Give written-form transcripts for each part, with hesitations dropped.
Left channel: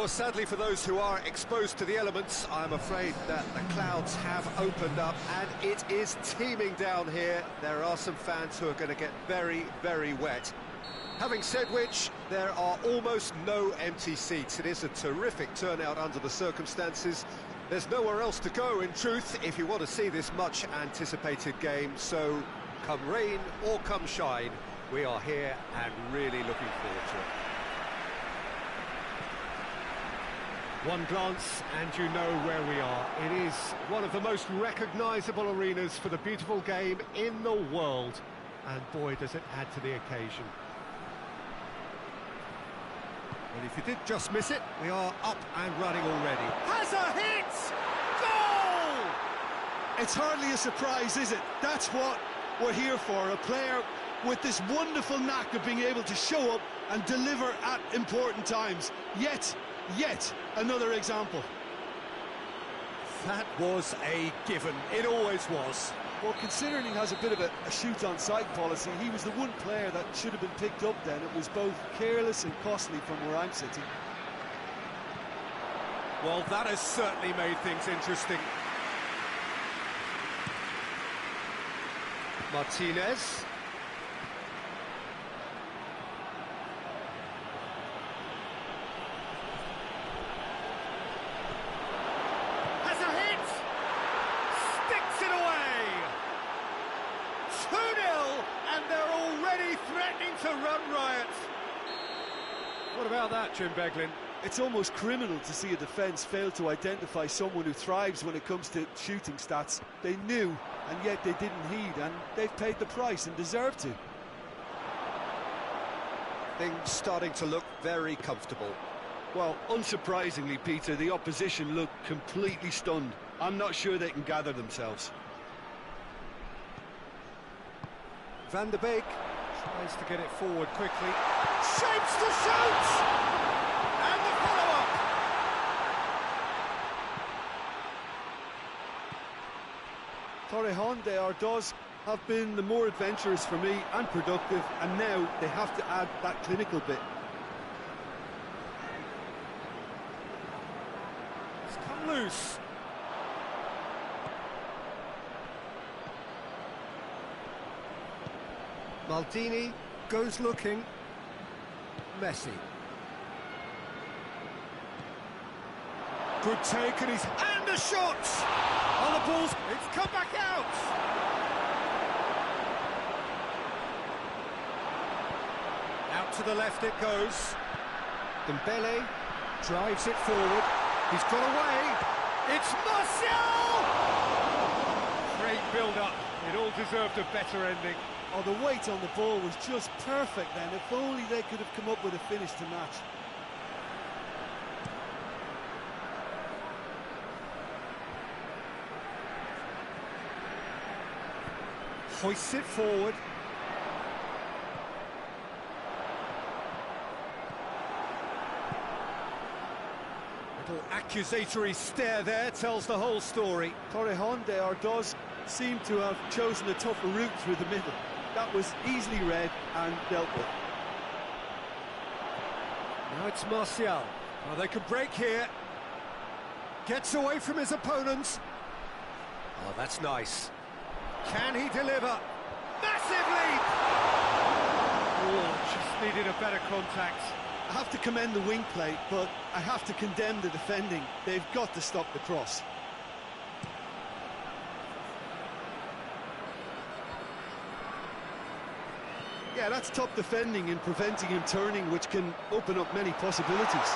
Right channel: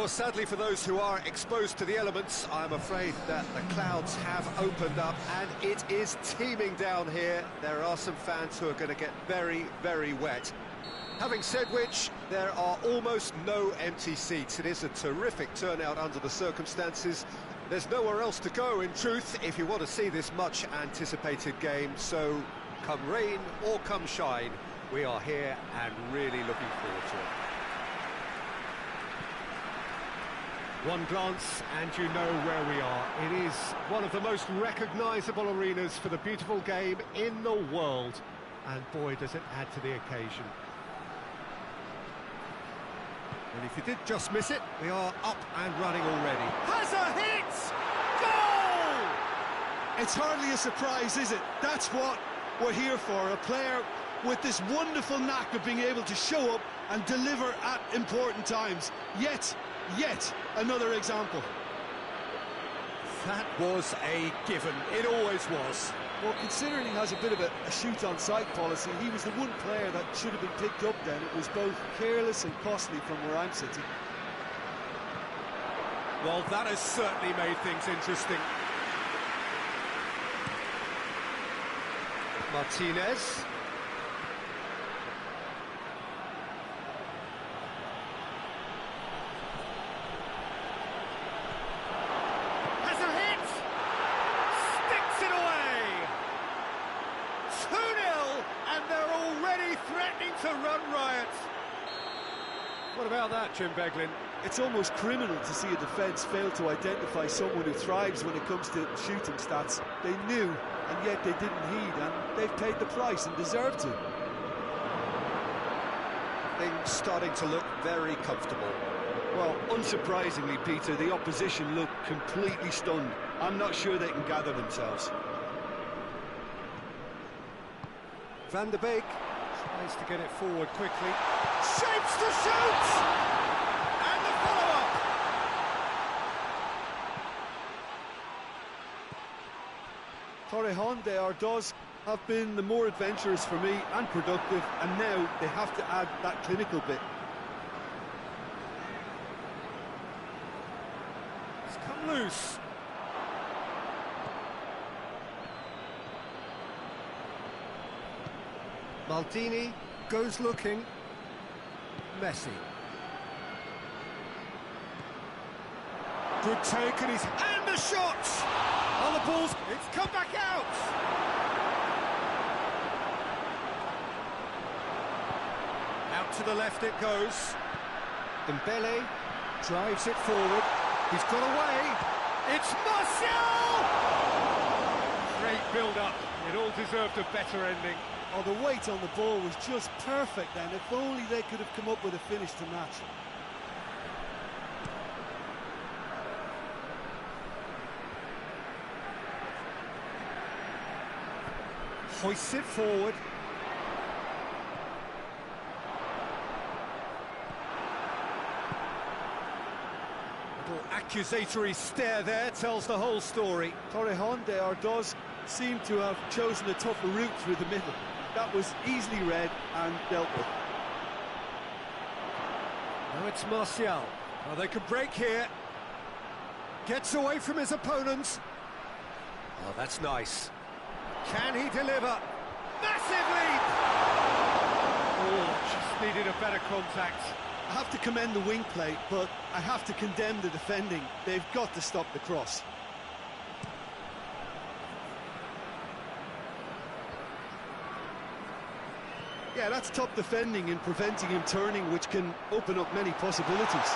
Well, sadly for those who are exposed to the elements, I'm afraid that the clouds have opened up and it is teeming down here. There are some fans who are going to get very, very wet. Having said which, there are almost no empty seats. It is a terrific turnout under the circumstances. There's nowhere else to go, in truth, if you want to see this much-anticipated game. So, come rain or come shine, we are here and really looking forward to it. One glance and you know where we are. It is one of the most recognisable arenas for the beautiful game in the world. And boy, does it add to the occasion. And if you did just miss it, we are up and running already. Has a hit! Goal! It's hardly a surprise, is it? That's what we're here for. A player with this wonderful knack of being able to show up and deliver at important times. Yet another example. That was a given. It always was. Well, considering he has a bit of a shoot-on-sight policy, he was the one player that should have been picked up then. It was both careless and costly from where I'm sitting. Well, that has certainly made things interesting. Martinez. Has a hit! Sticks it away! 2-0, and they're already threatening to run riot. What about that, Jim Beglin? It's almost criminal to see a defence fail to identify someone who thrives when it comes to shooting stats. They knew, and yet they didn't heed, and they've paid the price and deserve to. Things starting to look very comfortable. Well, unsurprisingly, Peter, the opposition look completely stunned. I'm not sure they can gather themselves. Van der Beek tries to get it forward quickly. Shapes to shoot! And the follow-up! Torrejon de Ardoz have been the more adventurous for me and productive, and now they have to add that clinical bit. It's come loose. Maldini goes looking. Messi. Good take, and the shot! On the balls, it's come back out! Out to the left it goes. Dembele drives it forward. He's got away. It's Martial! Great build-up. It all deserved a better ending. Oh, the weight on the ball was just perfect then. If only they could have come up with a finish to match. Hoists it forward. Little accusatory stare there tells the whole story. Torrejon de Ardoz seemed to have chosen a tougher route through the middle. That was easily read and dealt with. Now it's Martial. Oh, they can break here. Gets away from his opponents. Oh, that's nice. Can he deliver? Massive leap! Oh, just needed a better contact. I have to commend the wing play, but I have to condemn the defending. They've got to stop the cross. Yeah, that's top defending in preventing him turning, which can open up many possibilities.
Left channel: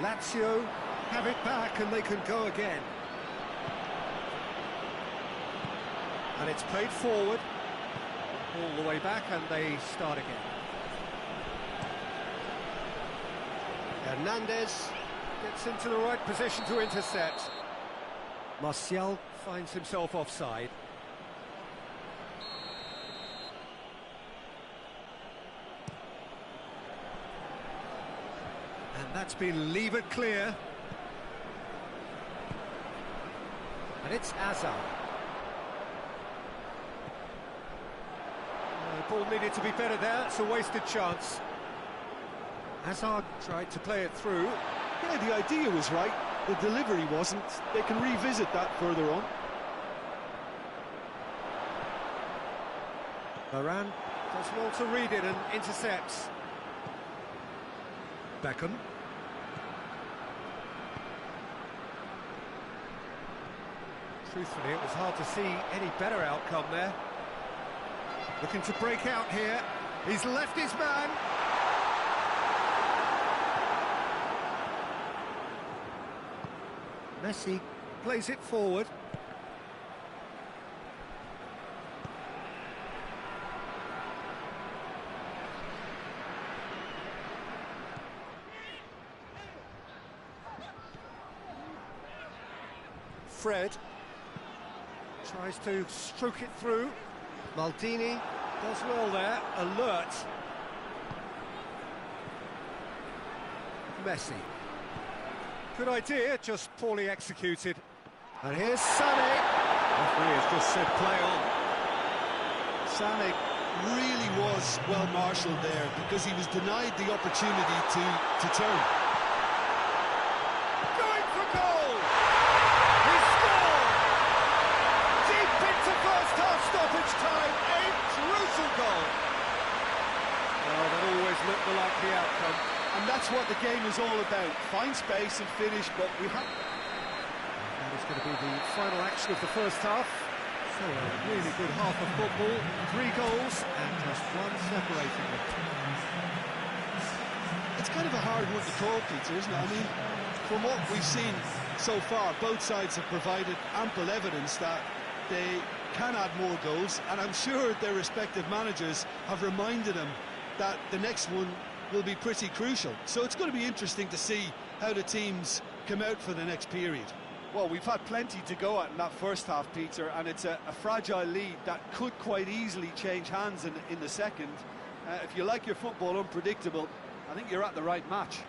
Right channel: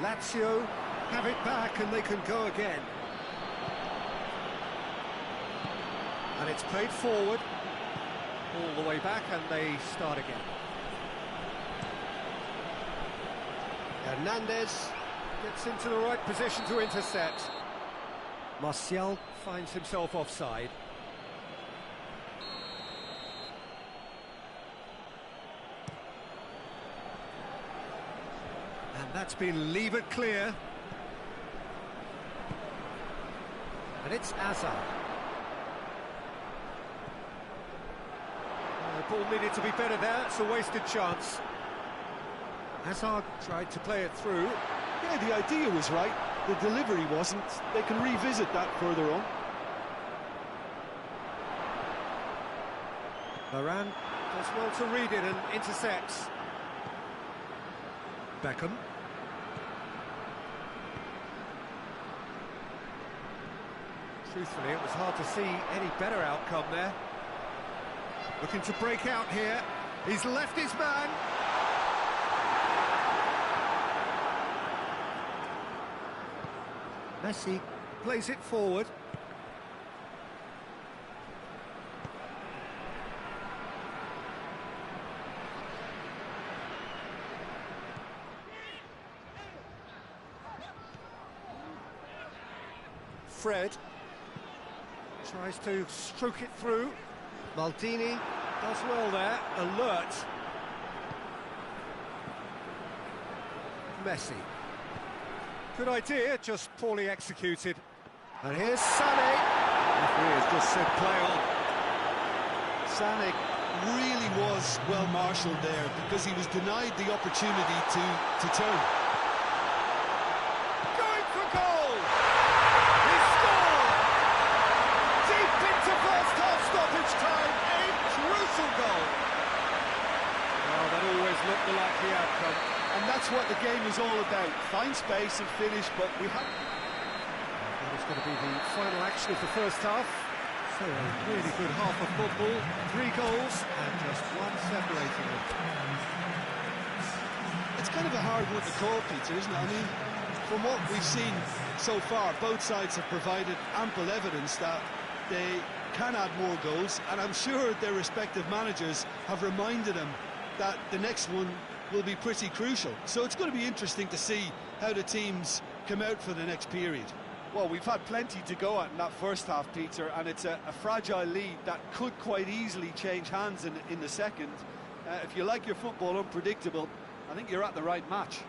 Lazio have it back and they can go again. And it's played forward, all the way back, and they start again. Hernandez gets into the right position to intercept. Martial finds himself offside. And that's been levered clear. And it's Hazard. The ball needed to be better there, it's a wasted chance. Hazard tried to play it through. Yeah, the idea was right, the delivery wasn't. They can revisit that further on. Varane does well to read it and intercepts. Beckham. Truthfully, it was hard to see any better outcome there. Looking to break out here. He's left his man. Messi plays it forward. Fred tries to stroke it through. Maldini does well there, alert. Messi. Good idea, just poorly executed. And here's Sané. Referee has just said play on. Sané really was well marshalled there because he was denied the opportunity to turn. Going for goal! He scored! Deep into first half stoppage time, a crucial goal. Well, that always looked the likely outcome. And that's what the game is all about. Find space and finish, but we have... That is going to be the final action of the first half. So a really good half of football, 3 goals and just one separating them. It's kind of a hard one to call, Peter, isn't it? I mean, from what we've seen so far, both sides have provided ample evidence that they can add more goals, and I'm sure their respective managers have reminded them that the next one will be pretty crucial. So it's going to be interesting to see how the teams come out for the next period. Well, we've had plenty to go at in that first half, Peter, and it's a fragile lead that could quite easily change hands in the second. If you like your football unpredictable, I think you're at the right match.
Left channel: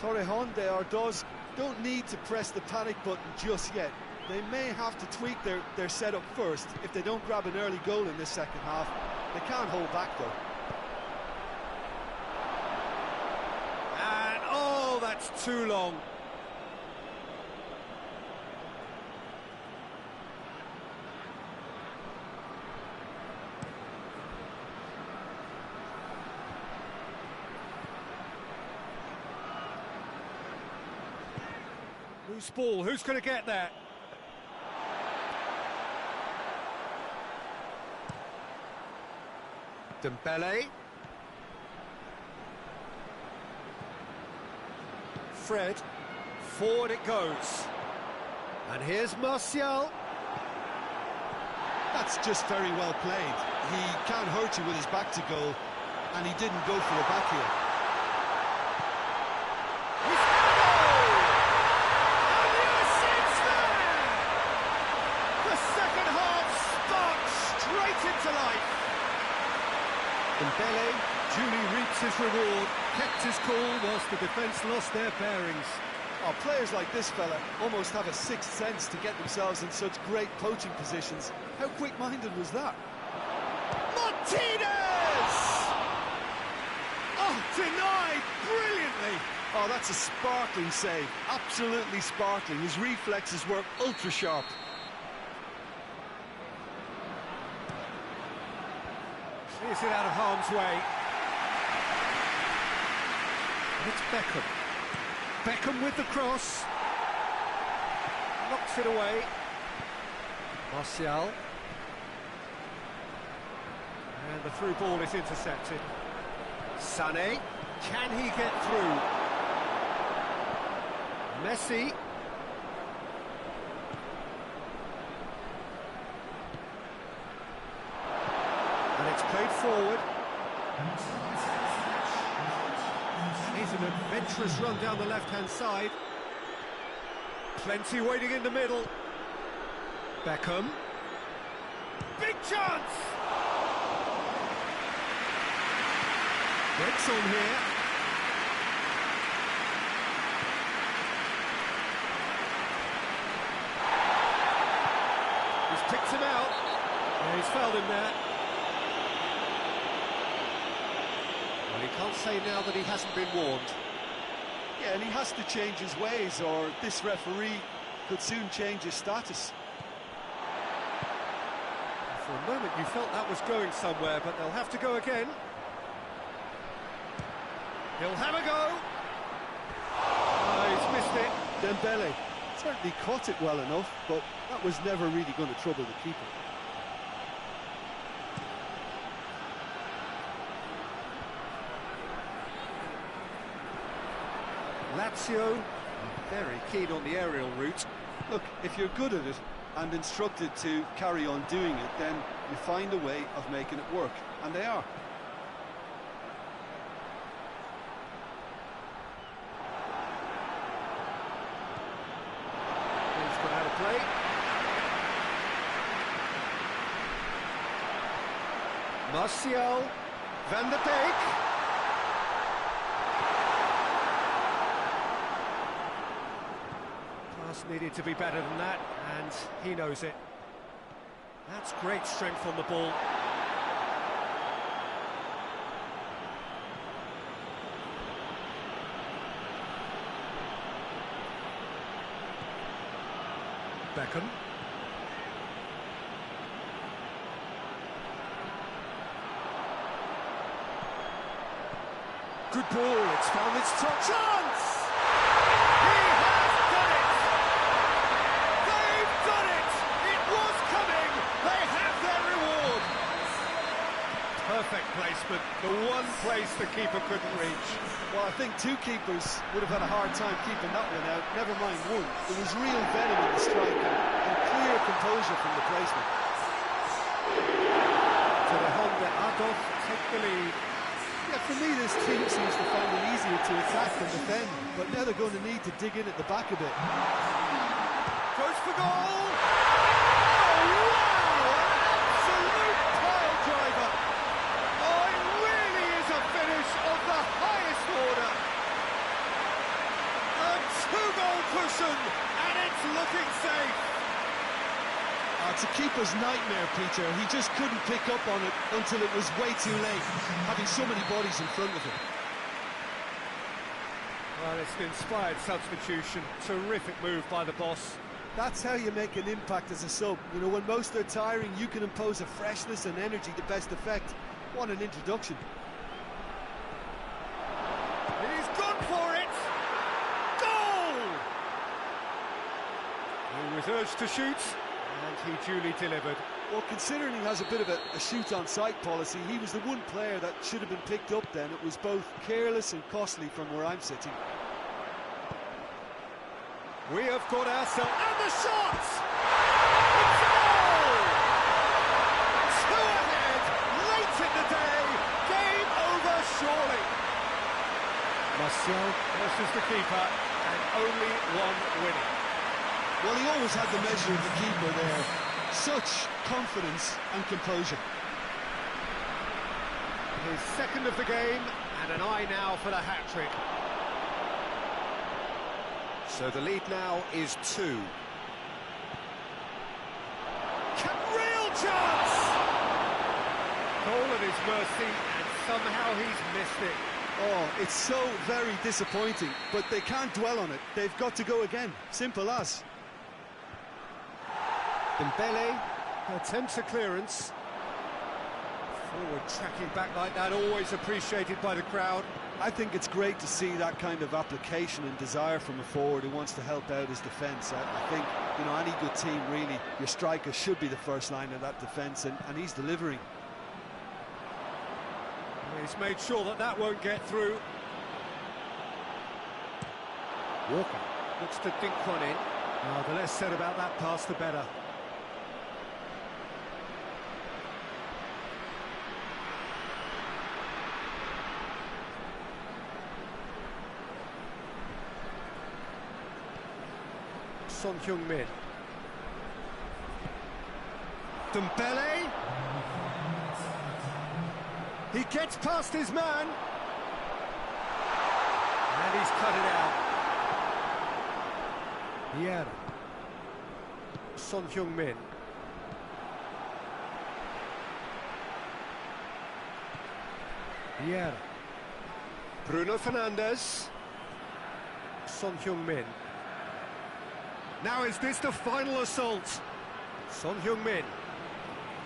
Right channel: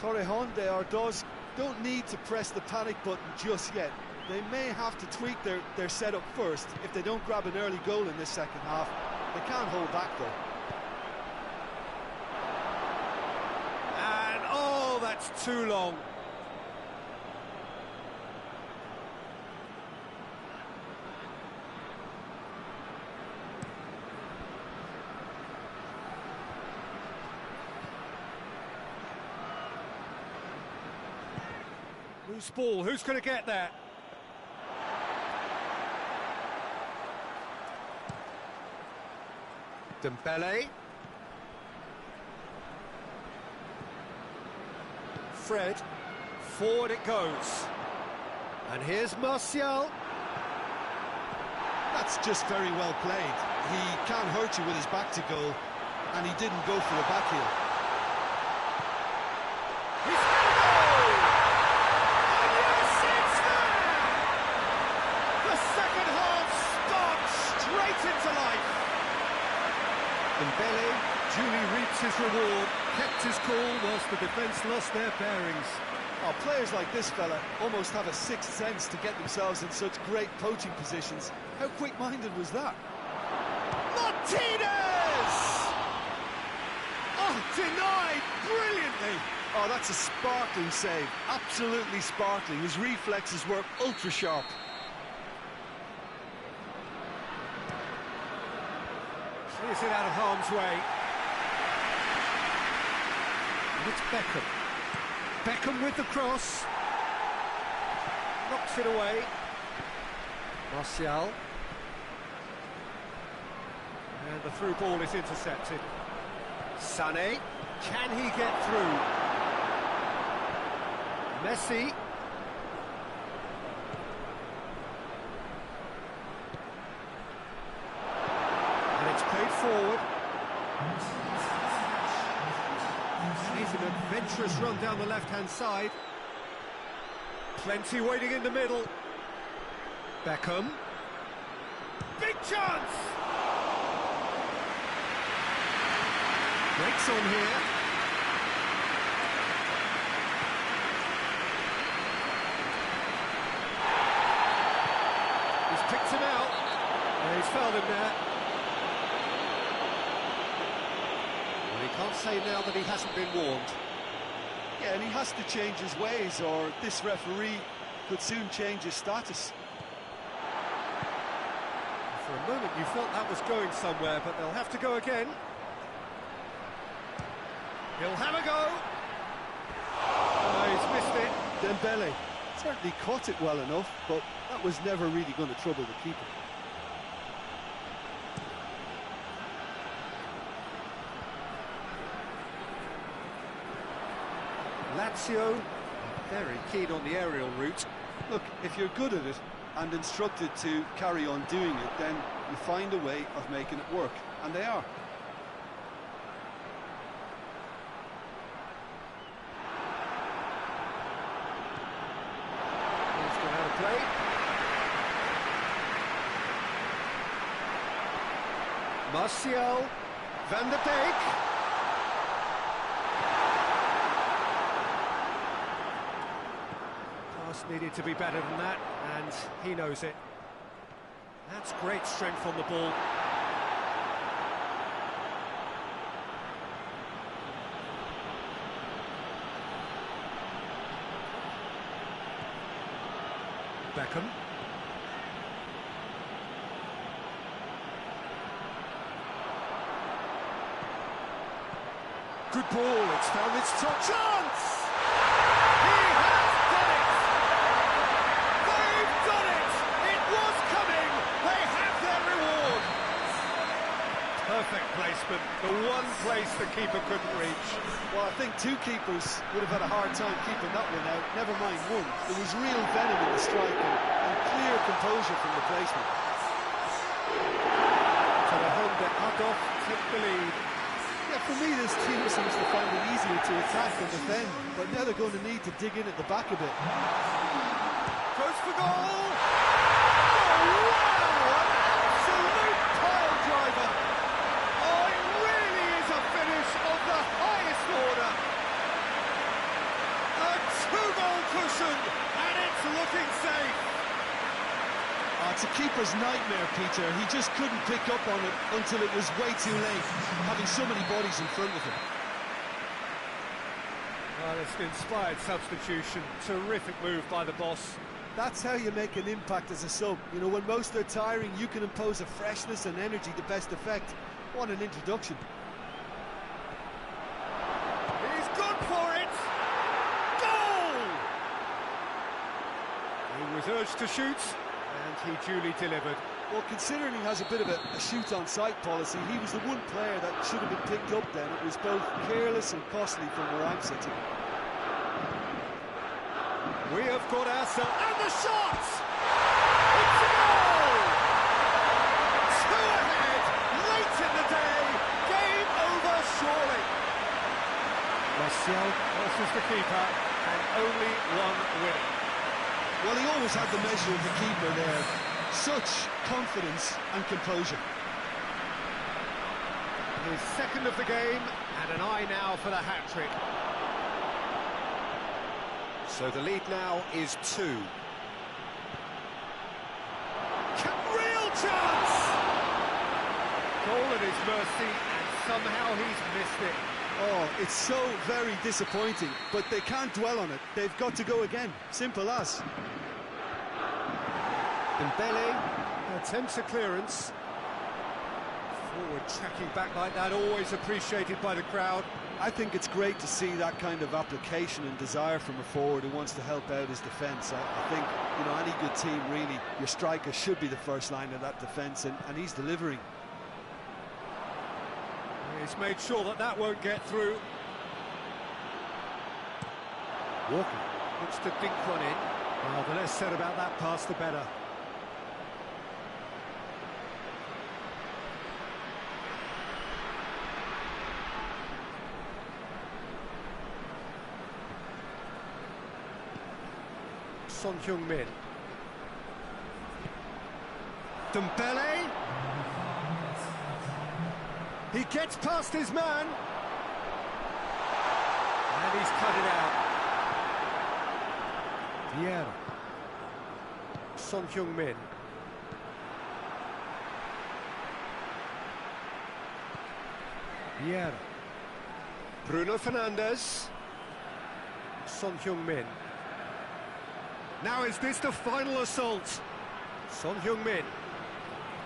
Torrejon de Ardoz don't need to press the panic button just yet. They may have to tweak their setup first if they don't grab an early goal in this second half. They can't hold back though. And oh, that's too long. Loose ball, who's going to get there? Dembele. Fred. Forward it goes. And here's Martial. That's just very well played. He can't hurt you with his back to goal, and he didn't go for a back heel. He's got a goal! And yes, it's there! The second half sparks straight into life. Dembele duly reaps his reward, kept his cool whilst the defence lost their bearings. Oh, players like this fella almost have a sixth sense to get themselves in such great poaching positions. How quick-minded was that? Martinez! A Oh, denied brilliantly. Oh, that's a sparkling save. Absolutely sparkling. His reflexes were ultra sharp. He's it out of harm's way. And it's Beckham. Beckham with the cross. Knocks it away. Martial. And the through ball is intercepted. Sané. Can he get through? Messi. And it's played forward. And he's an adventurous run down the left-hand side. Plenty waiting in the middle. Beckham. Big chance! Breaks on here. He's picked him out. Yeah, he's fouled him there. Well, he can't say now that he hasn't been warned. Yeah, and he has to change his ways, or this referee could soon change his status. For a moment you felt that was going somewhere, but they'll have to go again. He'll have a go. Oh, he's missed it. Dembele certainly caught it well enough, but that was never really going to trouble the keeper. Lazio are very keen on the aerial route. Look, if you're good at it and instructed to carry on doing it, then you find a way of making it work, and they are. He's gone out of play. Martial, Van der Beek. Pass needed to be better than that, and he knows it. That's great strength on the ball. Beckham. Good ball, it's found its top chance! He has done it! They've done it! It was coming! They have their reward! Perfect placement, the one place the keeper couldn't reach. Well, I think two keepers would have had a hard time keeping that one out, never mind one. There was real venom in the strike and clear composure from the placement. So the Honda Ados take the lead. Yeah, for me this team seems to find it easier to attack than defend, but now they're going to need to dig in at the back a bit. Goes for goal! Oh, wow! An absolute pile driver! Oh, it really is a finish of the highest order! A two-goal cushion, and it's looking safe! It's a keeper's nightmare, Peter. He just couldn't pick up on it until it was way too late, having so many bodies in front of him. Well, it's an inspired substitution. Terrific move by the boss. That's how you make an impact as a sub. You know, when most are tiring, you can impose a freshness and energy to best effect. What an introduction. He's gone for it! Goal! He was urged to shoot, and he duly delivered. Well, considering he has a bit of a shoot-on-sight policy, he was the one player that should have been picked up then. It was both careless and costly from where I'm sitting. We have got ourselves... And the shot! It's a goal! Two ahead, late in the day, game over surely. Martial versus the keeper, and only one winner. Well, he always had the measure of the keeper there. Such confidence and composure. His second of the game, and an eye now for the hat-trick. So the lead now is 2. Real chance! Goal at his mercy, and somehow he's missed it. Oh, it's so very disappointing, but they can't dwell on it. They've got to go again. Simple as. Dembele attempts a clearance. Forward tracking back like that, always appreciated by the crowd. I think it's great to see that kind of application and desire from a forward who wants to help out his defence. I think, you know, any good team, really, your striker should be the first line of that defence, and he's delivering. He's made sure that that won't get through. Walker Looks to dink one in. The less said about that pass, the better. Son Heung-min. Dembele. He gets past his man. And he's cut it out. Vieira. Son Heung-min. Vieira. Bruno Fernandes. Son Heung-min. Now is this the final assault? Son Heung-min.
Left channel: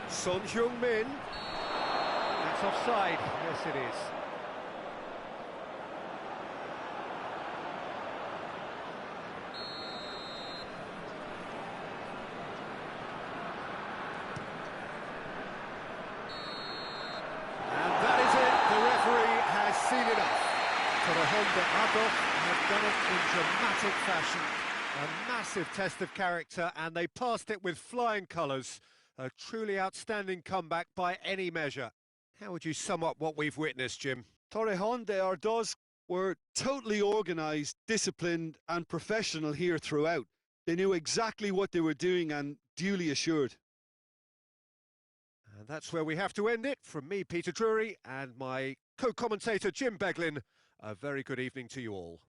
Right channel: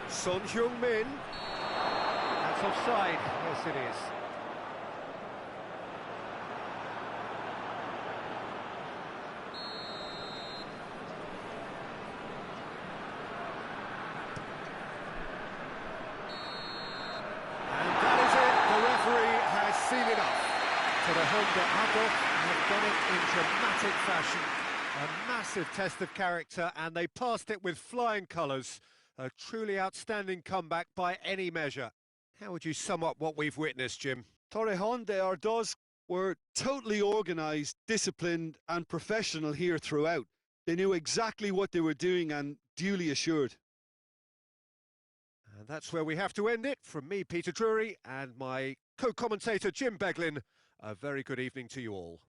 Son Heung-min. That's offside. Yes, it is. And that is it. The referee has seen enough. Torrejón have done it in dramatic fashion. A massive test of character, and they passed it with flying colours. A truly outstanding comeback by any measure. How would you sum up what we've witnessed, Jim? Torrejón de Ardoz were totally organised, disciplined and professional here throughout. They knew exactly what they were doing and duly assured. And that's where we have to end it. From me, Peter Drury, and my co-commentator, Jim Beglin, a very good evening to you all.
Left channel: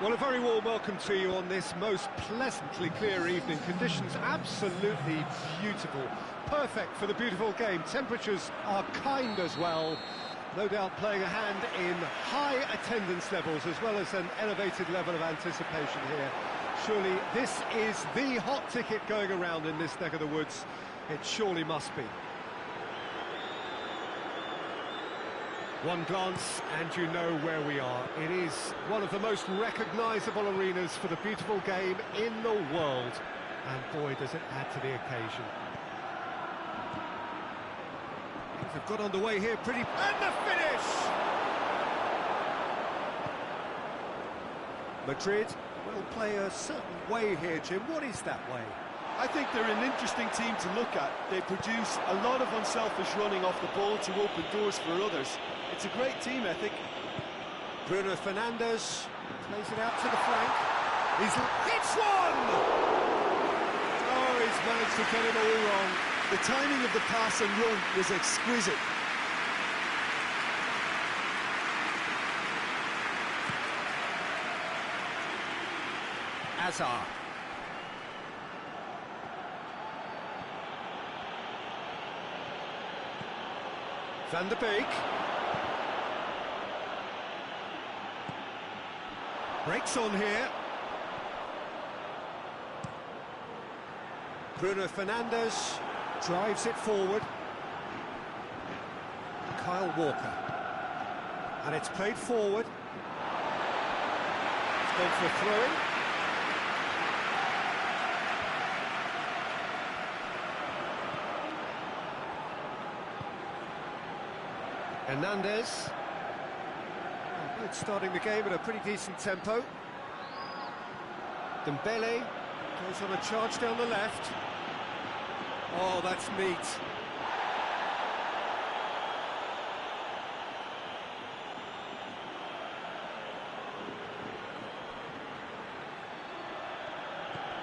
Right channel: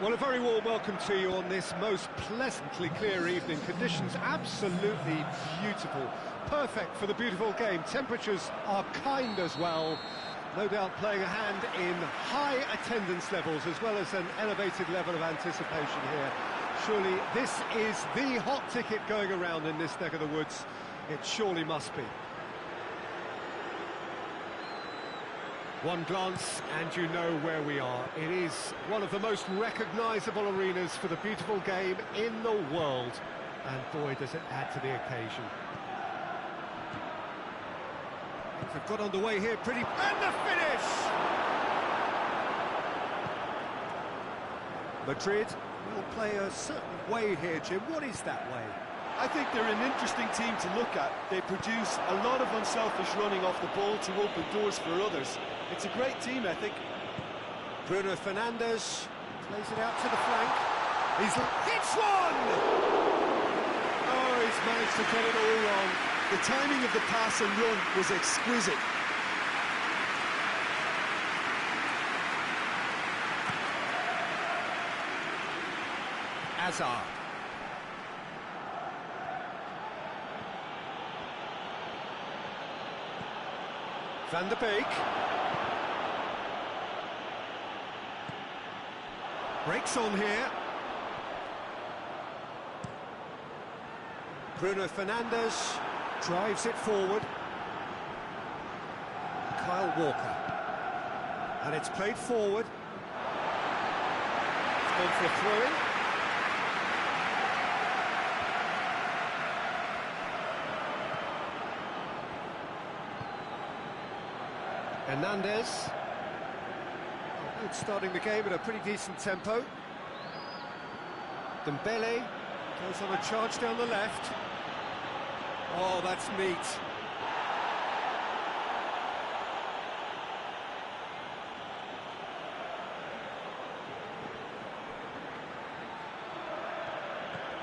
Well, a very warm welcome to you on this most pleasantly clear evening. Conditions absolutely beautiful. Perfect for the beautiful game. Temperatures are kind as well. No doubt playing a hand in high attendance levels as well as an elevated level of anticipation here. Surely this is the hot ticket going around in this neck of the woods. It surely must be. One glance and you know where we are. It is one of the most recognisable arenas for the beautiful game in the world. And boy, does it add to the occasion. Things have got underway here pretty... And the finish! Madrid will play a certain way here, Jim. What is that way? I think they're an interesting team to look at. They produce a lot of unselfish running off the ball to open doors for others. It's a great team ethic. Bruno Fernandes plays it out to the flank. He's hits one! Oh, he's managed to get it all wrong. The timing of the pass and run was exquisite. Hazard. Van der Beek. Breaks on here. Bruno Fernandes drives it forward. Kyle Walker. And it's played forward. It's gone for a throw-in. Hernandez. Oh, both starting the game at a pretty decent tempo. Dembele goes on a charge down the left. Oh, that's neat.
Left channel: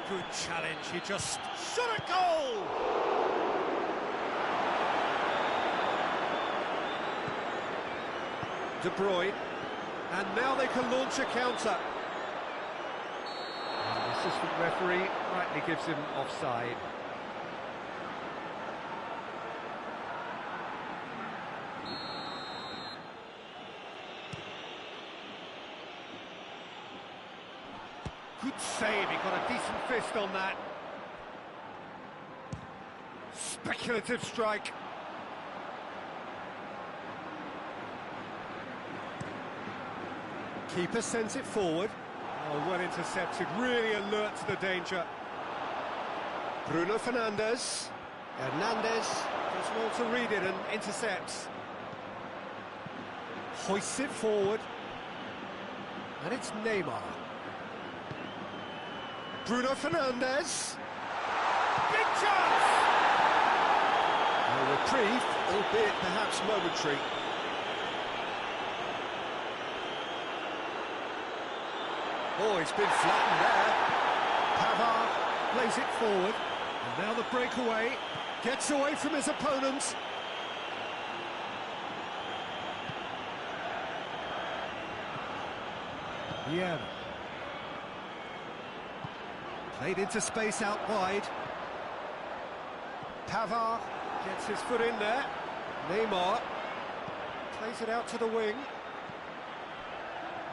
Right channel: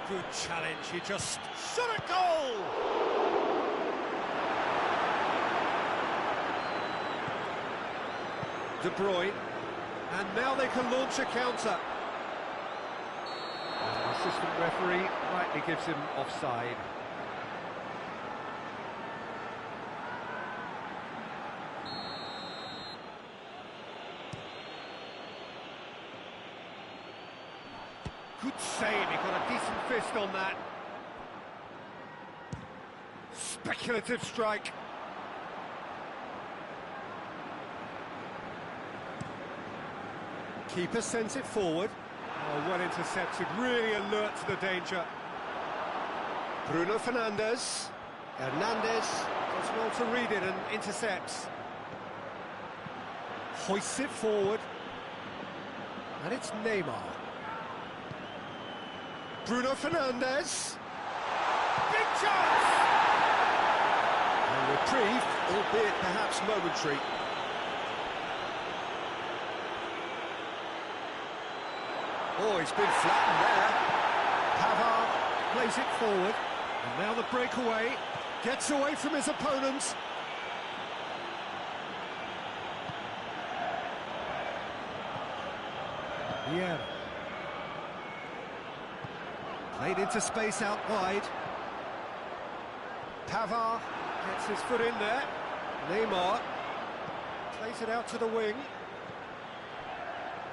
Good challenge, he just shot a goal! De Bruyne, and now they can launch a counter. And the assistant referee rightly gives him offside. Good save, he got a decent fist on that. Speculative strike. Keeper sends it forward. Oh, well intercepted, really alert to the danger. Bruno Fernandes. Hernandez does well to read it and intercepts. Hoists it forward. And it's Neymar. Bruno Fernandes. Big chance! A reprieve, albeit perhaps momentary. Oh, he's been flattened there. Pavard plays it forward. And now the breakaway. Gets away from his opponents. Vieira. Played into space out wide. Pavard gets his foot in there. Neymar plays it out to the wing.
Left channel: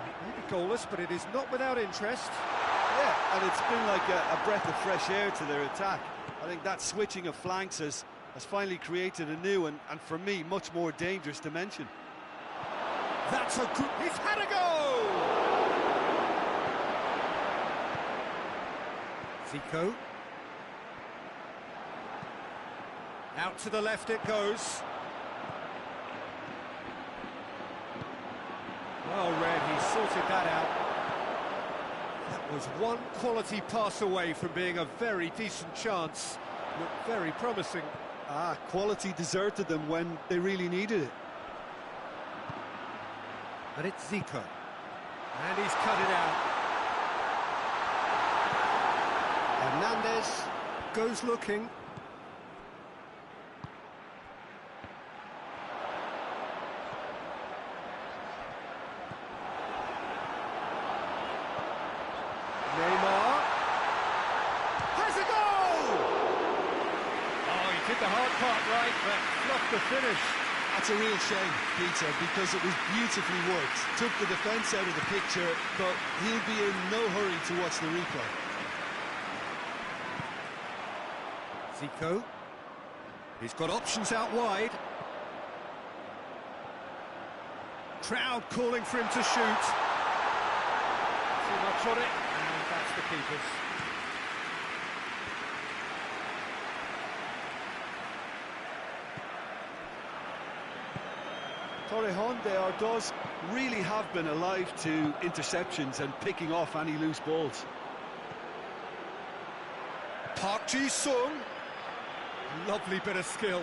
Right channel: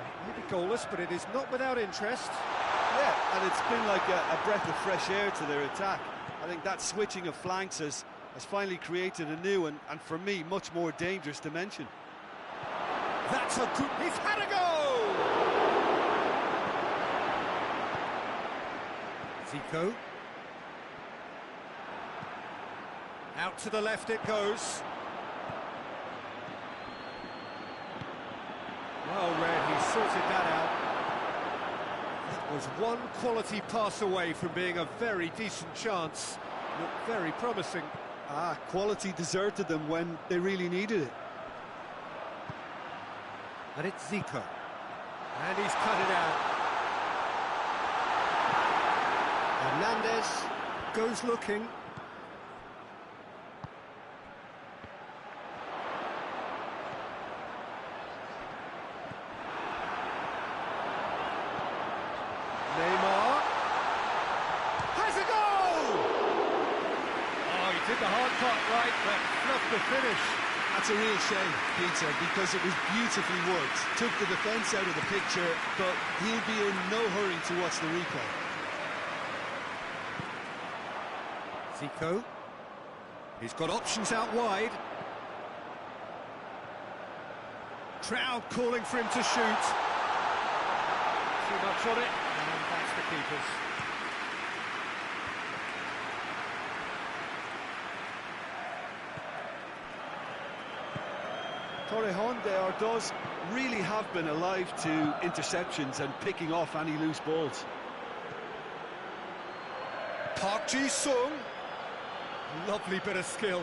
It may be goalless, but it is not without interest. Yeah, and it's been like a breath of fresh air to their attack. I think that switching of flanks has finally created a new and for me, much more dangerous dimension. That's a good... He's had a go! Zico. Out to the left it goes. Well read, he sorted that out. That was one quality pass away from being a very decent chance. Looked very promising. Quality deserted them when they really needed it. And it's Zico. And he's cut it out. Hernandez goes looking. the hard part right, but fluffed the finish. That's a real shame, Peter, because it was beautifully worked. Took the defence out of the picture, but he'll be in no hurry to watch the replay. Zico. He's got options out wide. Crowd calling for him to shoot. Too much on it, and that's the keeper's. Torrejon does really have been alive to interceptions and picking off any loose balls. Park Ji-sung. Lovely bit of skill.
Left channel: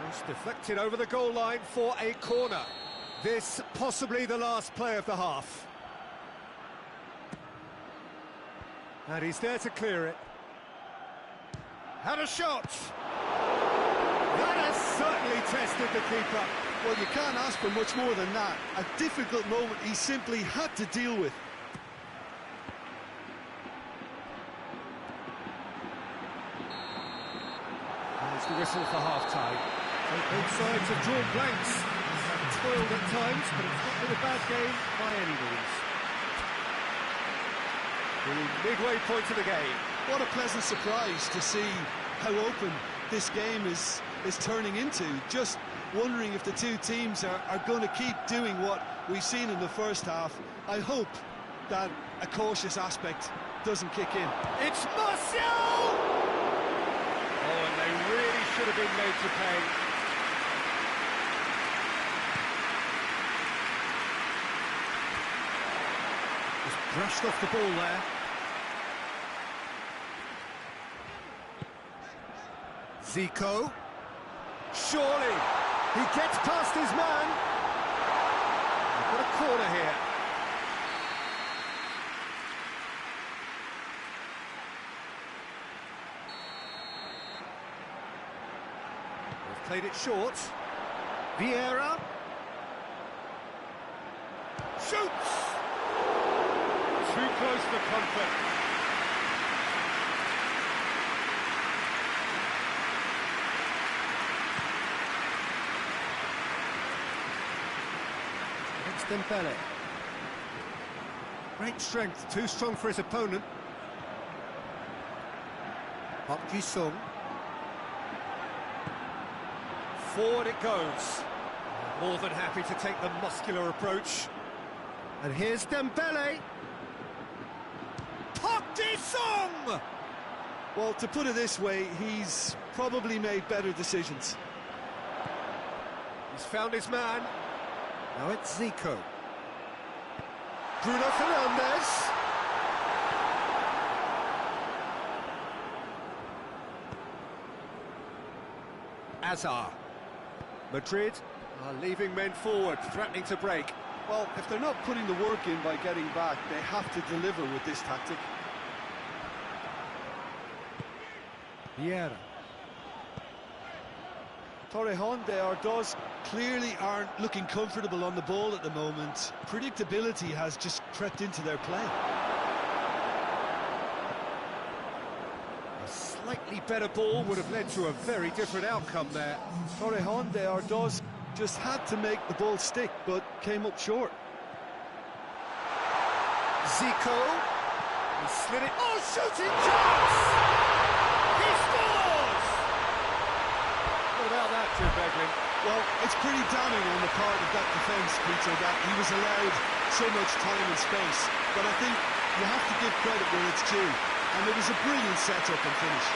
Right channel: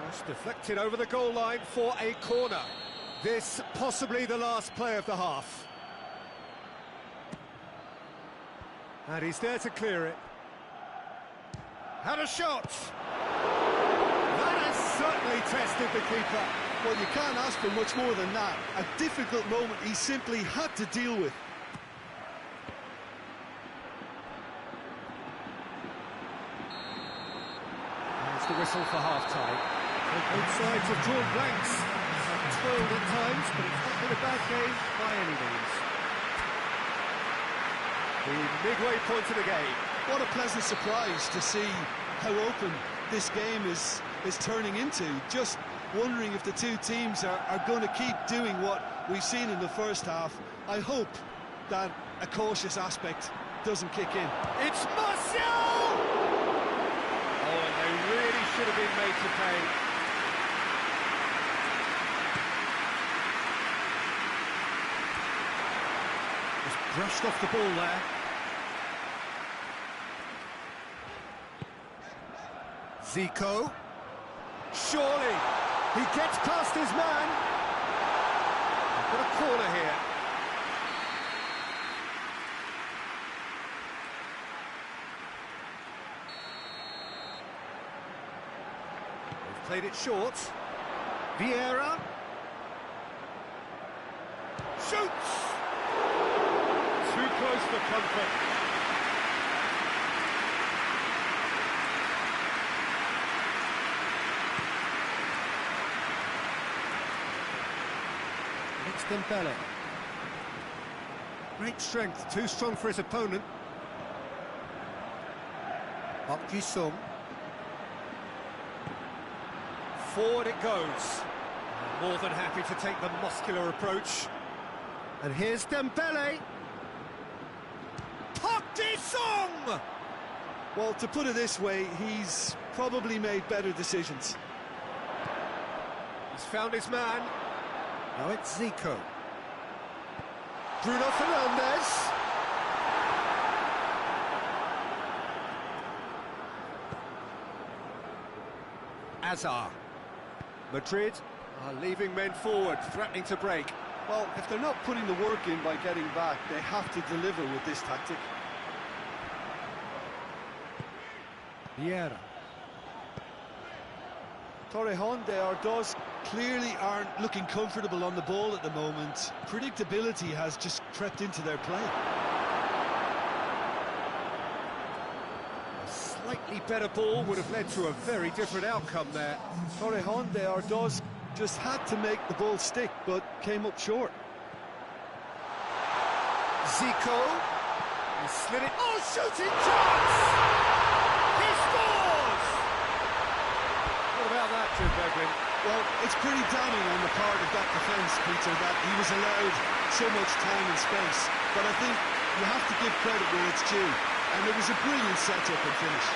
Cross deflected over the goal line for a corner. This possibly the last play of the half. And he's there to clear it. Had a shot. That has certainly tested the keeper. Well, you can't ask for much more than that. A difficult moment he simply had to deal with. There's the whistle for half-time. So both sides have drawn blanks. They have toiled at times, but it's not been a bad game by any means. The midway point of the game. What a pleasant surprise to see how open this game is turning into. Just wondering if the two teams are going to keep doing what we've seen in the first half. I hope that a cautious aspect doesn't kick in. It's Martial! Oh, and they really should have been made to pay. Just brushed off the ball there. Zico. Surely, he gets past his man. They've got a corner here. They've played it short. Vieira. Shoots! Too close for comfort. It's Dembele. Great strength, too strong for his opponent. Park Ji-sung. Forward it goes. More than happy to take the muscular approach. And here's Dembele. Park Ji-sung! Well, to put it this way, he's probably made better decisions. He's found his man. Now it's Zico. Bruno Fernandes. Azar. Madrid are leaving men forward, threatening to break. Well, if they're not putting the work in by getting back, they have to deliver with this tactic. Vieira. Torrejon does clearly aren't looking comfortable on the ball at the moment. Predictability has just crept into their play. A slightly better ball would have led to a very different outcome there. Torrejon does just had to make the ball stick, but came up short. Zico. He slid it. Oh, shooting chance! He scores! What about that, Jim Beglin? Well, it's pretty damning on the part of that defence, Peter, that he was allowed so much time and space. But I think you have to give credit where it's due. And it was a brilliant setup and finish.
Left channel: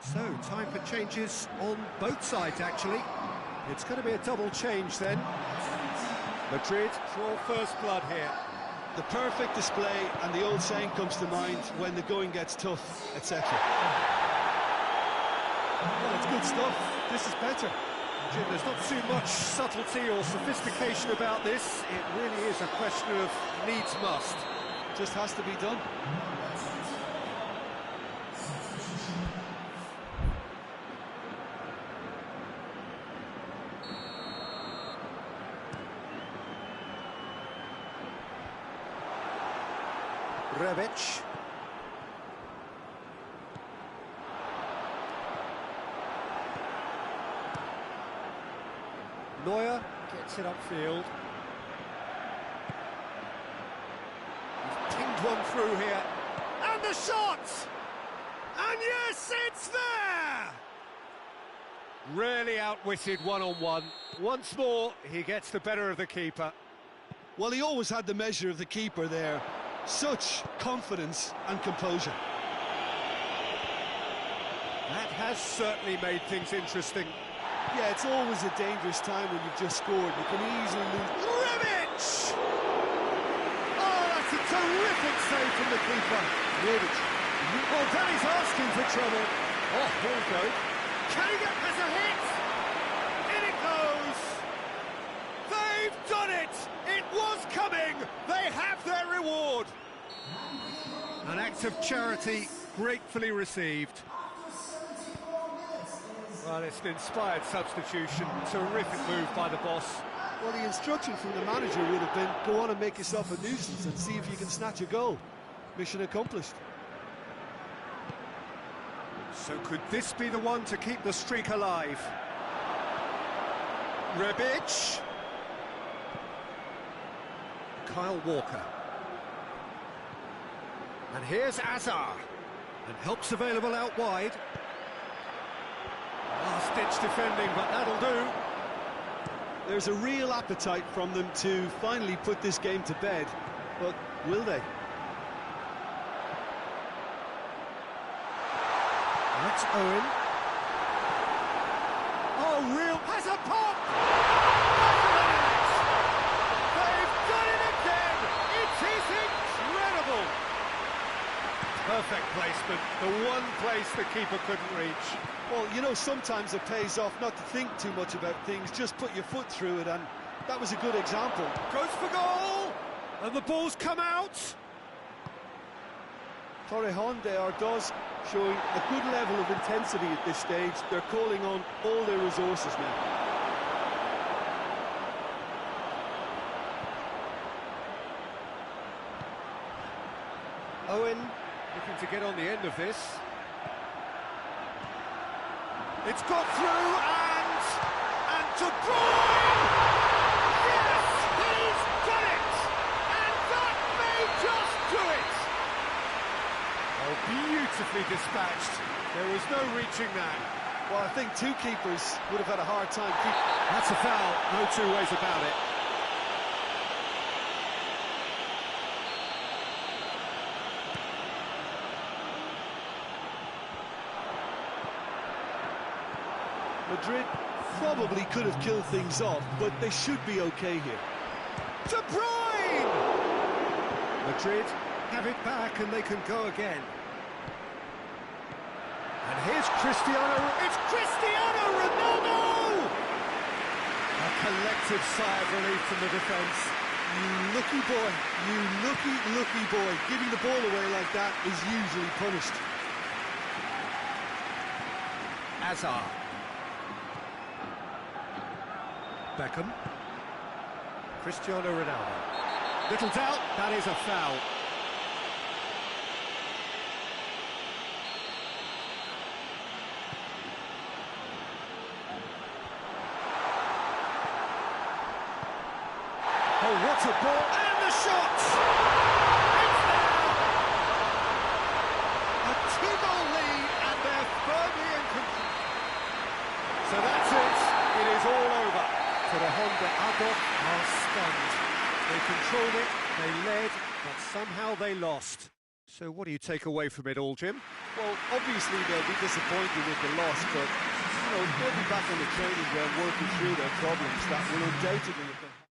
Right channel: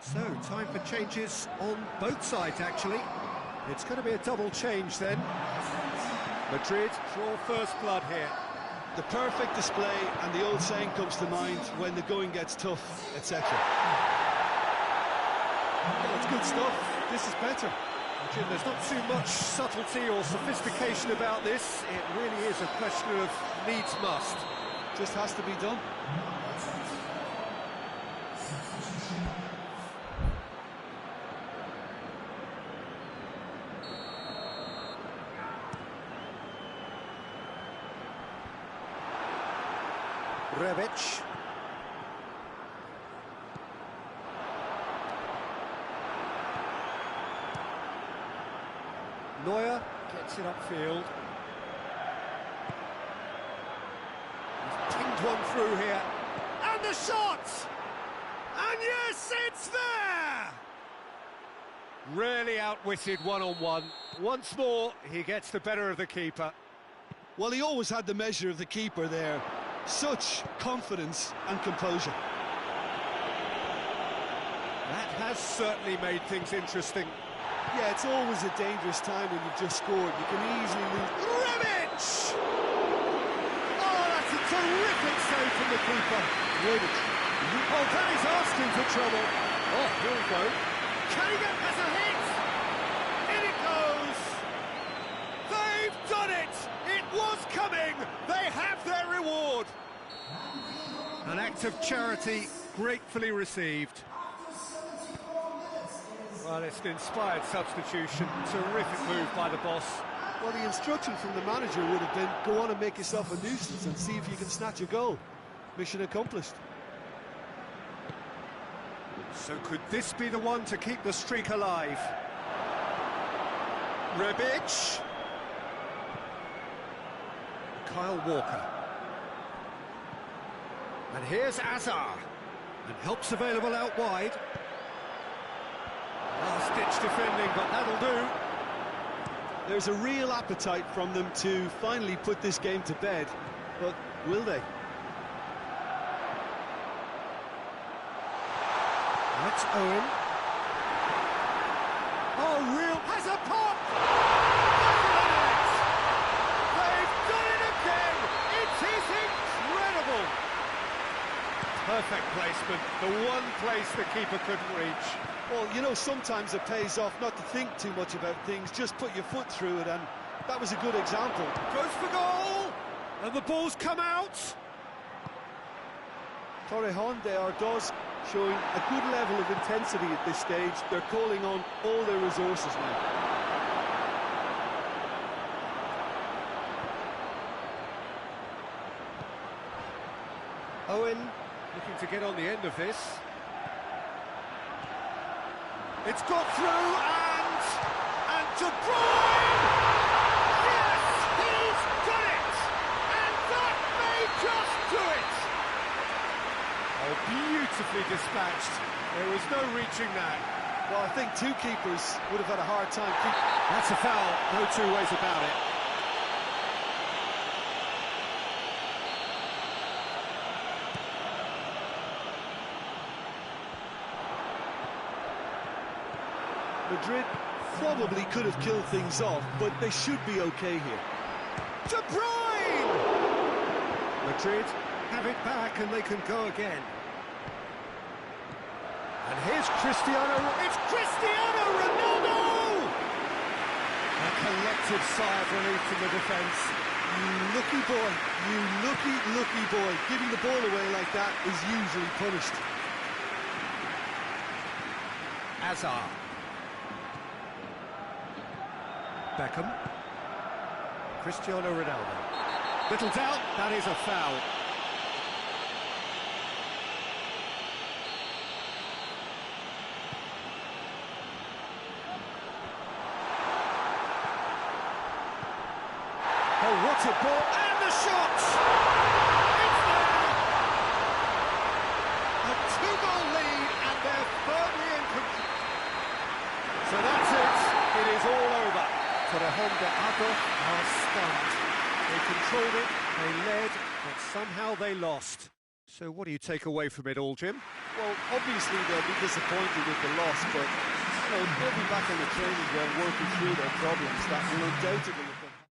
So, time for changes on both sides, actually. It's going to be a double change then. Madrid draw first blood here. The perfect display, and the old saying comes to mind: when the going gets tough, etc. Well, it's good stuff. This is better. Jim, there's not too much subtlety or sophistication about this. It really is a question of needs must. Just has to be done. Rebic. Neuer gets it upfield. He's pinged one through here. And the shot! And yes, it's there! Really outwitted one-on-one. Once more, he gets the better of the keeper. Well, he always had the measure of the keeper there. Such confidence and composure. That has certainly made things interesting. Yeah, it's always a dangerous time when you've just scored. You can easily lose. Rebic! Oh, that's a terrific save from the keeper. Rebic. Oh, Danny's asking for trouble. Oh, here we go. Can he get past a hit? In it goes! They've done it! It was coming! They have their reward! An act of charity gratefully received. Well, it's an inspired substitution. Terrific move by the boss. Well, the instruction from the manager would have been, go on and make yourself a nuisance and see if you can snatch a goal. Mission accomplished. So could this be the one to keep the streak alive? Rebic. Kyle Walker. And here's Azar. And help's available out wide. Last-ditch defending, but that'll do. There's a real appetite from them to finally put this game to bed, but will they? That's Owen. Oh, real... has a pop! They've done it again! It is incredible! Perfect placement, the one place the keeper couldn't reach. Well, you know, sometimes it pays off not to think too much about things, just put your foot through it, and that was a good example. Goes for goal! And the ball's come out! Torrejon de Ardoz showing a good level of intensity at this stage. They're calling on all their resources now. Owen looking to get on the end of this. It's got through and De Bruyne! Yes, he's done it! And that may just do it! Oh, beautifully dispatched. There was no reaching that. Well, I think two keepers would have had a hard time keeping... That's a foul, no two ways about it. Madrid probably could have killed things off, but they should be okay here. De Bruyne! Madrid have it back and they can go again. And here's Cristiano... It's Cristiano Ronaldo! A collective sigh of relief from the defence. You lucky boy, you lucky boy. Giving the ball away like that is usually punished. Azar. Beckham. Cristiano Ronaldo. Little doubt, that is a foul. Oh, what a ball, and the shot! It's there! A two-goal lead, and they're firmly in control. So that's it, it is all over. Torrejon de Ardoz are stunned. They controlled it, they led, but somehow they lost. So what do you take away from it all, Jim? Well, obviously they'll be disappointed with the loss, but they'll be back on the training ground working through their problems that will undoubtedly have been.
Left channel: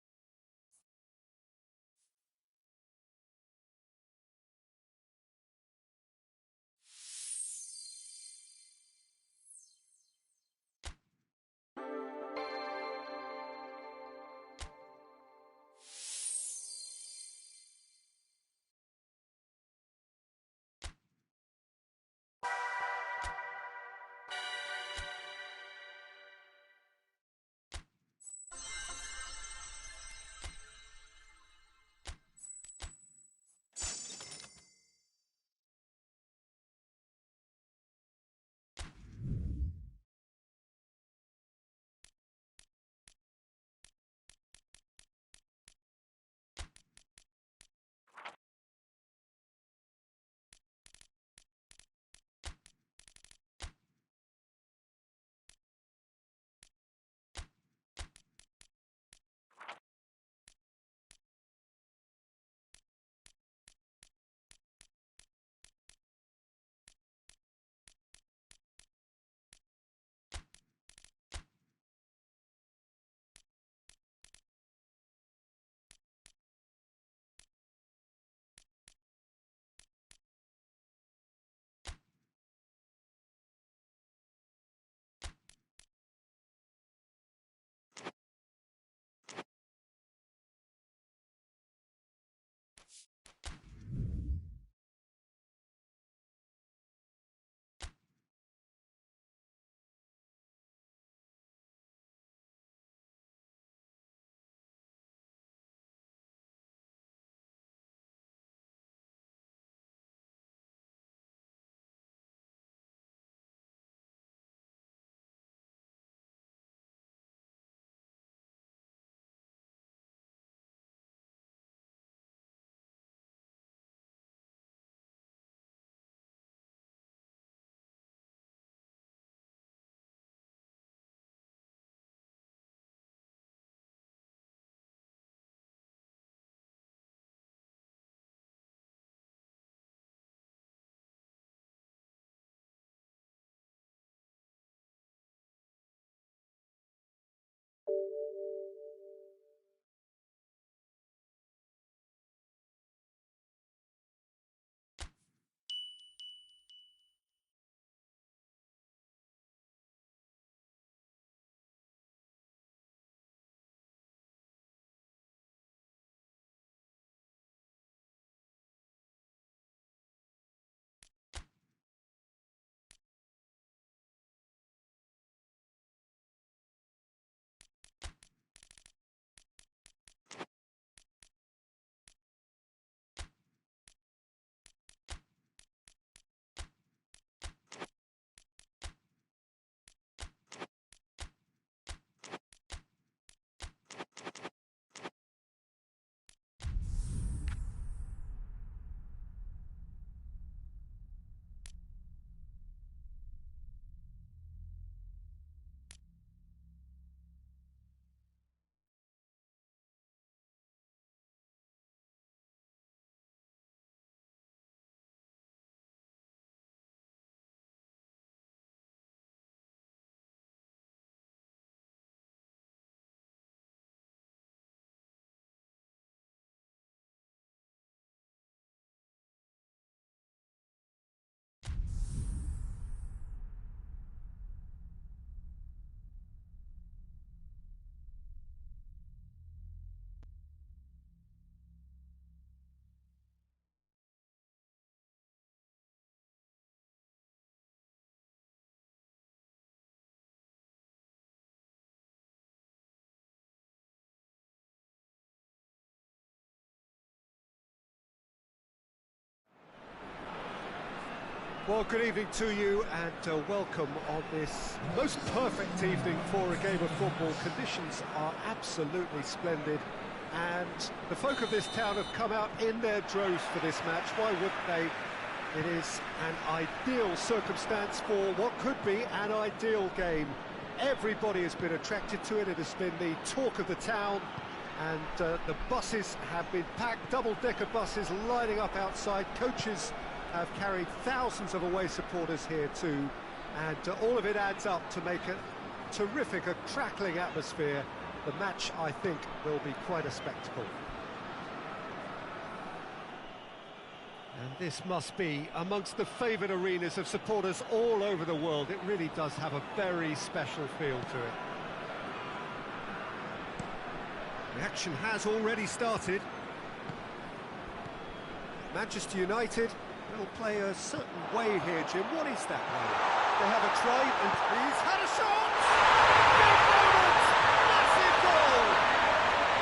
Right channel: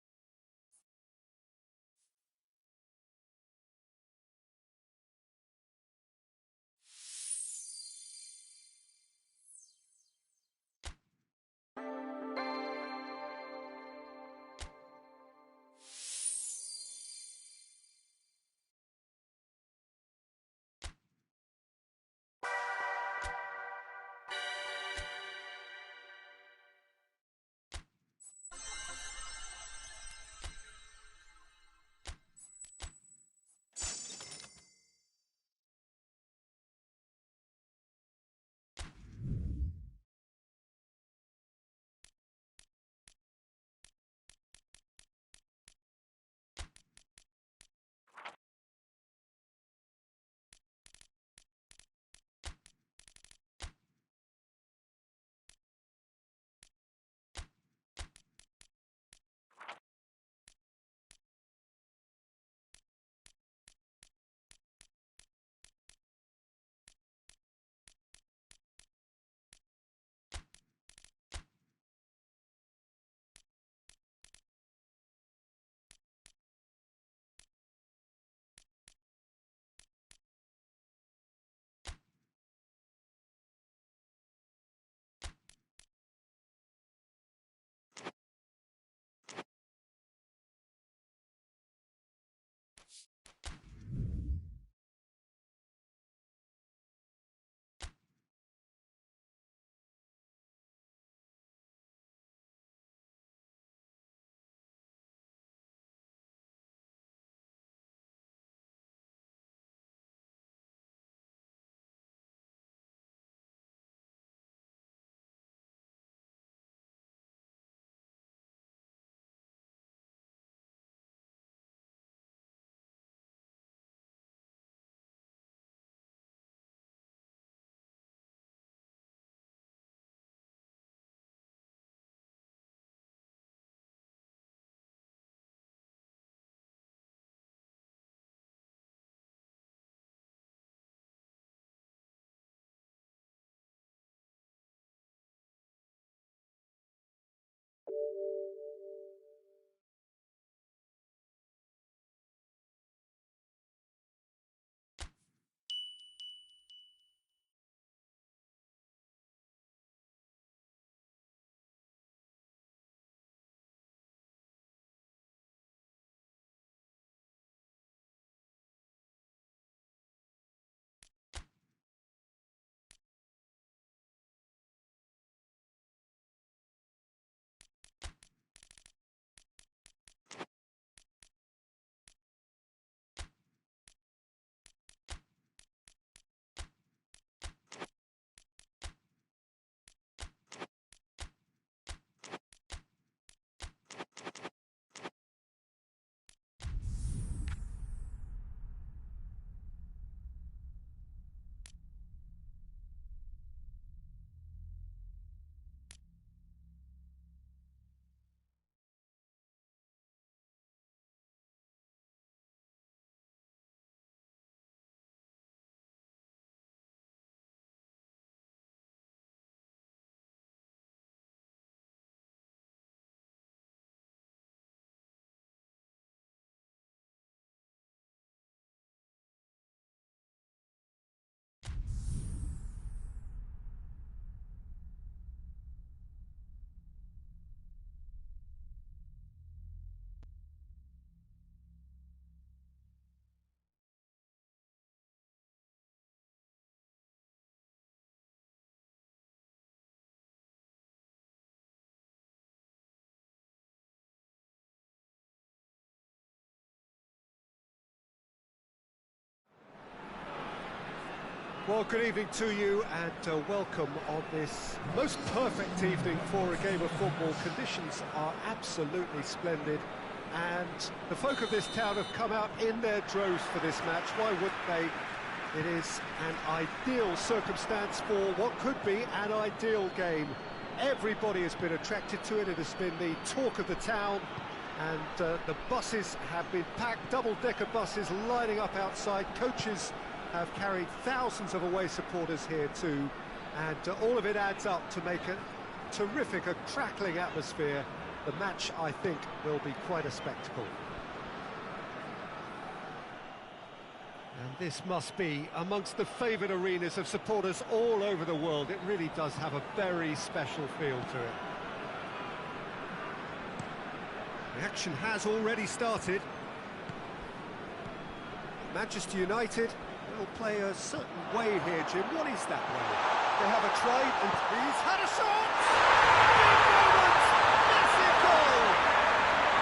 Well, good evening to you and welcome on this most perfect evening for a game of football. Conditions are absolutely splendid and the folk of this town have come out in their droves for this match. Why wouldn't they? It is an ideal circumstance for what could be an ideal game. Everybody has been attracted to it. It has been the talk of the town And the buses have been packed, double-decker buses lining up outside. Coaches have carried thousands of away supporters here too, and all of it adds up to make a terrific, a crackling atmosphere. The match, I think, will be quite a spectacle. And this must be amongst the favoured arenas of supporters all over the world. It really does have a very special feel to it. The action has already started. Manchester United will play a certain way here, Jim. What is that way? They have a try, and he's had a shot! Big moment! Massive goal!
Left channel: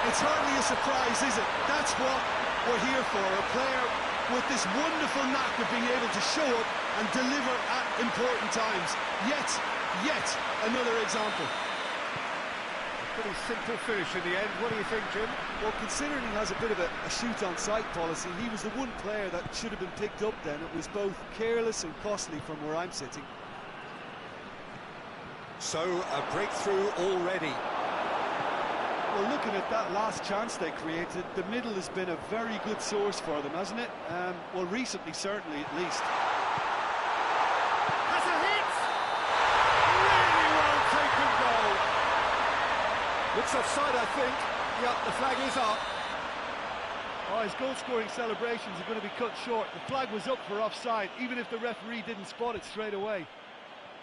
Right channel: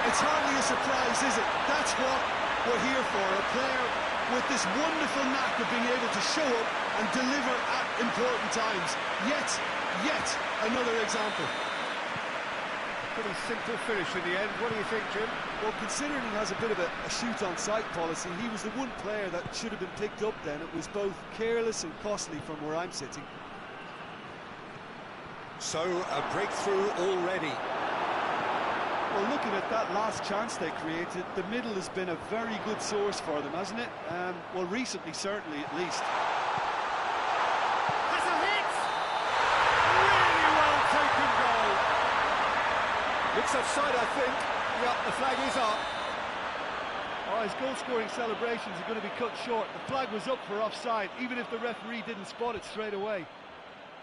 It's hardly a surprise, is it? That's what we're here for. A player with this wonderful knack of being able to show up and deliver at important times. Yet another example. Pretty simple finish in the end. What do you think, Jim? Well, considering he has a bit of a shoot-on-sight policy, he was the one player that should have been picked up then. It was both careless and costly from where I'm sitting. So, a breakthrough already. Well, looking at that last chance they created, the middle has been a very good source for them, hasn't it? Well, recently, certainly, at least. Has a hit! Really well taken goal. Looks offside, I think. Yep, the flag is up. Oh, his goal-scoring celebrations are going to be cut short. The flag was up for offside, even if the referee didn't spot it straight away.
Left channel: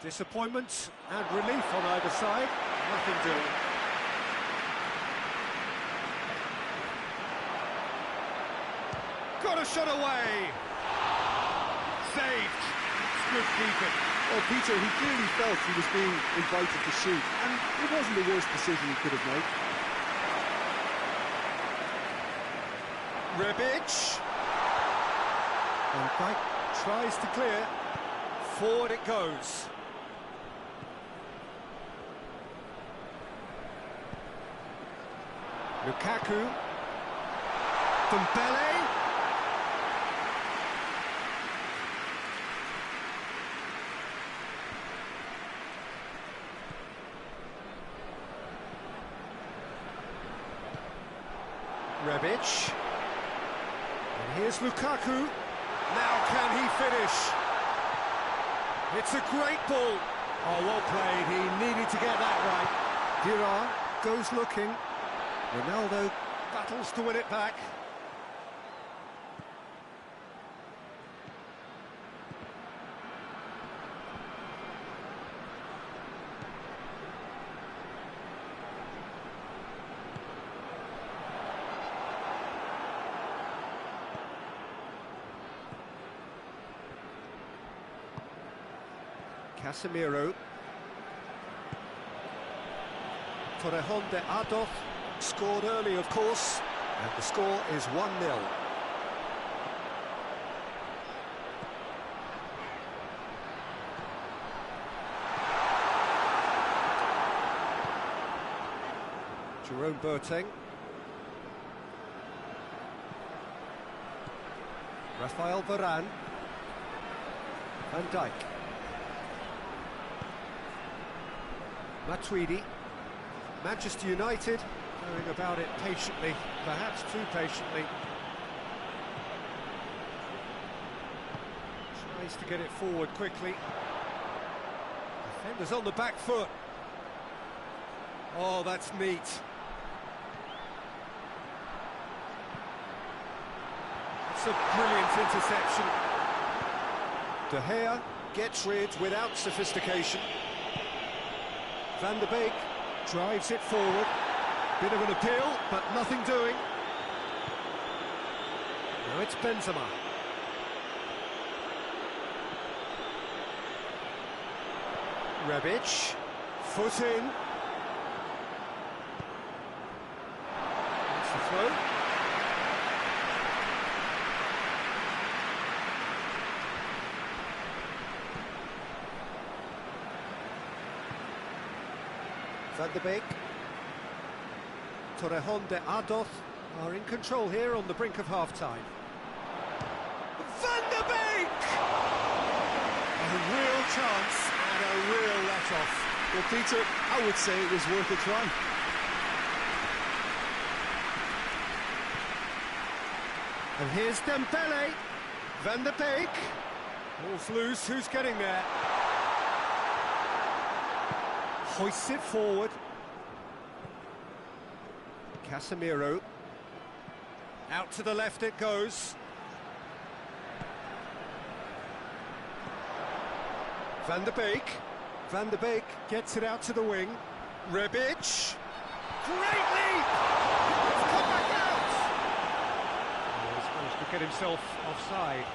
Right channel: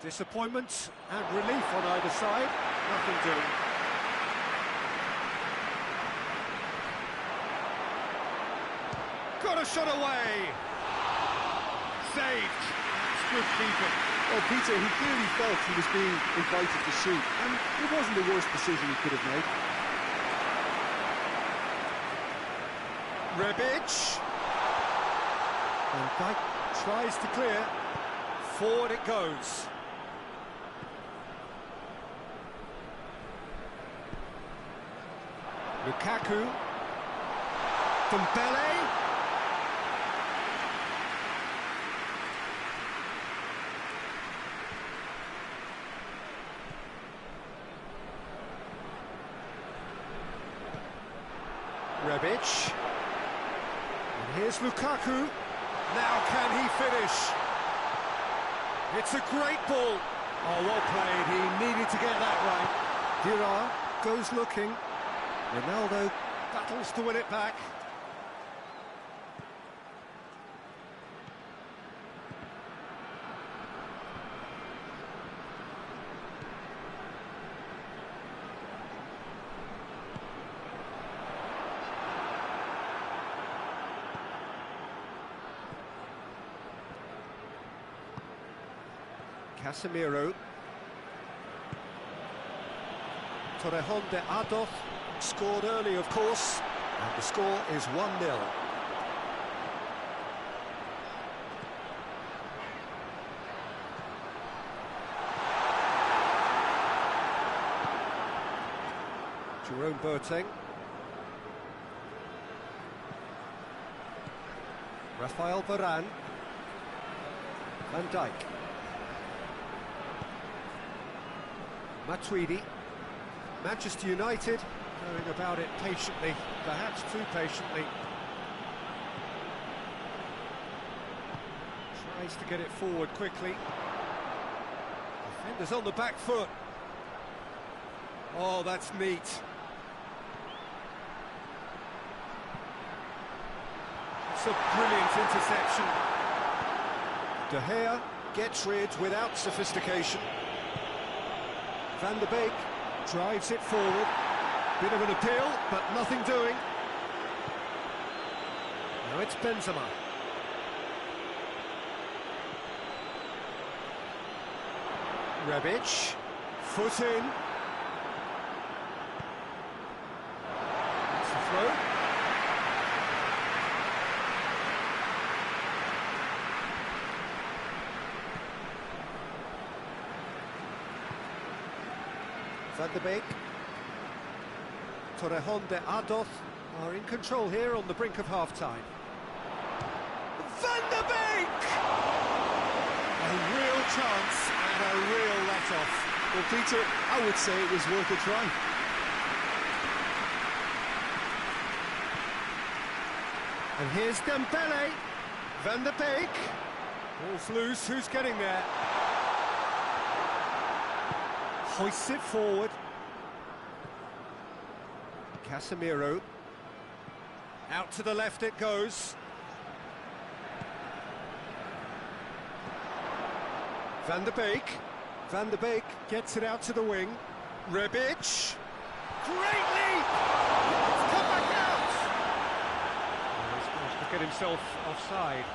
Disappointment and relief on either side. Nothing doing. Got a shot away. Saved. That's good keeping. Well, Peter, he clearly felt he was being invited to shoot, and it wasn't the worst decision he could have made. Rebic. And Dyke tries to clear. Forward it goes. Lukaku. Dembele. Rebic. And here's Lukaku. Now can he finish? It's a great ball. Oh, well played. He needed to get that right. Dira goes looking. Ronaldo battles to win it back. Casemiro. Torrejon de Ardoz scored early, of course, and the score is 1-0. Jerome Boateng. Rafael Varane. Van Dijk. Matuidi. Manchester United going about it patiently, perhaps too patiently. Tries to get it forward quickly. Defenders on the back foot. Oh, that's neat. It's a brilliant interception. De Gea gets rid without sophistication. Van der Beek drives it forward. Bit of an appeal, but nothing doing. Now it's Benzema. Rebic. Foot in. That's the throw. Van der Beek. Torrejon de Ardoz are in control here on the brink of half-time. Van der Beek! A real chance and a real let-off. Well, Peter, I would say it was worth a try. And here's Dembele. Van der Beek. Ball's loose, who's getting there? Hoists it forward. Casemiro. Out to the left it goes. Van der Beek. Van der Beek gets it out to the wing. Rebic. Great leap! It's come back out! Oh, he's managed to get himself offside.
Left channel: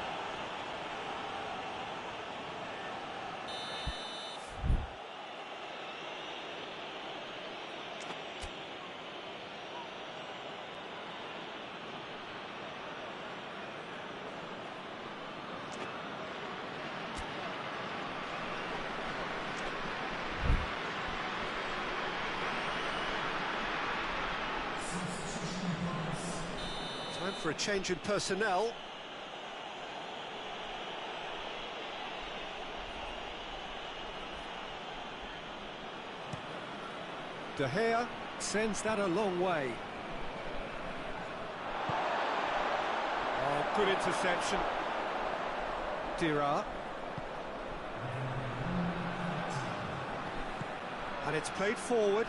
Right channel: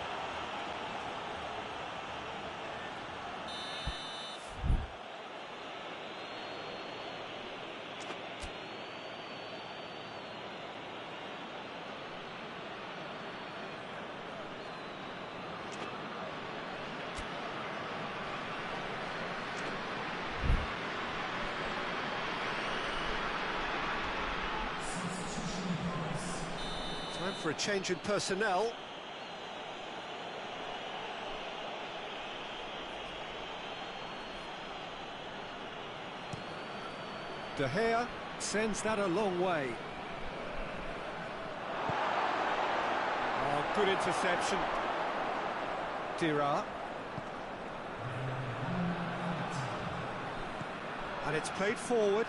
Time for a change in personnel. De Gea sends that a long way. Oh, good interception. Dira. And it's played forward.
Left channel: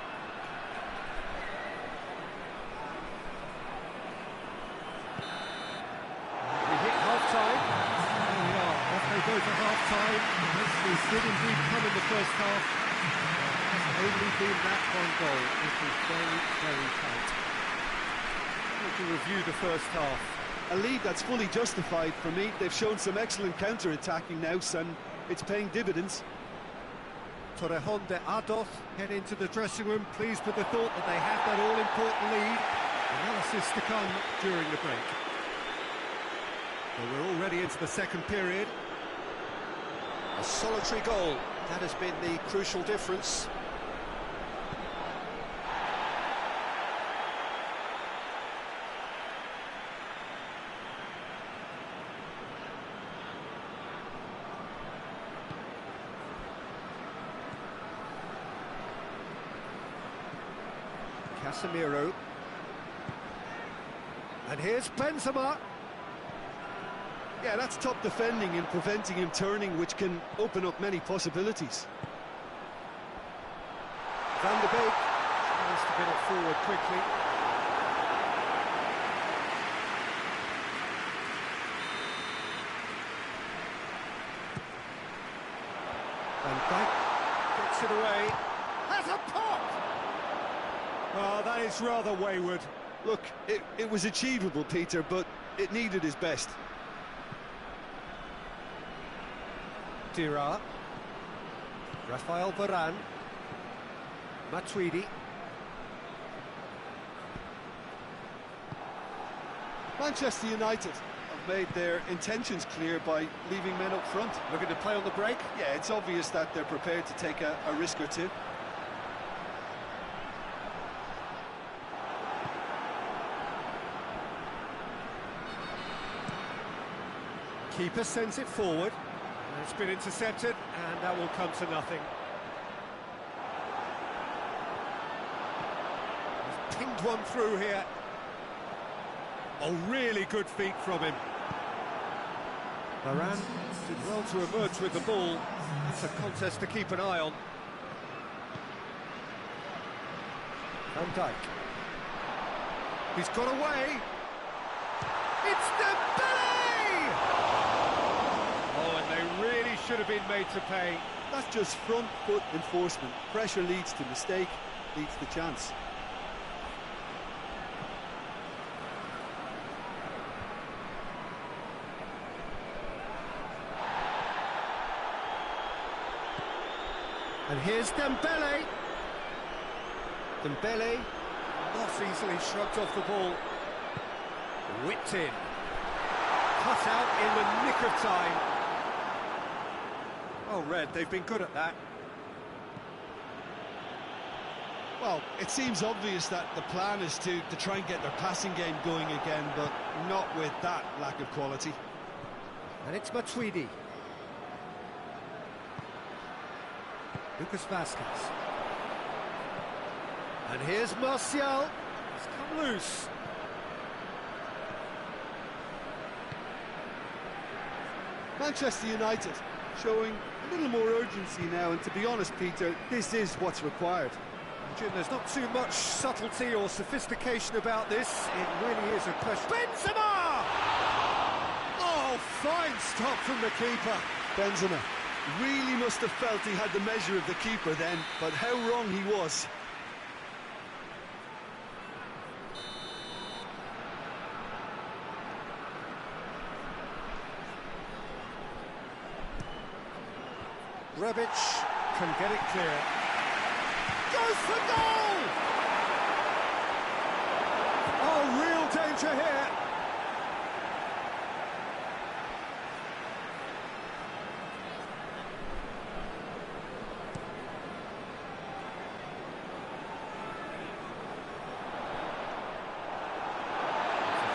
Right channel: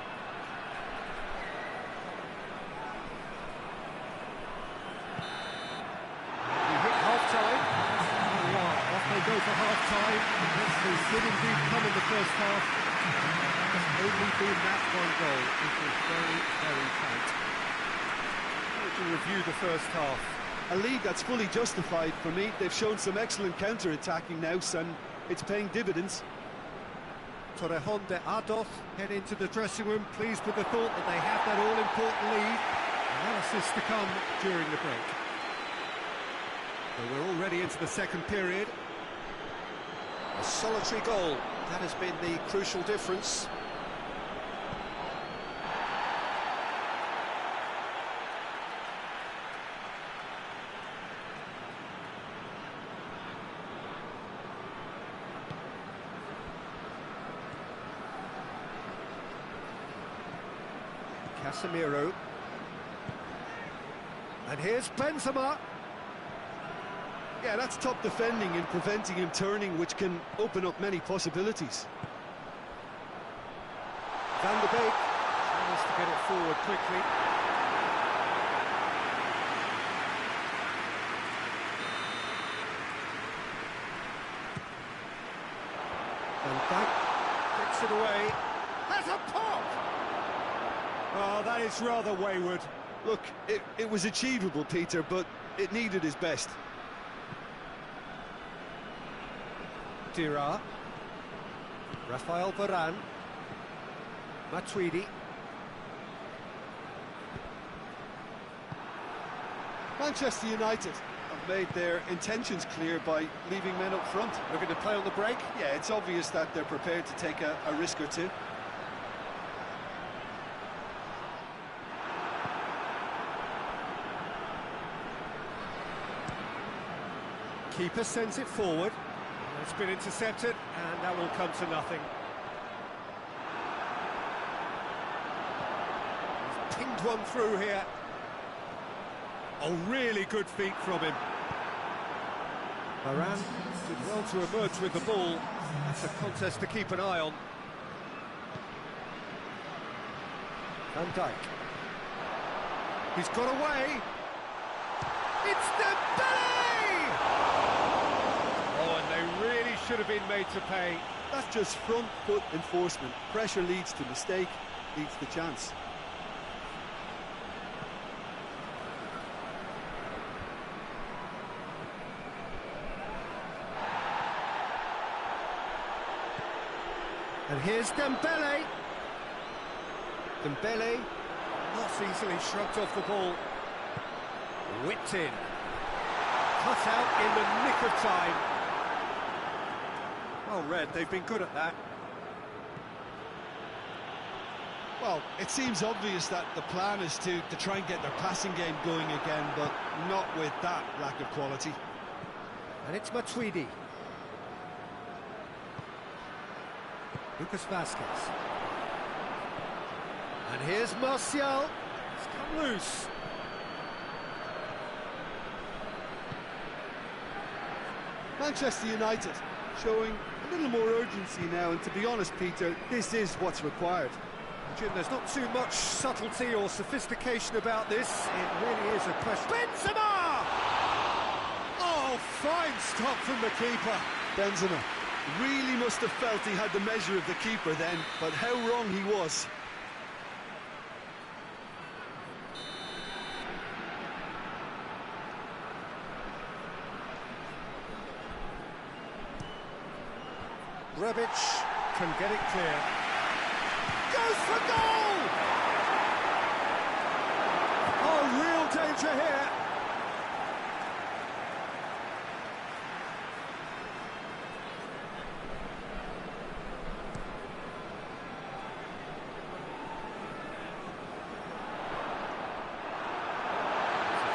Half-time. There we are, off they go for half-time. This did indeed come in the first half. There has only been that one goal. It is very, very tight. How would you review the first half? A lead that's fully justified for me. They've shown some excellent counter-attacking now, and it's paying dividends. Torrejon de Ardoz head into the dressing room, pleased with the thought that they have that all-important lead. Analysis to come during the break. Well, we're already into the second period. A solitary goal, that has been the crucial difference. Casemiro. And here's Benzema. Yeah, that's top defending and preventing him turning, which can open up many possibilities. Van der Beek tries to get it forward quickly. Van Dijk gets it away. Has a pop! Oh, that is rather wayward. Look, it was achievable, Peter, but it needed his best. Dira. Rafael Varane. Matuidi. Manchester United have made their intentions clear by leaving men up front. Looking to play on the break? Yeah, it's obvious that they're prepared to take a risk or two. Keeper sends it forward. It's been intercepted, and that will come to nothing. He's pinged one through here. Oh, really good feet from him. Varane did well to emerge with the ball. That's a contest to keep an eye on. Van Dijk. He's got away. It's Dembele! Oh, and they really should have been made to pay. That's just front foot enforcement. Pressure leads to mistake, leads to chance. And here's Dembele. Dembele not easily shrugged off the ball. Whipped in. Cut out in the nick of time. Well read, they've been good at that. Well, it seems obvious that the plan is to try and get their passing game going again, but not with that lack of quality. And it's Matuidi. Lucas Vazquez. And here's Martial. He's come loose. Manchester United showing a little more urgency now, and to be honest, Peter, this is what's required. Jim, there's not too much subtlety or sophistication about this. It really is a question. Benzema! Oh, fine stop from the keeper. Benzema really must have felt he had the measure of the keeper then, but how wrong he was. Rebic can get it clear. Goes for goal! Oh, real danger here.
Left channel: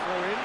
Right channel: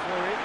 Throw in.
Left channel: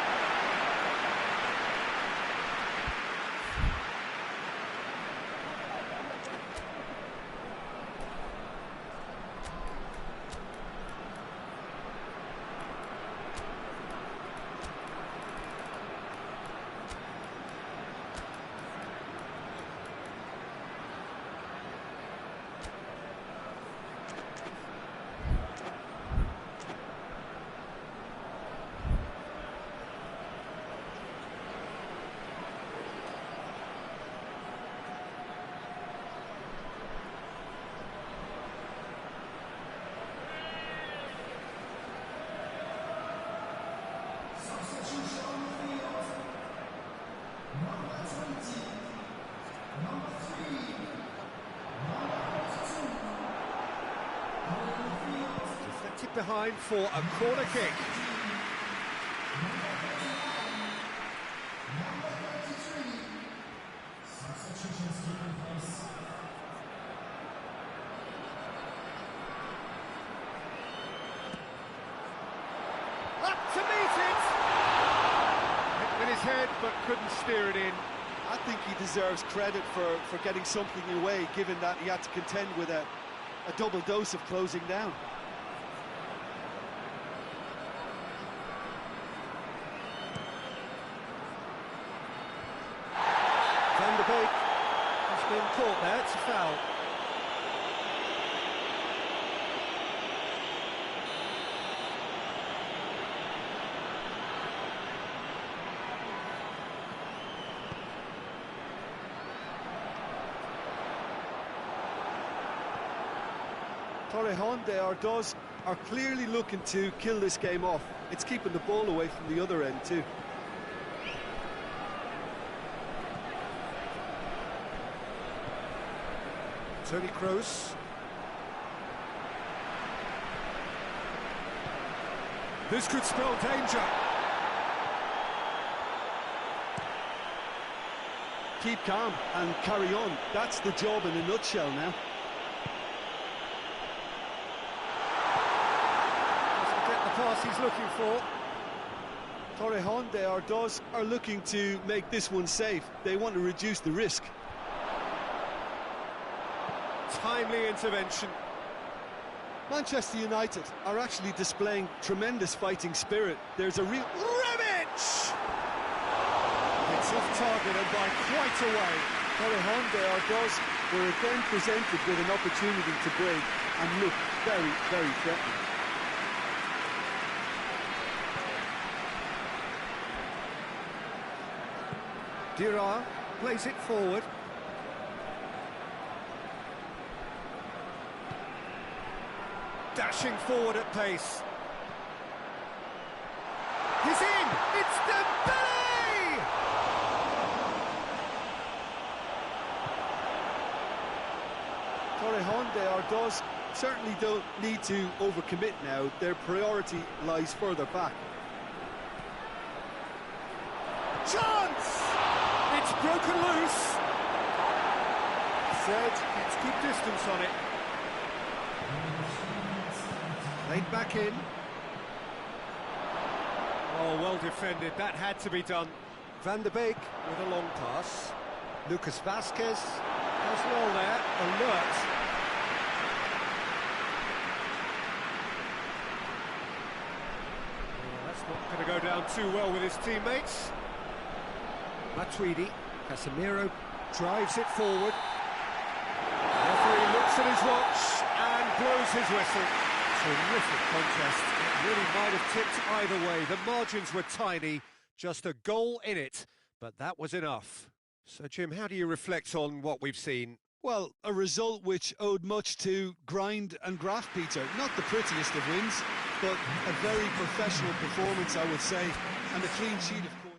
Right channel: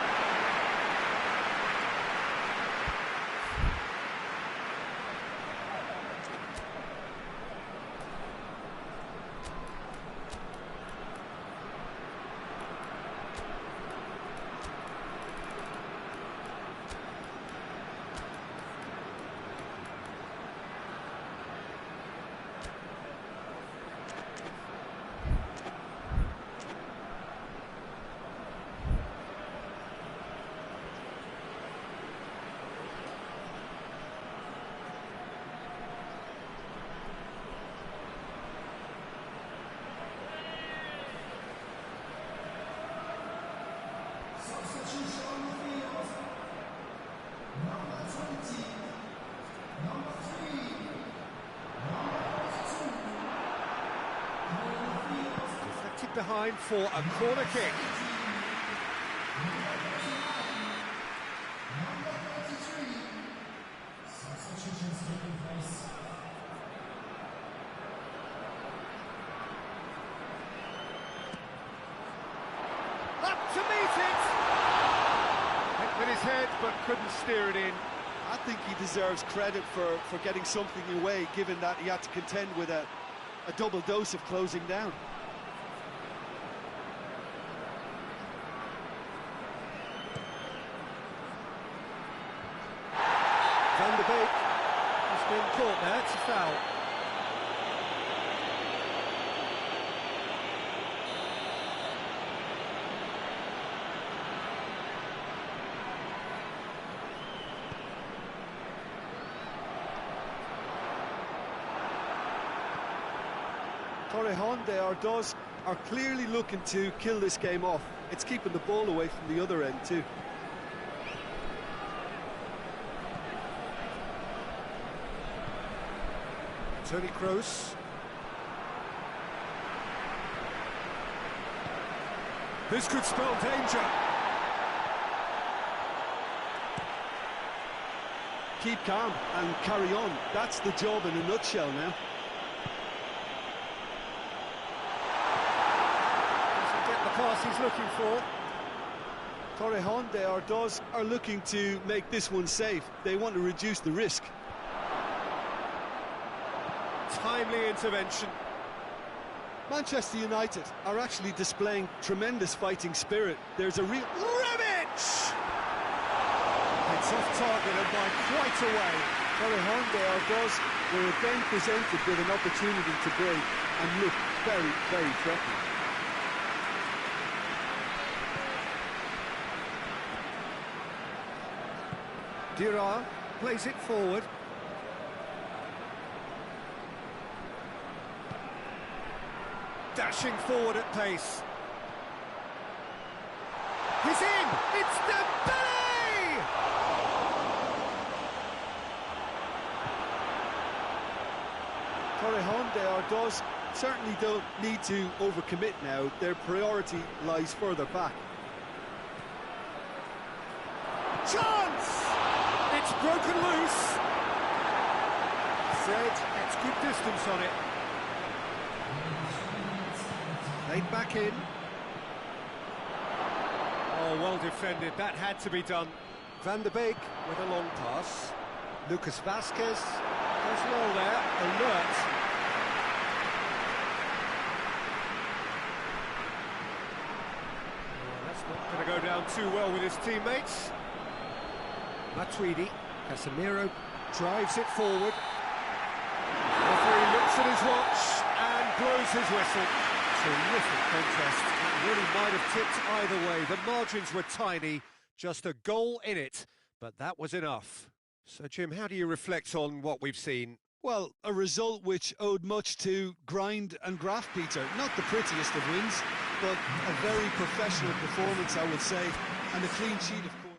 Deflected behind for a corner kick. Up to meet it! Hit with his head, but couldn't steer it in. I think he deserves credit for getting something away, given that he had to contend with a double dose of closing down. Van der Beek has been caught there, it's a foul. Torrejon de Ardoz are clearly looking to kill this game off. It's keeping the ball away from the other end too. Toni Kroos. This could spell danger. Keep calm and carry on. That's the job in a nutshell now. Doesn't get the pass he's looking for. Torrejon de Ardoz are looking to make this one safe. They want to reduce the risk. Timely intervention. Manchester United are actually displaying tremendous fighting spirit. There's a real... Rebic! It's off target and by quite a way. Torrejon de Ardoz were again presented with an opportunity to break and look very, very threatening. Dira plays it forward. Dashing forward at pace. He's in! It's Dembele! Torrejon de Ardoz certainly don't need to overcommit now. Their priority lies further back. Chance! It's broken loose. Fred gets good distance on it. Laid back in. Oh, well defended. That had to be done. Van der Beek with a long pass. Lucas Vasquez does well there. Alert. Oh, that's not going to go down too well with his teammates. Matuidi Casemiro drives it forward. The referee looks at his watch and blows his whistle. Terrific contest. It really might have tipped either way. The margins were tiny, just a goal in it, but that was enough. So, Jim, how do you reflect on what we've seen? Well, a result which owed much to grind and graft, Peter. Not the prettiest of wins, but a very professional performance, I would say, and a clean sheet, of course.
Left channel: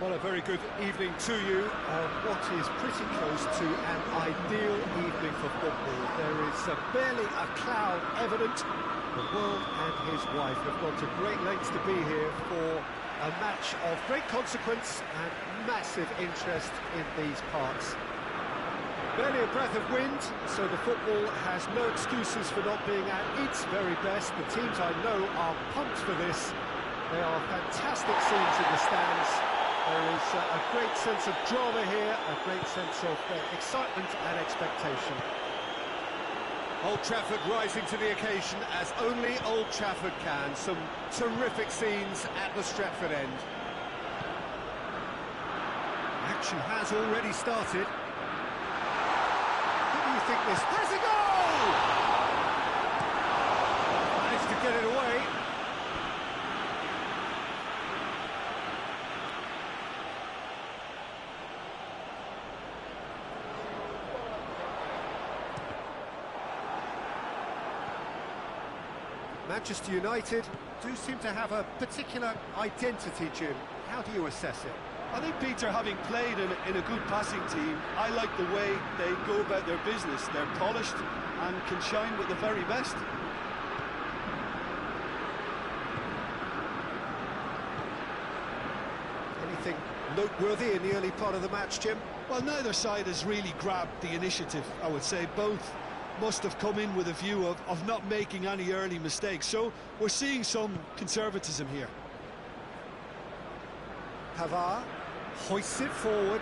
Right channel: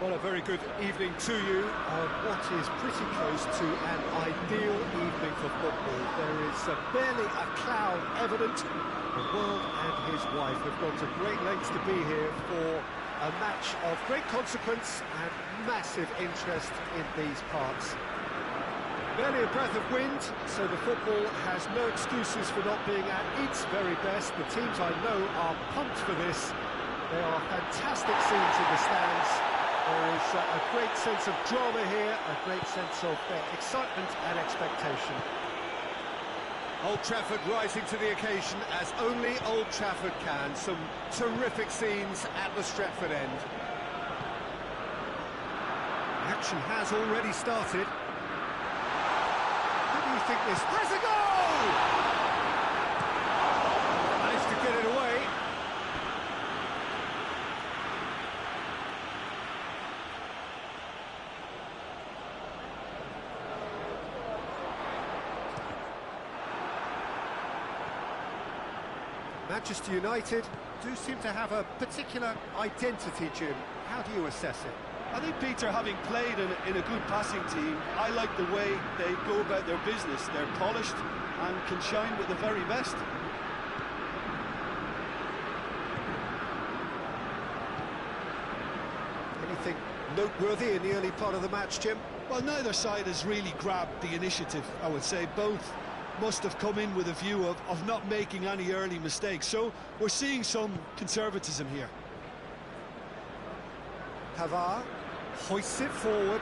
Well, a very good evening to you on what is pretty close to an ideal evening for football. There is barely a cloud evident. The world and his wife have gone to great lengths to be here for a match of great consequence and massive interest in these parts. Barely a breath of wind, so the football has no excuses for not being at its very best. The teams I know are pumped for this. There are fantastic scenes in the stands. There is a great sense of drama here, a great sense of excitement and expectation. Old Trafford rising to the occasion as only Old Trafford can. Some terrific scenes at the Stretford end. Action has already started. How do you think this has a goal? Managed to get it away. Manchester United do seem to have a particular identity, Jim. How do you assess it? I think, Peter, having played in a good passing team, I like the way they go about their business. They're polished and can shine with the very best. Anything noteworthy in the early part of the match, Jim? Well, neither side has really grabbed the initiative, I would say. Both must have come in with a view of not making any early mistakes. So we're seeing some conservatism here. Pavard hoists it forward.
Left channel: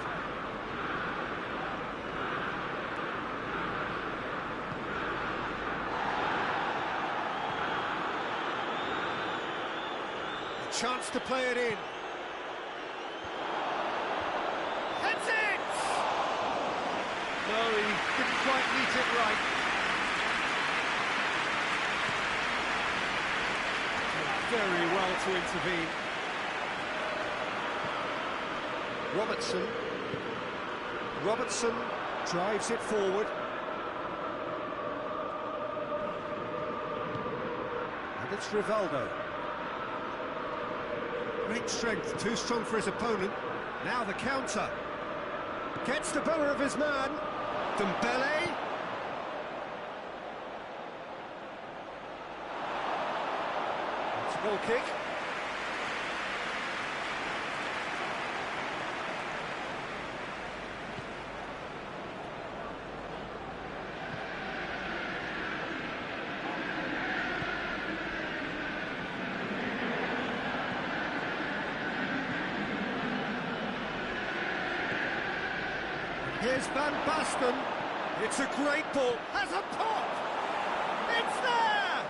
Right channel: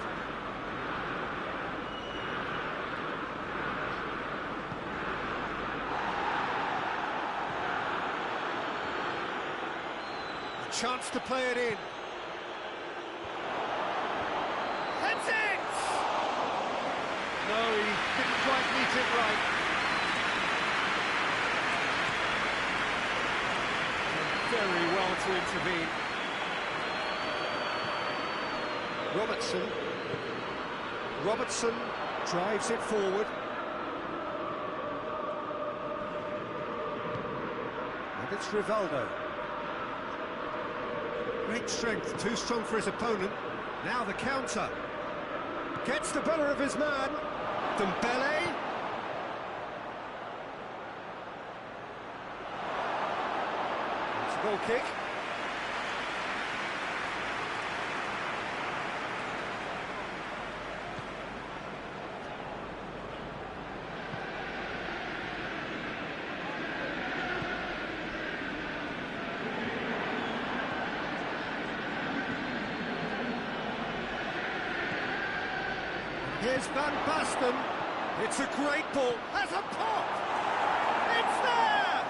A chance to play it in. Heads it! No, he didn't quite meet it right. Done very well to intervene. Robertson drives it forward. And it's Rivaldo. Great strength, too strong for his opponent. Now the counter. Gets the better of his man. Dembele. It's a goal kick. Here's Van Basten. It's a great ball. Has a pop. It's there.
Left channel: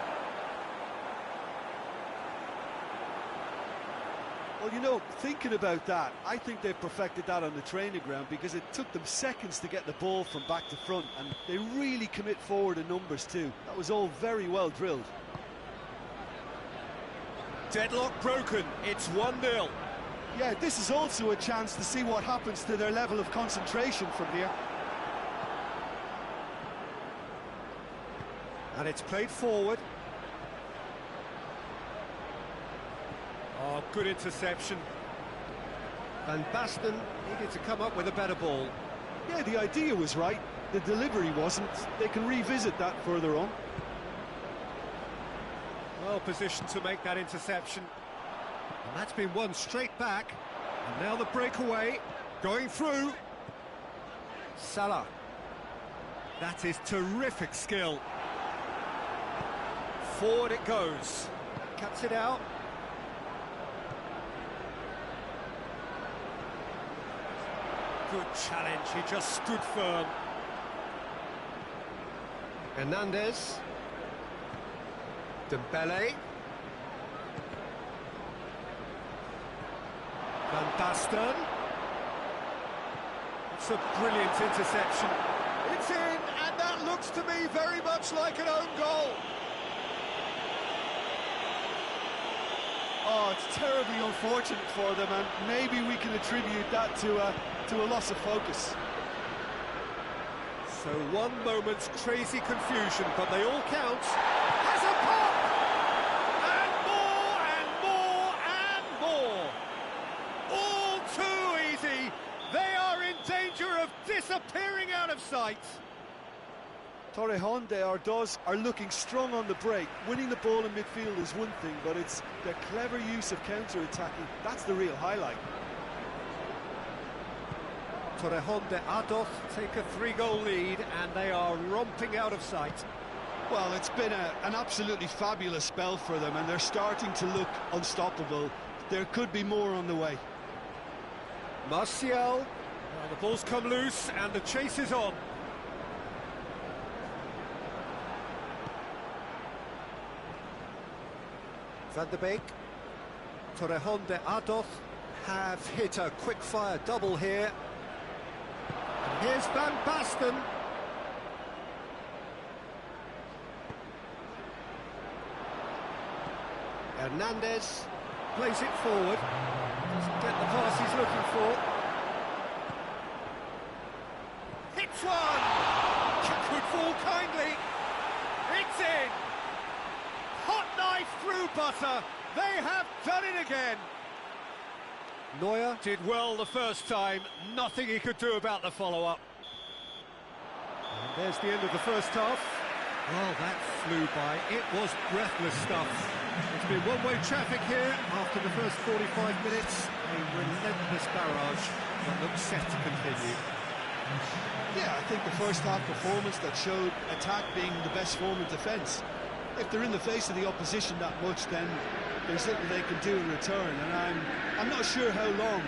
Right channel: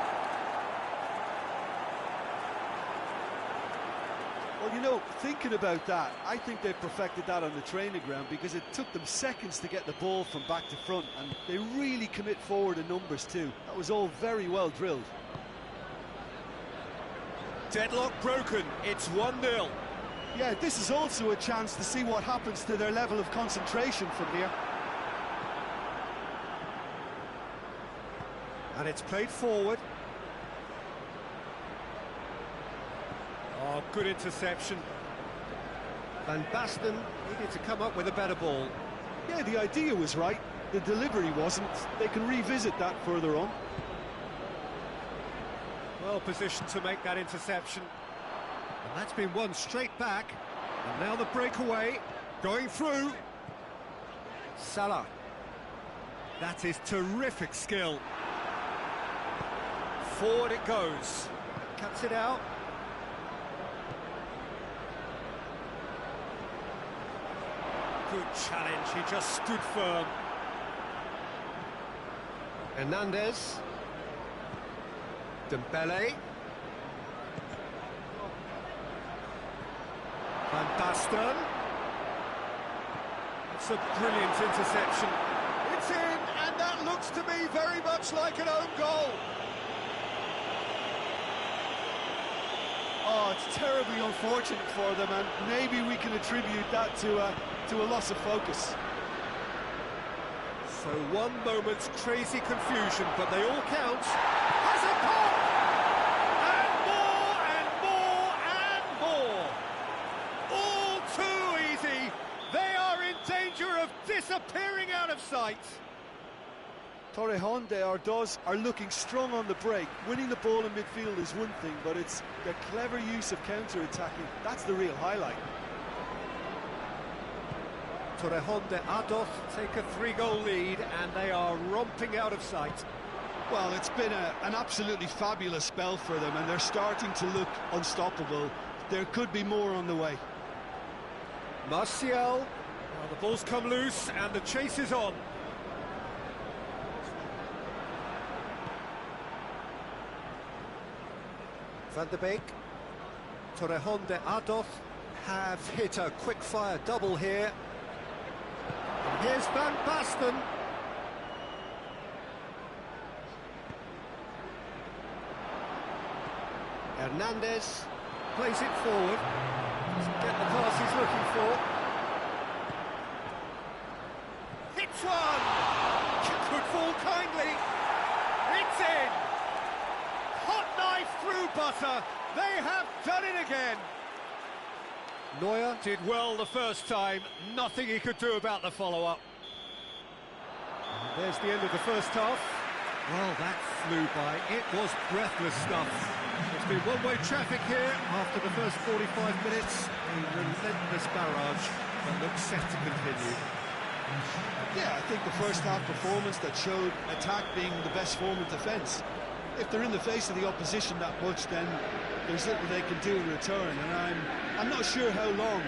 Well, you know, thinking about that, I think they perfected that on the training ground because it took them seconds to get the ball from back to front, and they really commit forward in numbers too. That was all very well drilled. Deadlock broken. It's 1-0. Yeah, this is also a chance to see what happens to their level of concentration from here. And it's played forward. Oh, good interception. Van Basten needed to come up with a better ball. Yeah, the idea was right. The delivery wasn't. They can revisit that further on. Well positioned to make that interception. And that's been won straight back. And now the breakaway, going through. Salah. That is terrific skill. Forward it goes. Cuts it out. Good challenge, he just stood firm. Hernandez. Dembele. Van Basten. That's a brilliant interception. It's in, and that looks to me very much like an own goal. Oh, it's terribly unfortunate for them, and maybe we can attribute that to a loss of focus. So one moment's crazy confusion, but they all count. Has a pop! And more and more and more! All too of sight. Torrejón are looking strong on the break. Winning the ball in midfield is one thing, but it's their clever use of counter-attacking. That's the real highlight. Torrejón de Ardoz take a 3-goal lead, and they are romping out of sight. Well, it's been an absolutely fabulous spell for them, and they're starting to look unstoppable. There could be more on the way. Martial. Well, the ball's come loose, and the chase is on. Van der Beek. Torrejón de Ardoz have hit a quick-fire double here. And here's Van Basten. Hernandez plays it forward. Doesn't get the pass he's looking for. Hits one! Could fall kindly. It's in! Hot knife through butter. They have done it again. Neuer did well the first time. Nothing he could do about the follow-up. And there's the end of the first half. Well, that flew by. It was breathless stuff. It's been one-way traffic here after the first 45 minutes. A relentless barrage that looks set to continue. Yeah, I think the first half performance that showed attack being the best form of defence. If they're in the face of the opposition that much, then there's little they can do in return, and I'm not sure how long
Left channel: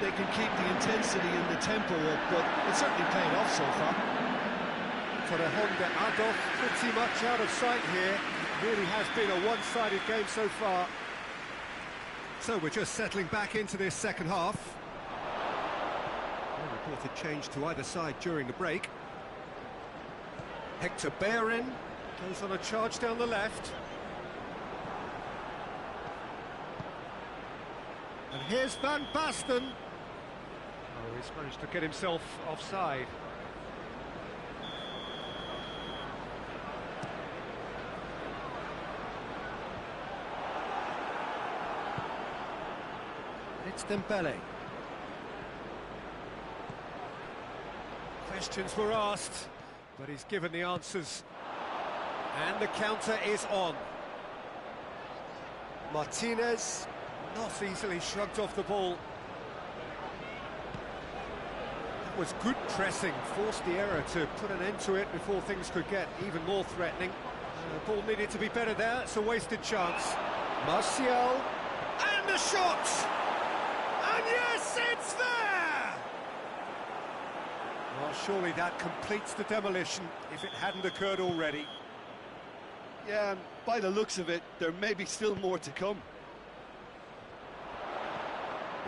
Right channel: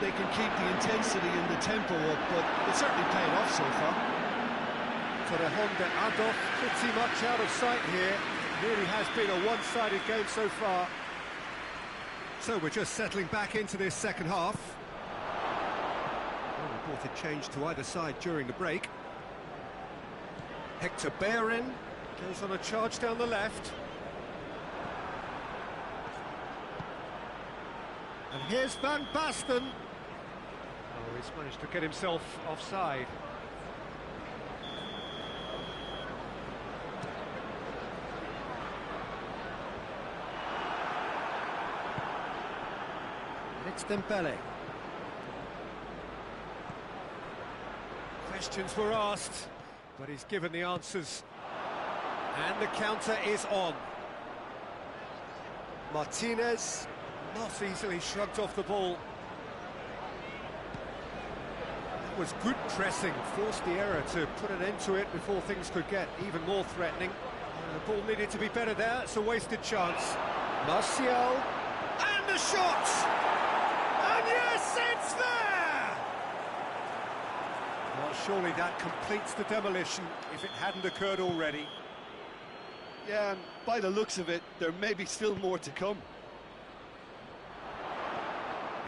they can keep the intensity and the tempo up, but it certainly paid off so far. Torrejón de Ardoz pretty much out of sight here. It really has been a one-sided game so far. So we're just settling back into this second half. No reported change to either side during the break. Hector Bellerin goes on a charge down the left. And here's Van Basten. Oh, he's managed to get himself offside. And it's Dembele. Questions were asked, but he's given the answers. And the counter is on. Martinez not easily shrugged off the ball. That was good pressing, forced the error to put an end to it before things could get even more threatening. The ball needed to be better there, it's a wasted chance. Martial, and the shot! And yes, it's there! Well, surely that completes the demolition, if it hadn't occurred already. Yeah, and by the looks of it, there may be still more to come.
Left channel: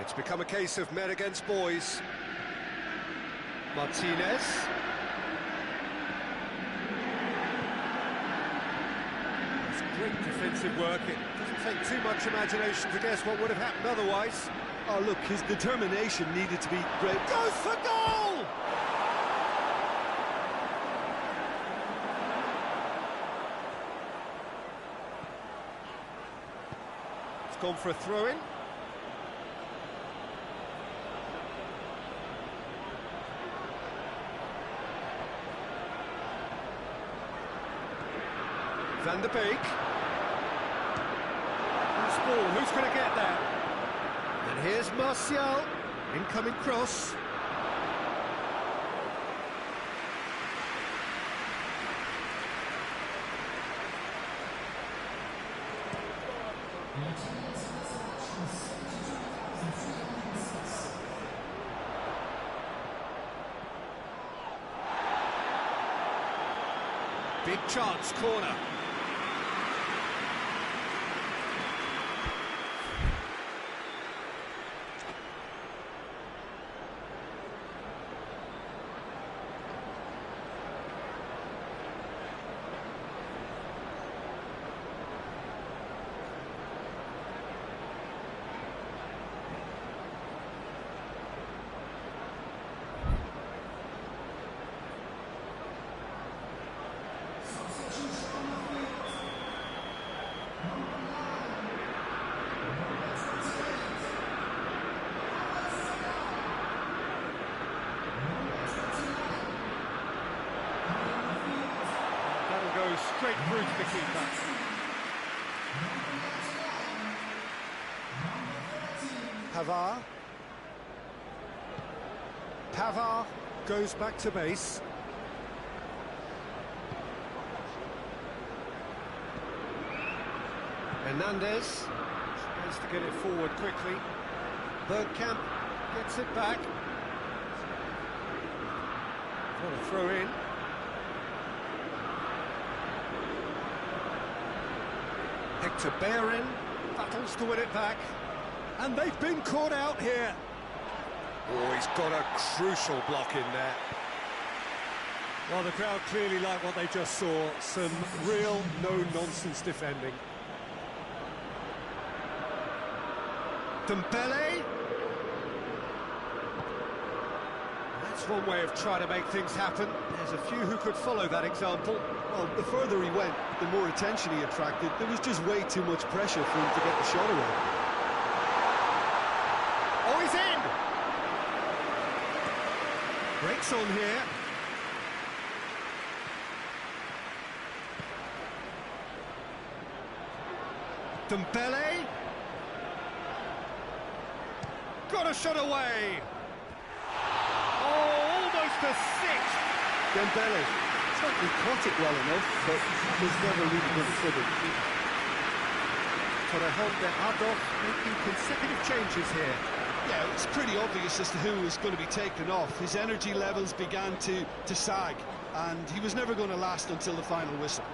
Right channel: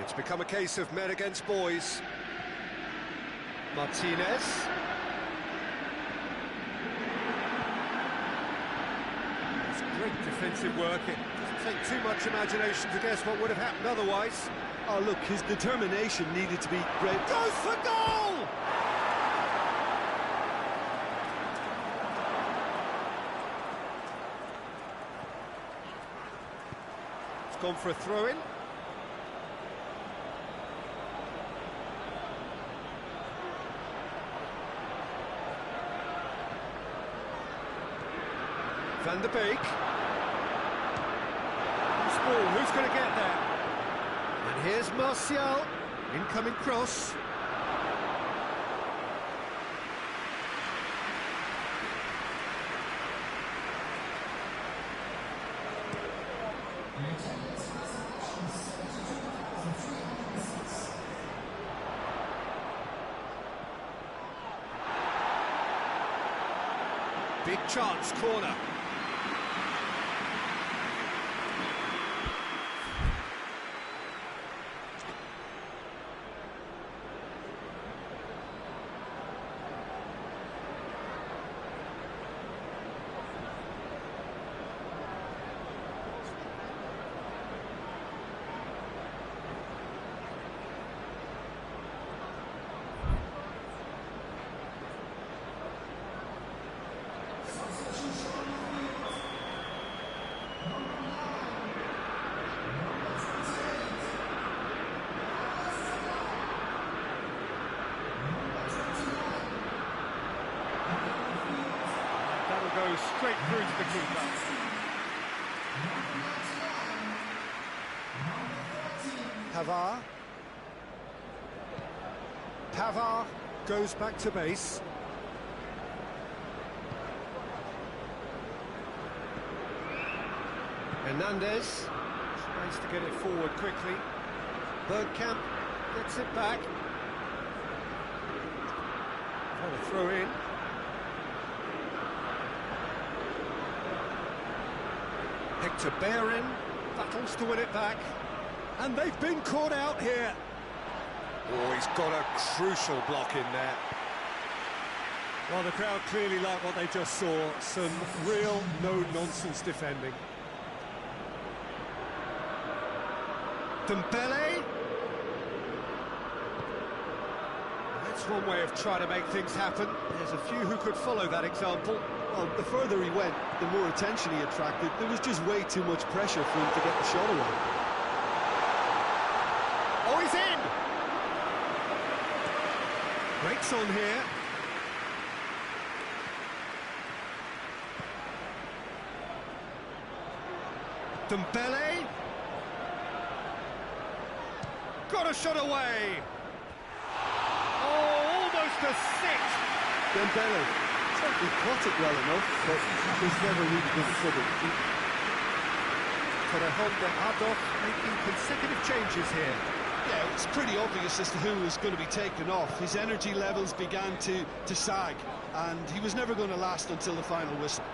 It's become a case of men against boys. Martinez. It's great defensive work. It doesn't take too much imagination to guess what would have happened otherwise. Oh, look, his determination needed to be great. Goes for goal! It's gone for a throw-in. Van der Beek. Who's ball? Who's going to get there? And here's Martial. Incoming cross. Big chance, corner. That'll go straight through to the keeper. Pavard. Pavard goes back to base. Hernandez tries to get it forward quickly. Bergkamp gets it back. What a throw in. Hector Bellerin battles to win it back. And they've been caught out here. Oh, he's got a crucial block in there. Well, the crowd clearly like what they just saw. Some real no-nonsense defending. Dembele. That's one way of trying to make things happen. There's a few who could follow that example. Well, the further he went, the more attention he attracted. There was just way too much pressure for him to get the shot away. Oh, he's in! Breaks on here. Dembele. Got a shot away. Oh, almost a six. Dembele certainly caught it well enough, but that was never really going to trouble the keeper. Torrejon Adolf making consecutive changes here. Yeah, it was pretty obvious as to who was going to be taken off. His energy levels began to sag, and he was never going to last until the final whistle.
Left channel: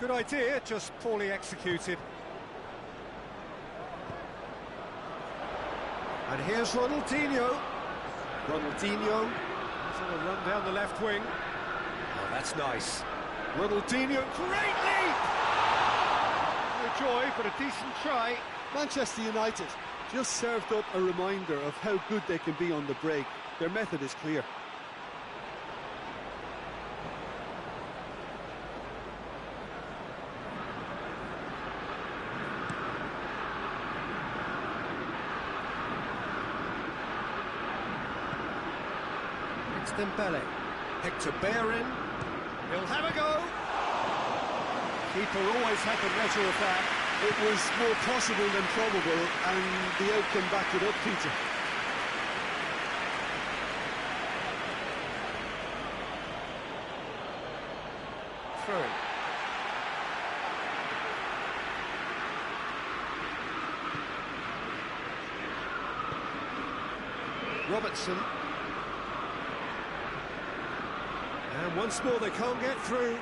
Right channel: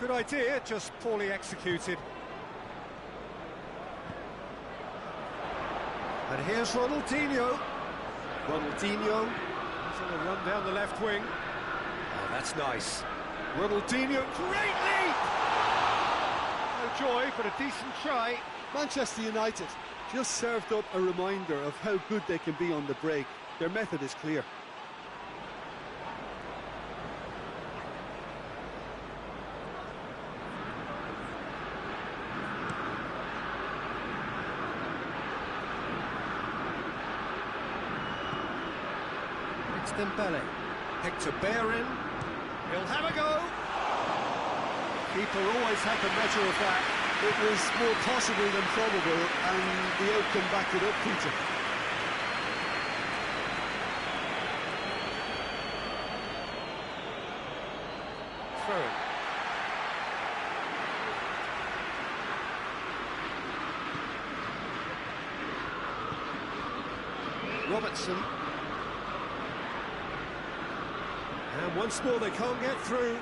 Good idea, just poorly executed. And here's Ronaldinho. Ronaldinho is on a run down the left wing. Oh, that's nice. Ronaldinho, great leap! No joy, but a decent try. Manchester United just served up a reminder of how good they can be on the break. Their method is clear. It's Dembele. Hector Bellerin. He'll have a go. Keeper always had the measure of that. It was more possible than probable, and the outcome backed it up, Peter. Throw. Robertson. And once more they can't get through.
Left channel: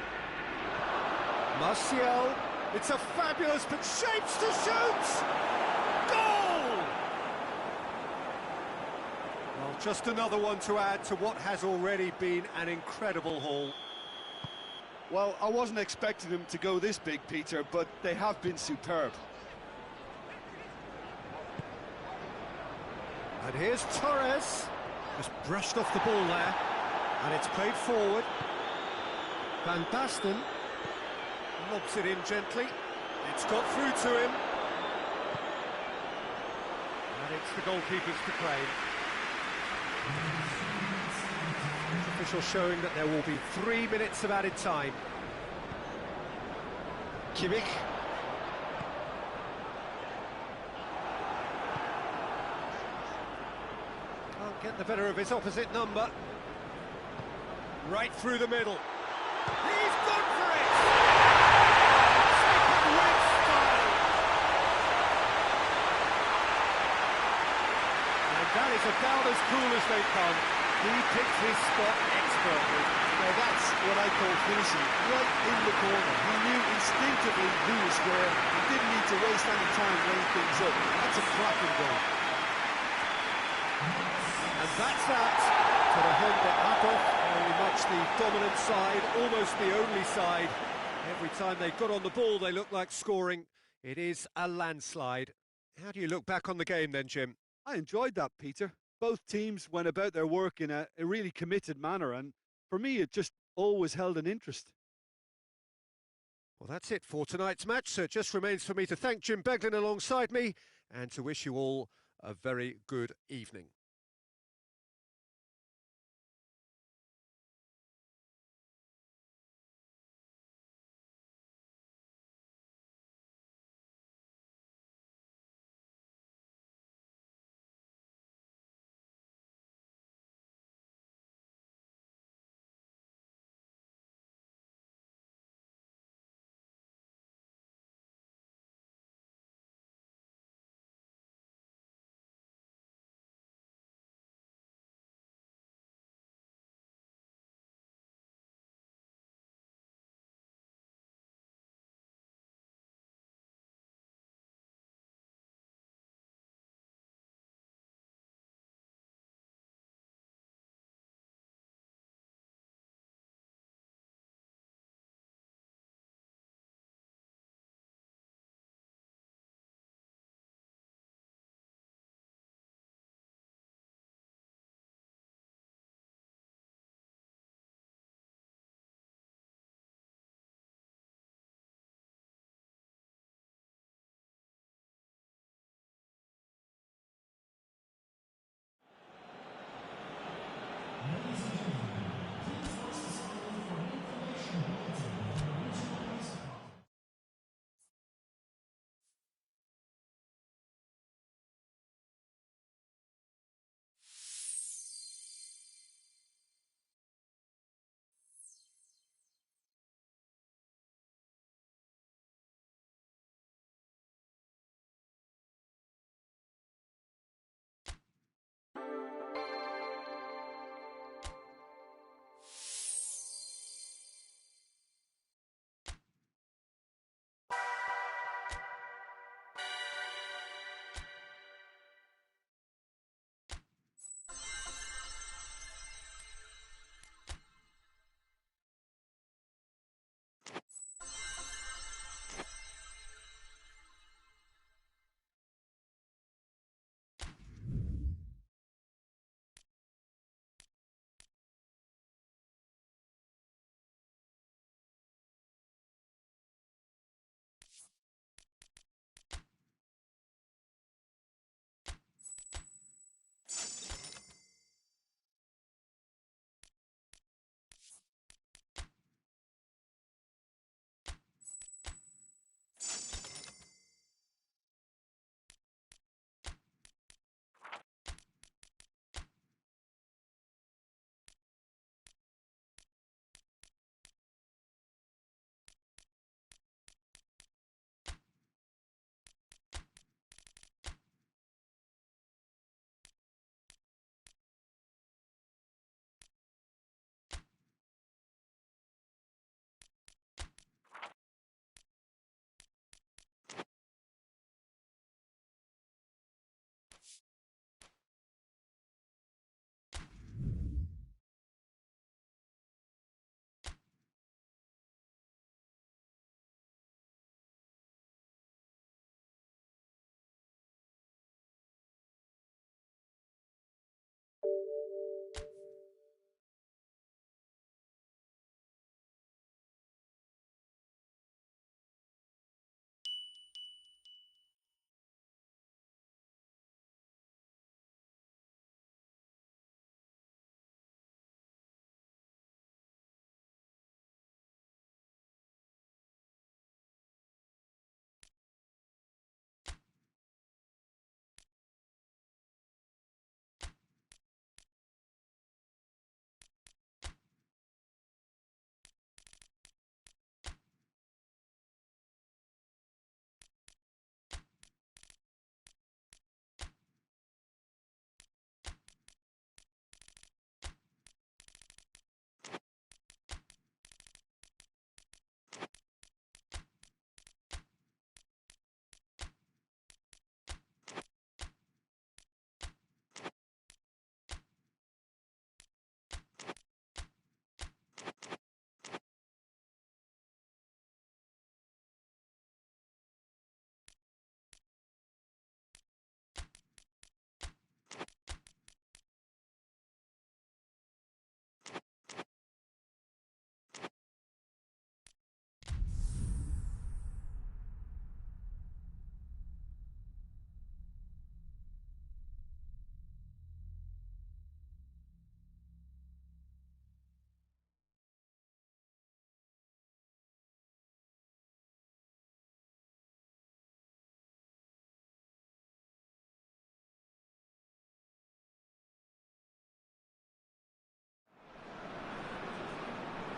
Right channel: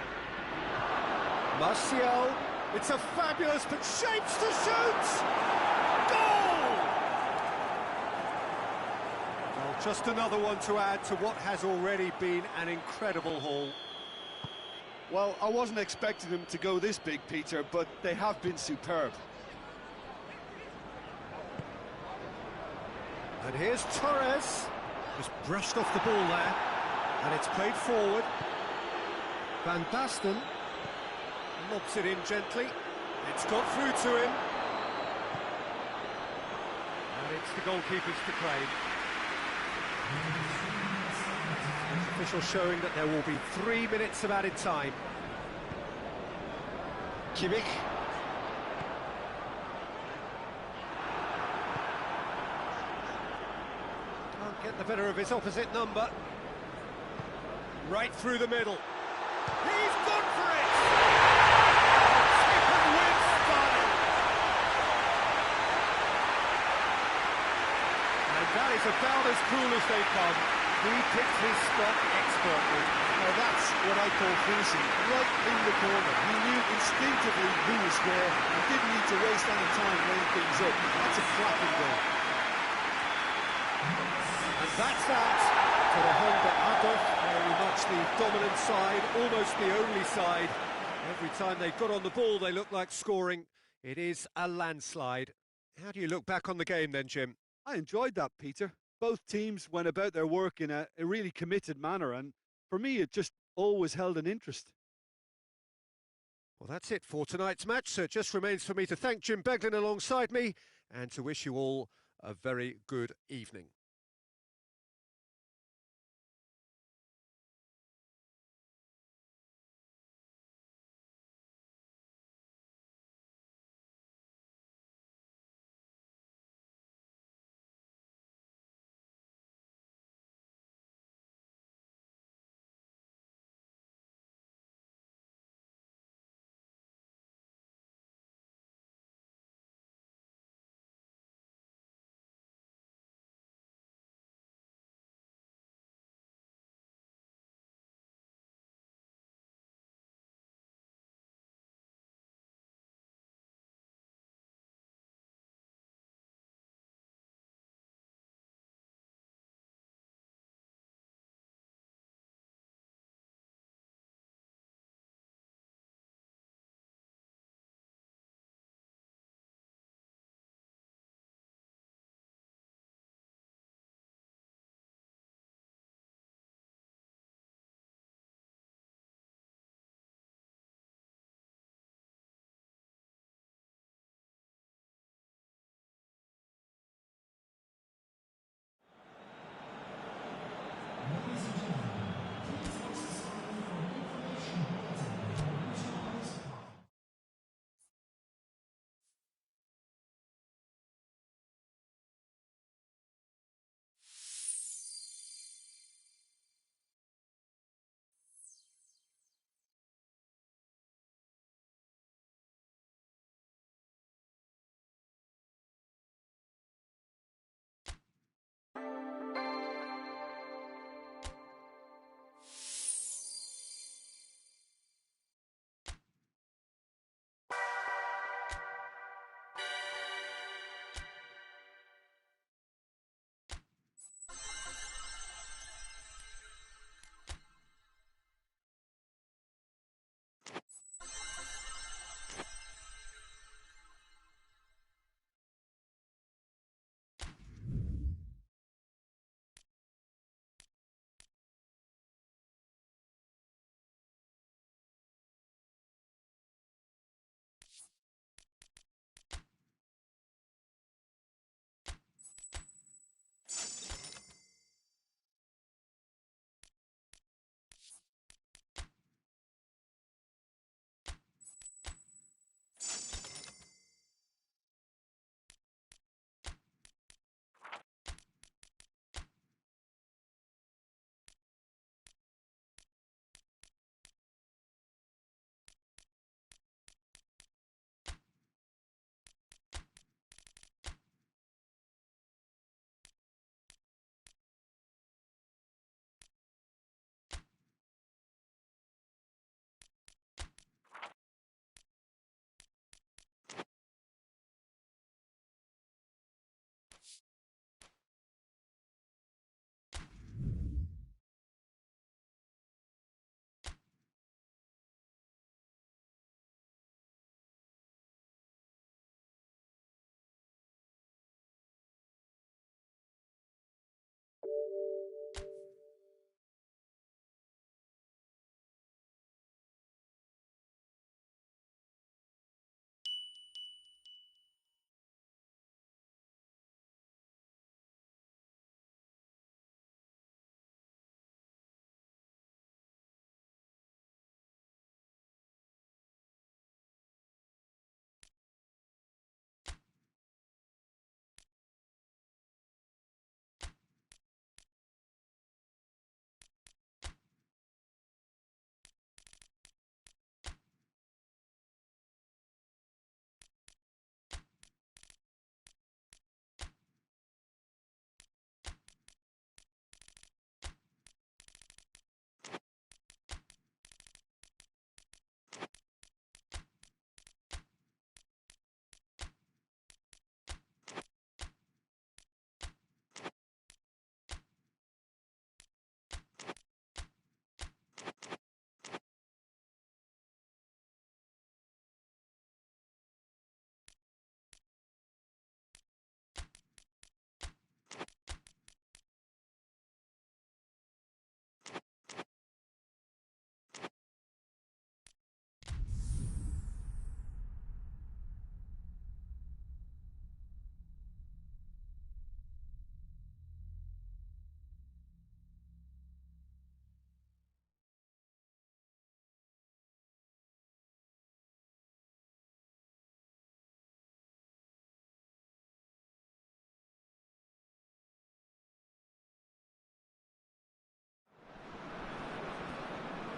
Martial. It's a fabulous, but shapes to shoot! Goal! Well, just another one to add to what has already been an incredible haul. Well, I wasn't expecting them to go this big, Peter, but they have been superb. And here's Torres. Just brushed off the ball there. And it's played forward. Van Basten lobs it in gently. It's got through to him. And it's the goalkeeper's to claim. It's official showing that there will be 3 minutes of added time. Kimmich. Can't get the better of his opposite number. Right through the middle. He's gone for it! Oh, taken with style! And that is about as cool as they come. He picked his spot expertly. Now that's what I call finishing, right in the corner. He knew instinctively who was where and didn't need to waste any time weighing things up. That's a cracking goal. And that's that. Torrejon Adolf, very much the dominant side, almost the only side. Every time they got on the ball, they looked like scoring. It is a landslide. How do you look back on the game then, Jim? I enjoyed that, Peter. Both teams went about their work in a really committed manner, and for me, it just always held an interest. Well, that's it for tonight's match, so it just remains for me to thank Jim Beglin alongside me and to wish you all a very good evening.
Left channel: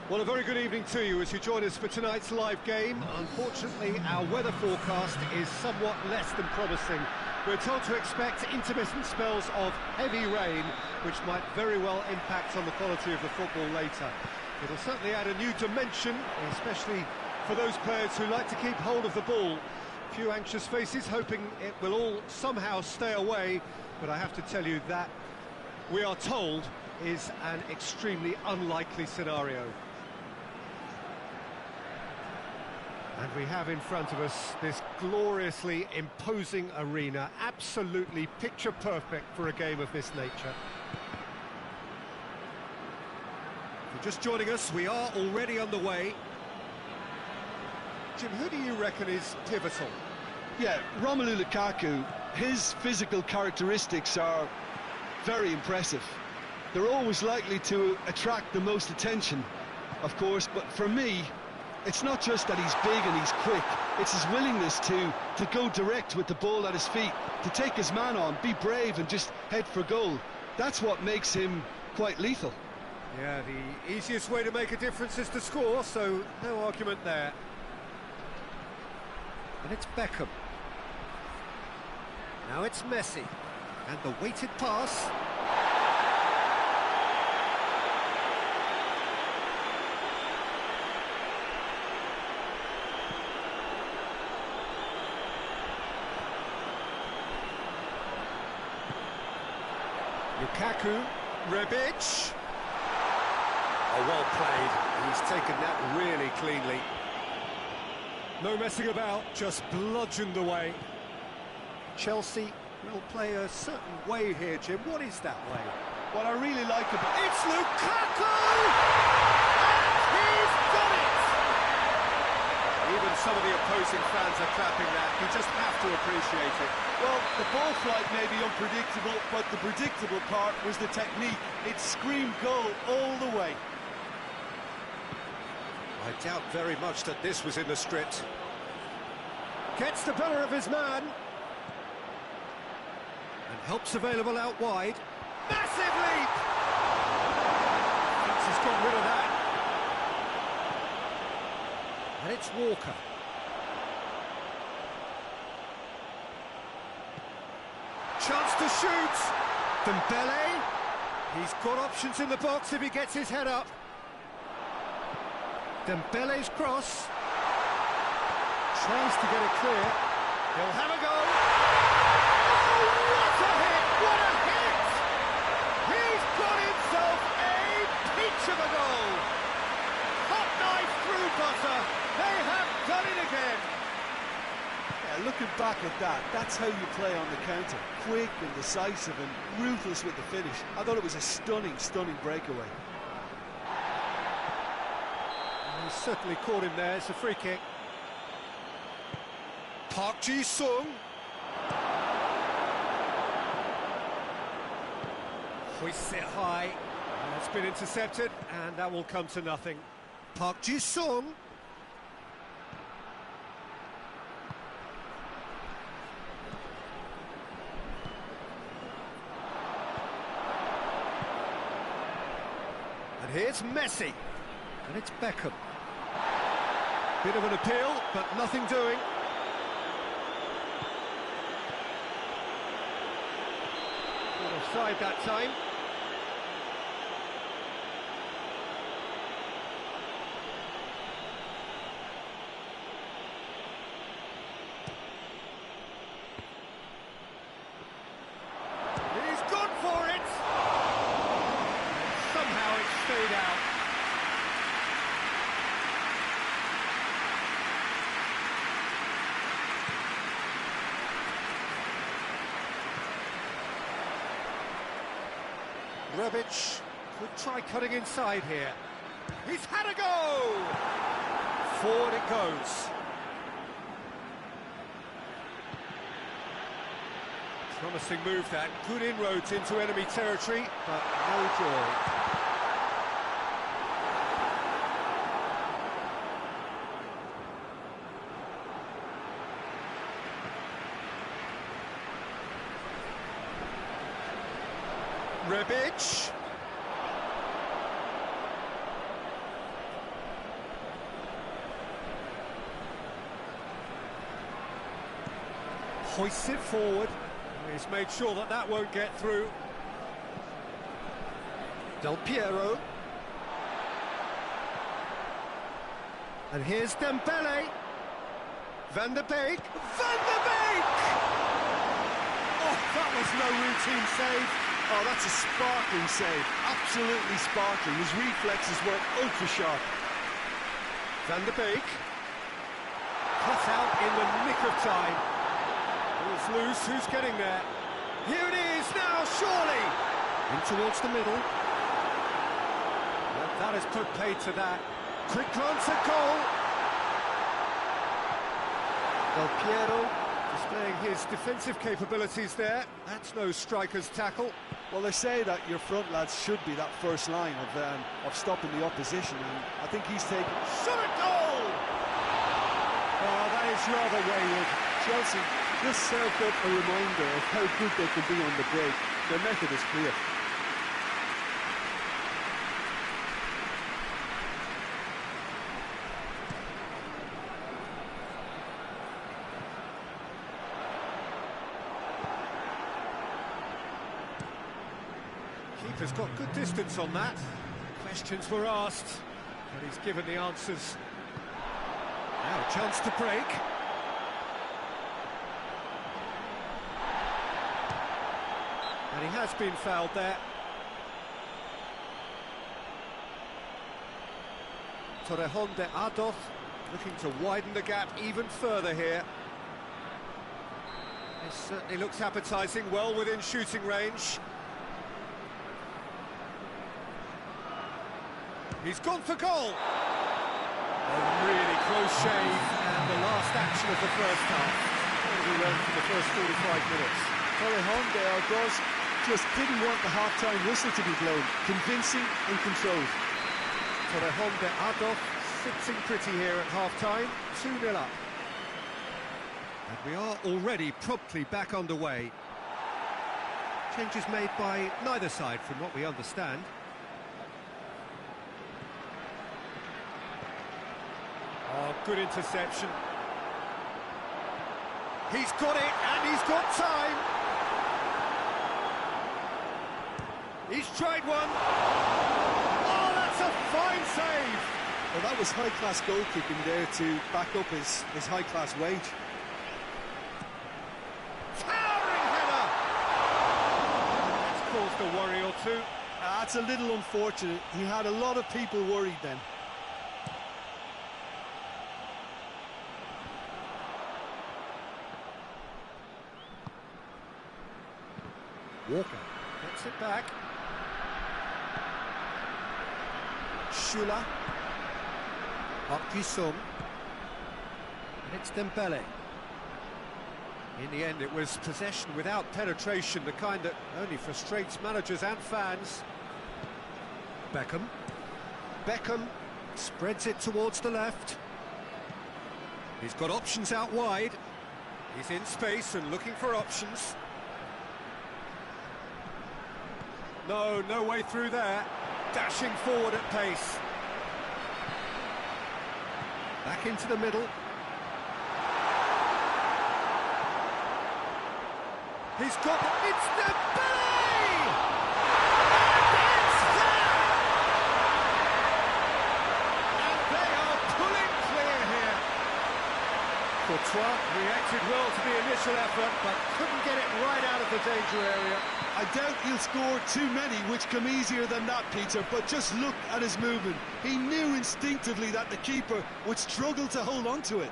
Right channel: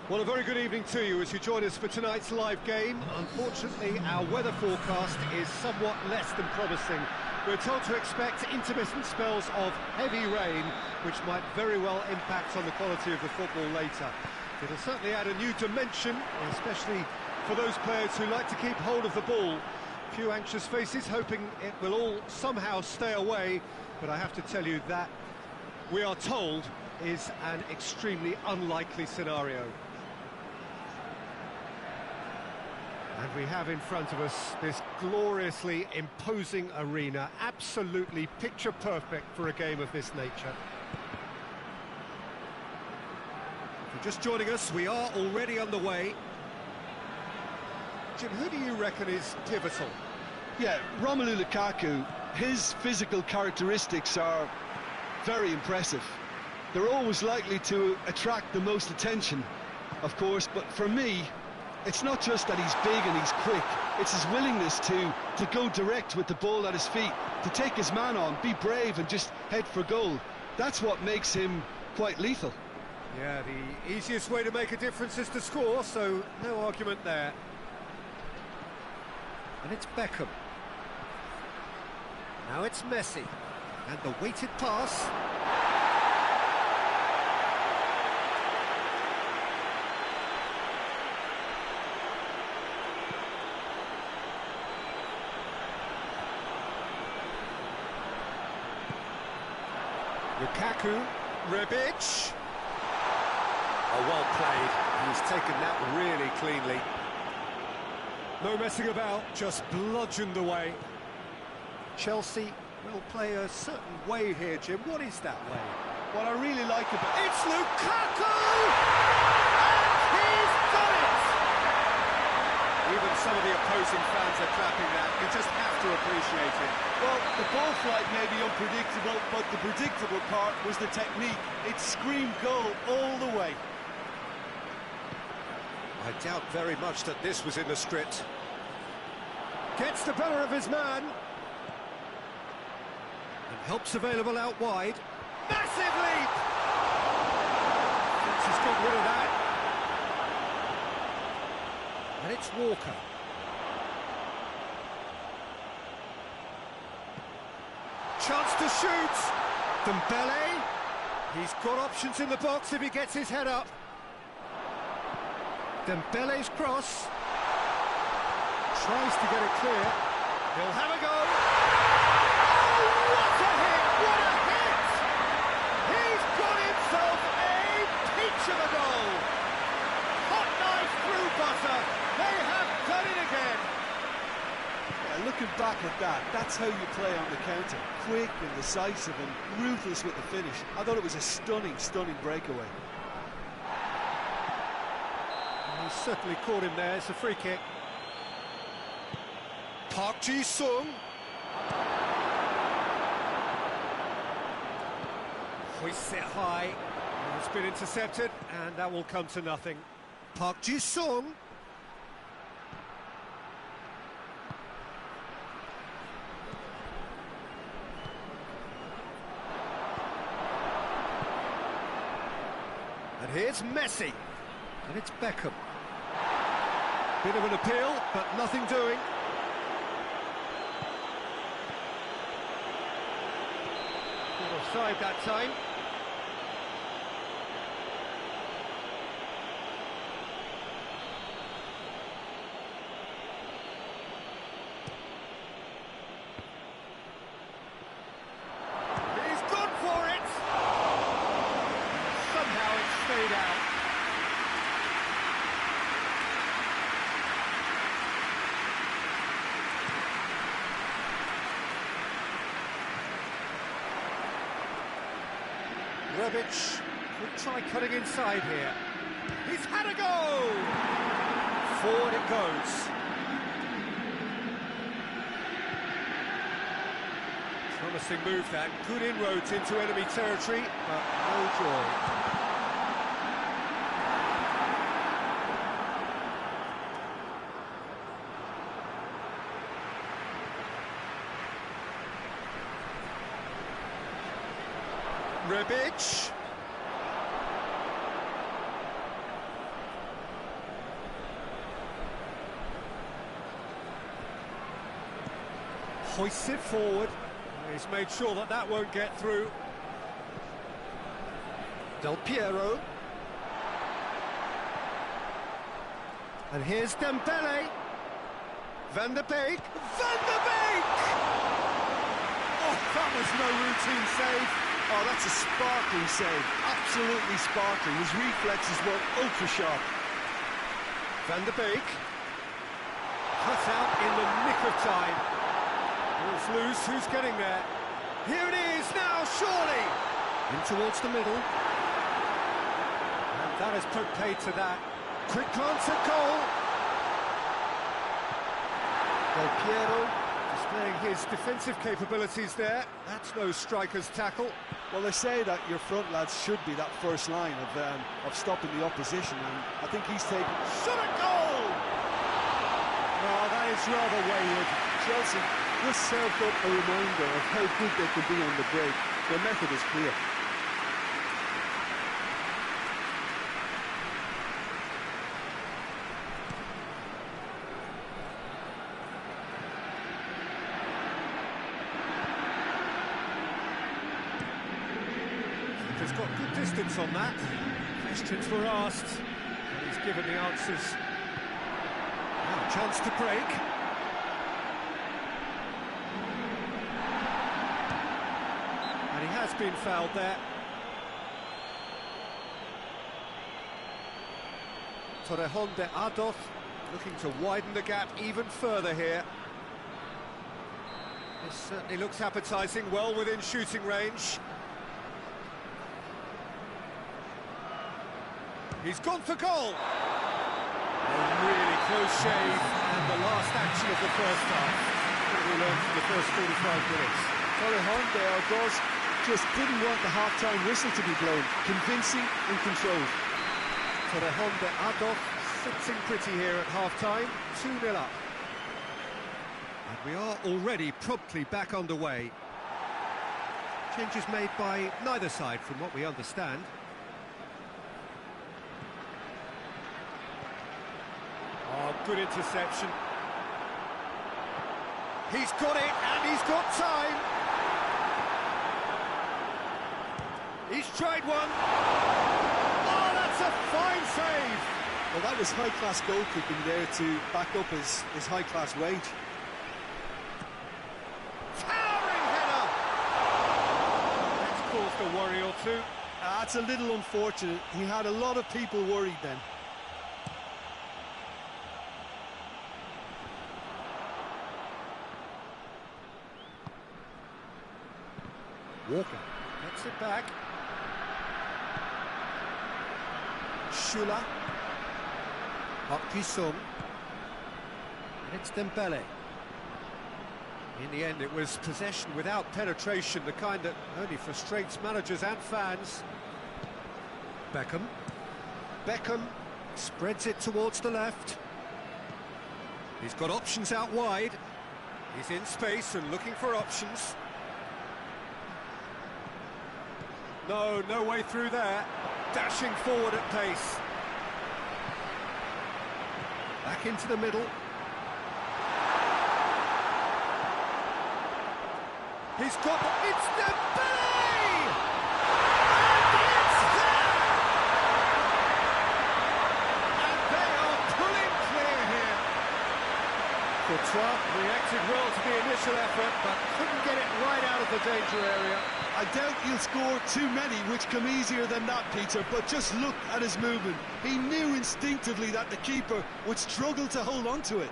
Well, a very good evening to you as you join us for tonight's live game. Unfortunately, our weather forecast is somewhat less than promising. We're told to expect intermittent spells of heavy rain, which might very well impact on the quality of the football later. It'll certainly add a new dimension, especially for those players who like to keep hold of the ball. Few anxious faces hoping it will all somehow stay away, but I have to tell you that we are told is an extremely unlikely scenario. And we have in front of us this gloriously imposing arena, absolutely picture perfect for a game of this nature. If you're just joining us, we are already underway. Jim, who do you reckon is pivotal? Yeah, Romelu Lukaku, his physical characteristics are very impressive. They're always likely to attract the most attention, of course, but for me, it's not just that he's big and he's quick, it's his willingness to go direct with the ball at his feet, to take his man on, be brave and just head for goal. That's what makes him quite lethal. Yeah, the easiest way to make a difference is to score, so no argument there. And it's Beckham. Now it's Messi. And the weighted pass. Lukaku, Rebic. Oh, well played. He's taken that really cleanly. No messing about, just bludgeoned away. Chelsea will play a certain way here, Jim. What is that way? What I really like about It's Lukaku! And he's done it! Even some of the opposing fans are clapping that. You just have to appreciate it. Well, the ball flight may be unpredictable, but the predictable part was the technique. It screamed goal all the way. I doubt very much that this was in the script. Gets the better of his man. And help's available out wide. Massive leap! Thinks he's got rid of that. And it's Walker. Chance to shoot. Dembele. He's got options in the box if he gets his head up. Dembele's cross. Tries to get it clear. He'll have a go. Oh, what a hit! What a hit! He's got himself a peach of a goal. Hot knife through butter. They have done it again. Yeah, looking back at that, that's how you play on the counter. Quick and decisive and ruthless with the finish. I thought it was a stunning, stunning breakaway. He certainly caught him there. It's a free kick. Park Ji-sung. Hoists it high. And it's been intercepted, and that will come to nothing. Park Ji-sung. And here's Messi. And it's Beckham. Bit of an appeal, but nothing doing. Not offside that time. He's gone for it! And somehow it stayed out. Rebic could try cutting inside here. He's had a go! Forward it goes. Promising move that. Good inroads into enemy territory, but no joy. Rebic. Hoists it forward. He's made sure that that won't get through. Del Piero. And here's Dembele. Van der Beek. Van der Beek! Oh, that was no routine save. Oh, that's a sparkling save. Absolutely sparkling. His reflexes were ultra sharp. Van der Beek. Cut out in the nick of time. Ball's loose, who's getting there? Here it is now, surely! In towards the middle. And that has put paid to that. Quick glance at goal. Del Piero displaying his defensive capabilities there. That's no striker's tackle. Well, they say that your front lads should be that first line of stopping the opposition, and I think he's taken... Shot at goal! Oh, that is rather wayward. Chelsea just served up a reminder of how good they can be on the break. Their method is clear. Keeper's got good distance on that. Questions were asked, and he's given the answers. Now a chance to break. And he has been fouled there. Torrejón de Ardoz looking to widen the gap even further here. This certainly looks appetising, well within shooting range. He's gone for goal. A really close shave, and the last action of the first half. What have we learned from the first 45 minutes? Torrejón de Ardoz just didn't want the half-time whistle to be blown. Convincing and controlled. Torrejón de Ardoz sitting pretty here at half-time, 2-0 up. And we are already promptly back underway. Changes made by neither side from what we understand. Oh, good interception. He's got it, and he's got time. He's tried one. Oh, that's a fine save. Well, that was high-class goalkeeping there to back up his high-class wage. Towering header. That's caused a worry or two. That's a little unfortunate. He had a lot of people worried then. Walker gets it back. Shula. Hok-Ji-Sung. And it's Dembele. In the end, it was possession without penetration, the kind that only frustrates managers and fans. Beckham. Beckham spreads it towards the left. He's got options out wide. He's in space and looking for options. No way through there. Dashing forward at pace. Back into the middle. He's got the... It's Dembele! And it's there! And they are pulling clear here. Courtois reacted well to the initial effort, but couldn't get it right out of the danger area. I doubt he'll score too many which come easier than that, Peter, but just look at his movement. He knew instinctively that the keeper would struggle to hold on to it.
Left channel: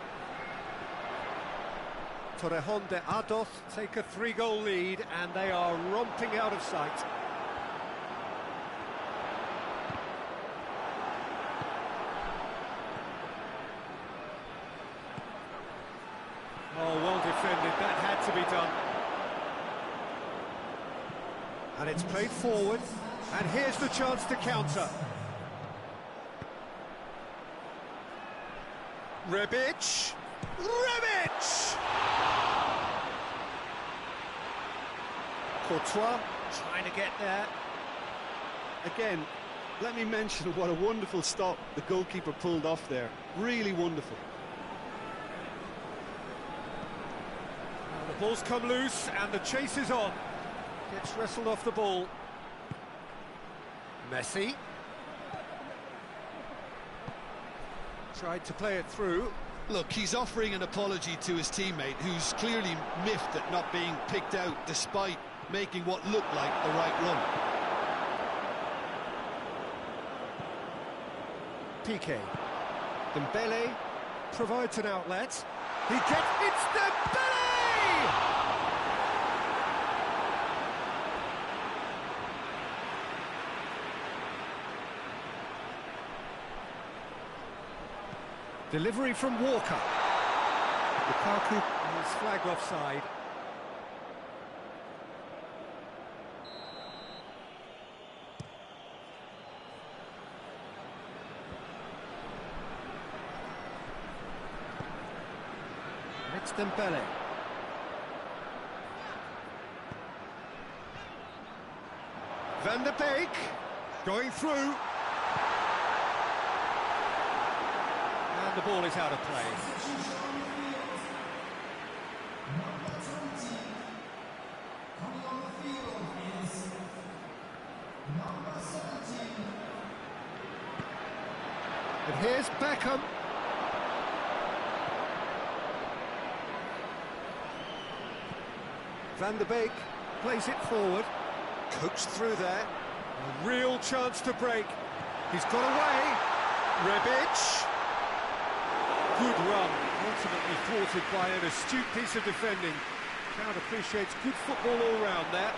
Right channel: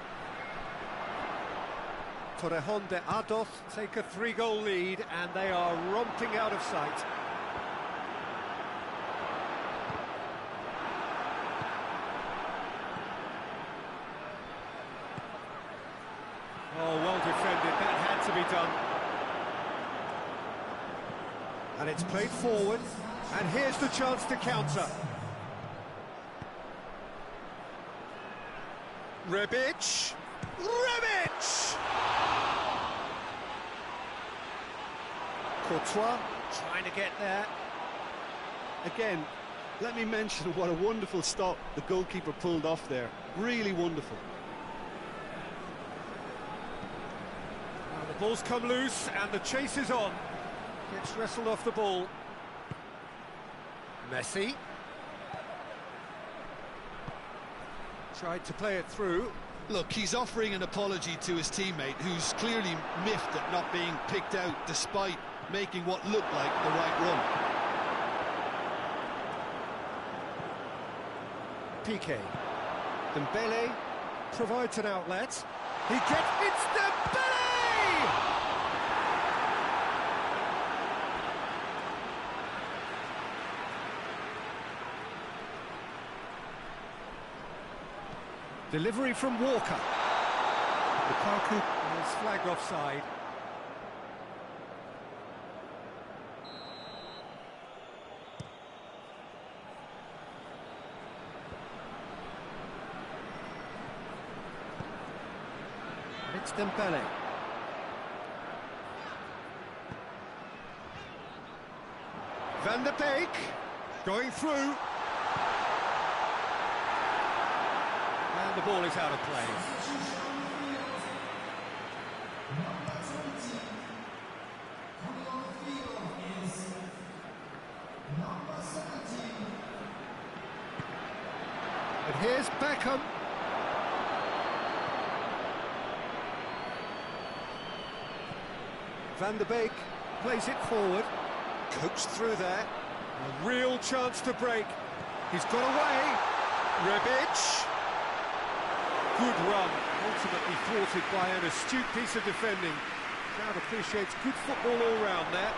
Torrejón de Ardoz take a 3-goal lead, and they are romping out of sight. Oh, well defended, that had to be done. And it's played forward, and here's the chance to counter. Rebic! Rebic! Courtois trying to get there. Again, let me mention what a wonderful stop the goalkeeper pulled off there. Really wonderful. Well, the Ball's come loose and the chase is on. Gets wrestled off the ball. Messi. Tried to play it through. Look, he's offering an apology to his teammate, who's clearly miffed at not being picked out despite making what looked like the right run. Piqué. Dembele provides an outlet. It's Dembele! Delivery from Walker. Lukaku is flagged offside. And it's Dembele. Van de Beek going through. And the ball is out of play. And here's Beckham. Van de Beek plays it forward. Coaxed through there. A real chance to break. He's got away. Rebic. Good run, ultimately thwarted by an astute piece of defending. Crowd appreciates good football all round there.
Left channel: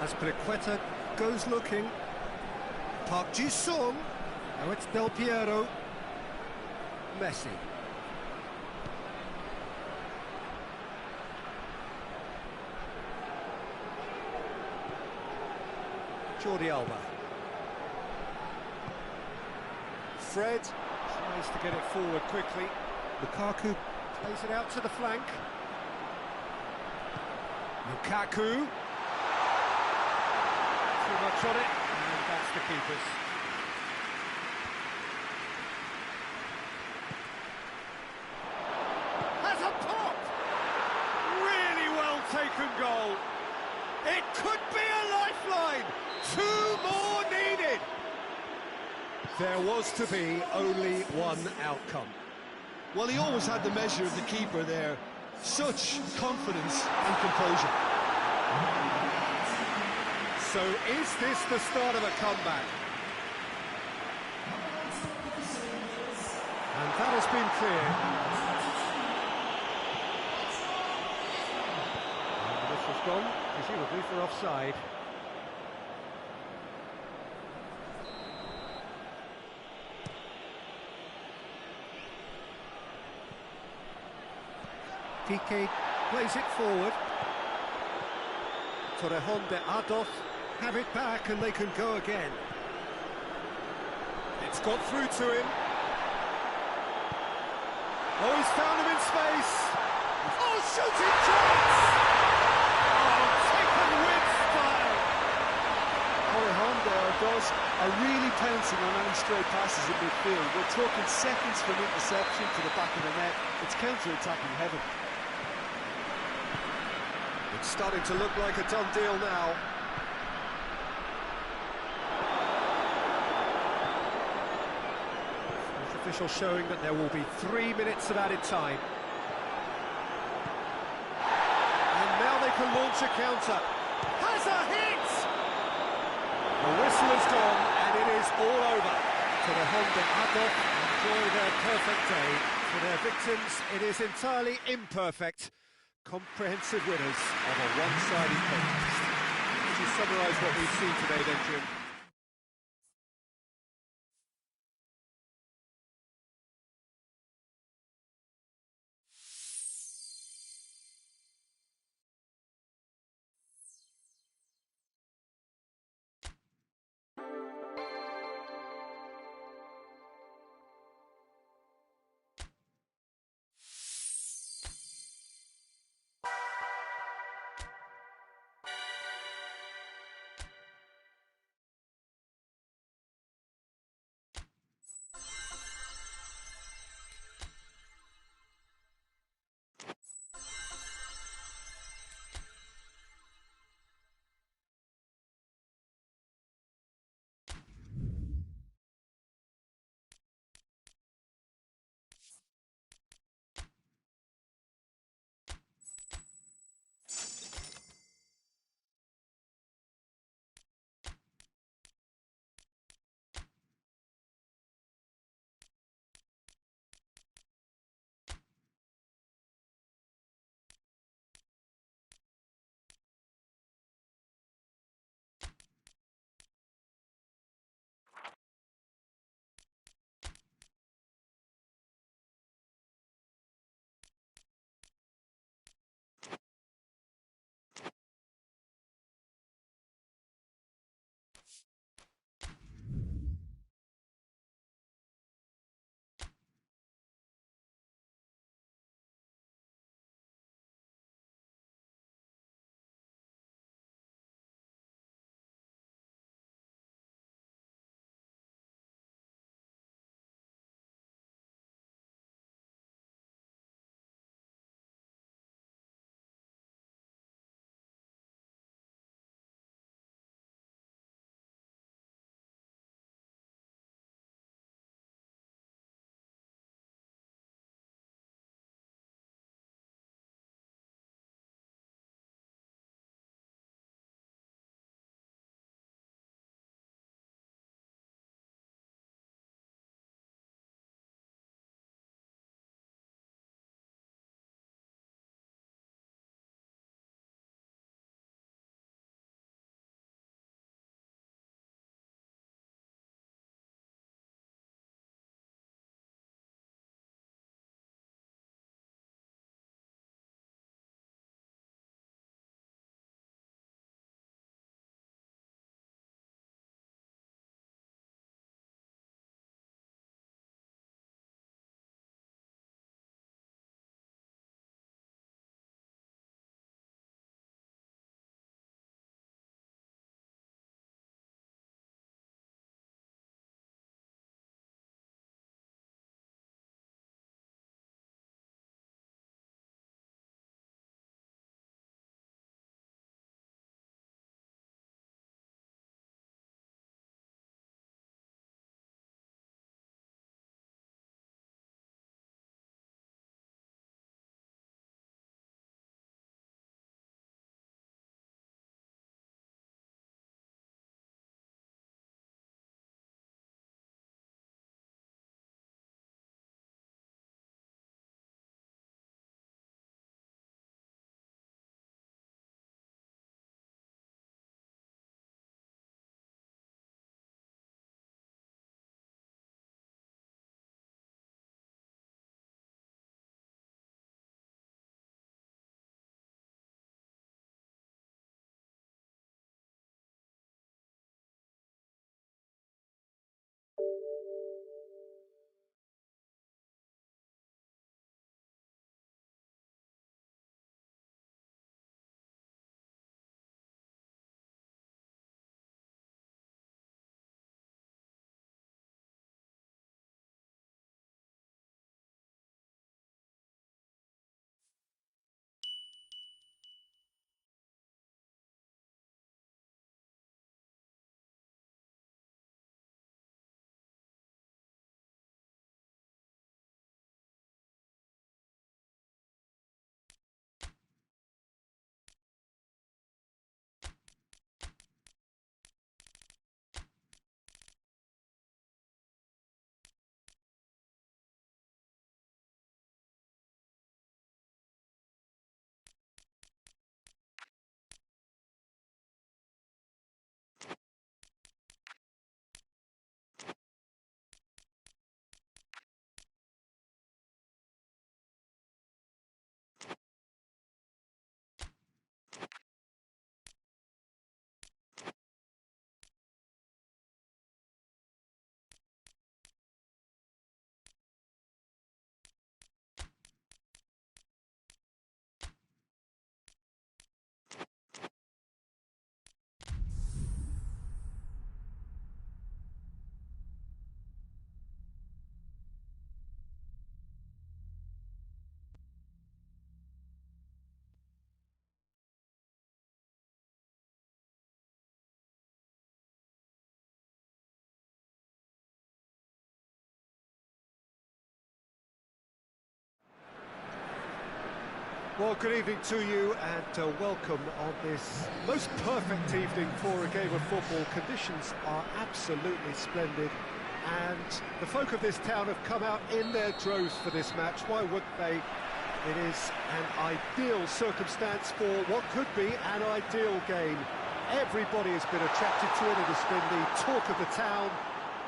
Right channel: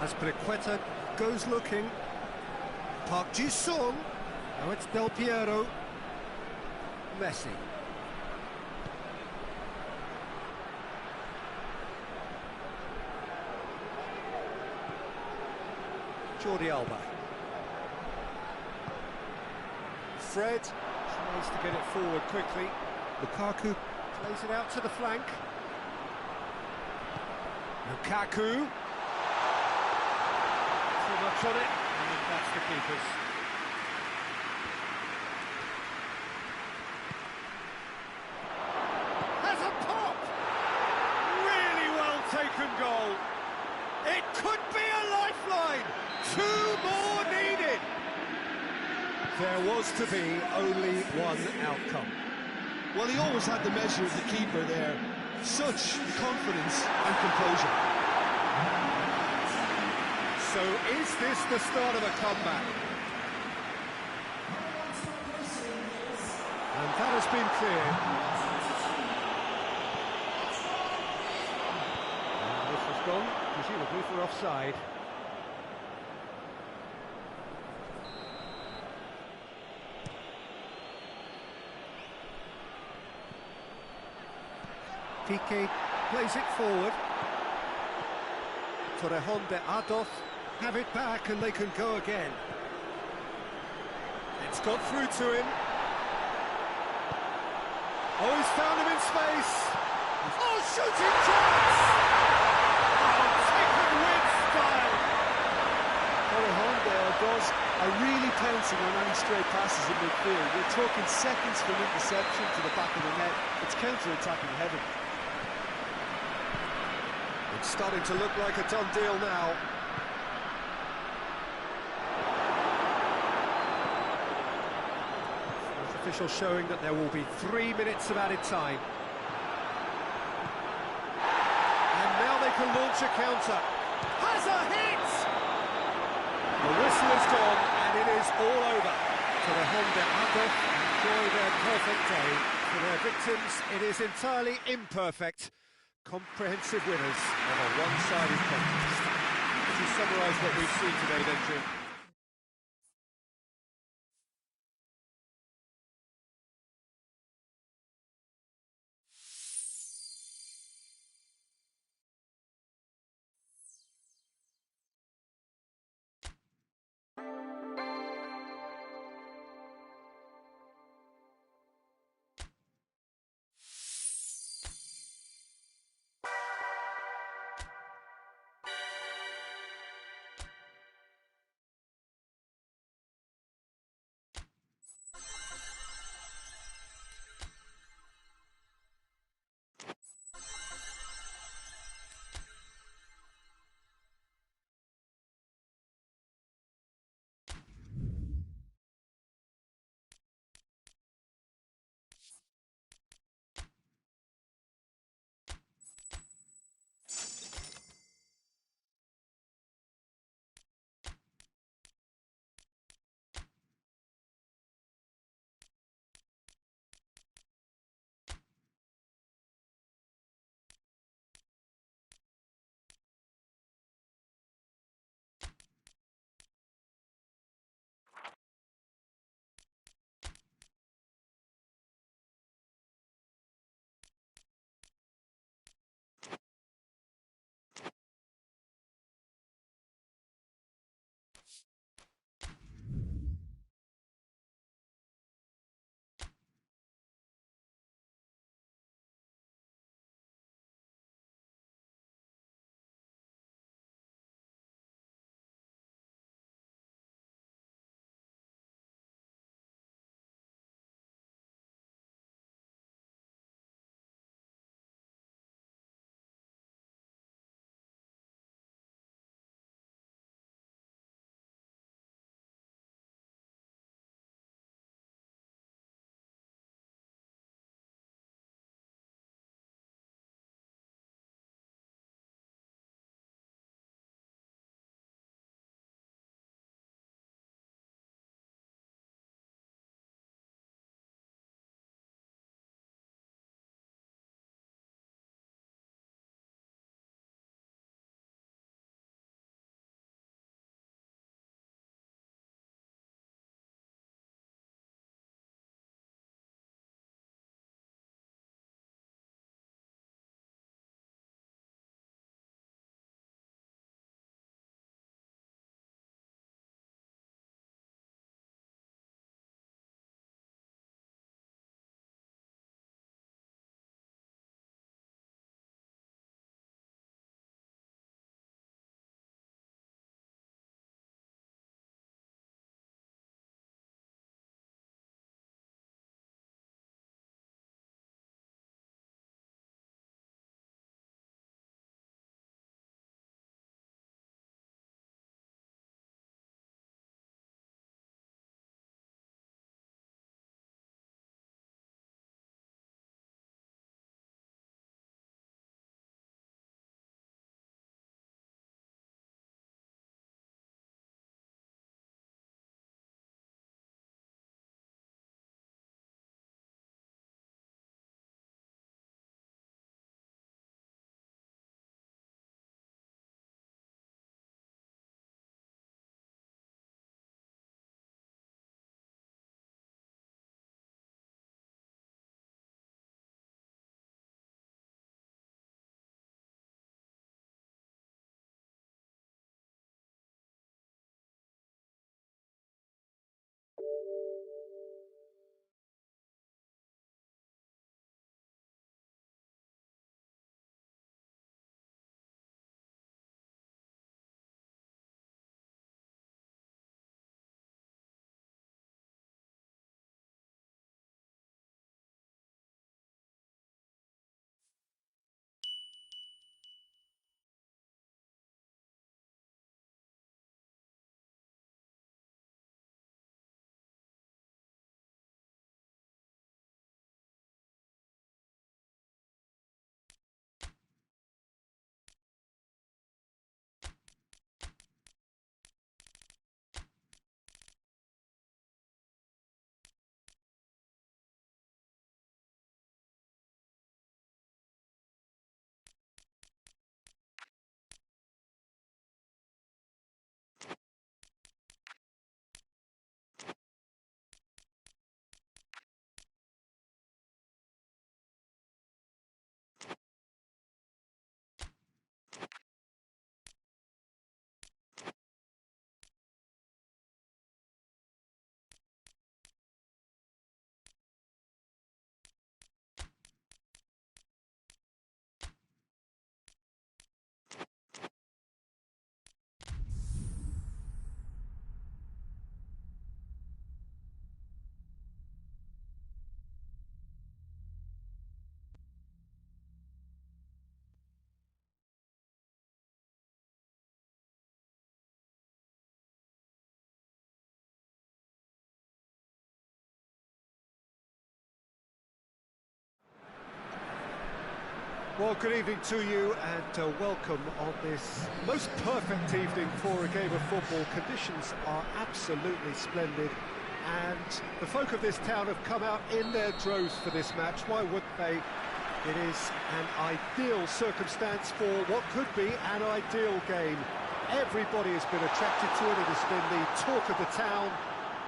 Azpilicueta goes looking. Park Ji-sung. Now it's Del Piero. Messi. Jordi Alba. Fred tries to get it forward quickly. Lukaku plays it out to the flank. Lukaku. Too much on it, and that's the keeper's. Has a pop! Really well taken goal. It could be a lifeline. 2 more needed. There was to be only one outcome. Well, he always had the measure of the keeper there. Such confidence and composure. So is this the start of a comeback? And that has been cleared. And this has gone, presumably for offside. Piqué plays it forward. Torrejon de Ardoz have it back and they can go again. It's got through to him. Oh, he's found him in space. Oh, shooting chance! Oh, taken with style. Torrejon de Ardoz are really pouncing on any stray passes in midfield. We're talking seconds from interception to the back of the net. It's counter-attacking heaven. It's starting to look like a done deal now. Fourth official showing that there will be 3 minutes of added time. And now they can launch a counter. Has a hit! The whistle is gone and it is all over. Torrejon de Ardoz enjoy their perfect day. For their victims, it is entirely imperfect. Comprehensive winners of a one-sided contest. Would you summarise what we've seen today then, Jim? Well, good evening to you and welcome on this most perfect evening for a game of football. Conditions are absolutely splendid and the folk of this town have come out in their droves for this match. Why wouldn't they? It is an ideal circumstance for what could be an ideal game. Everybody has been attracted to it. It has been the talk of the town,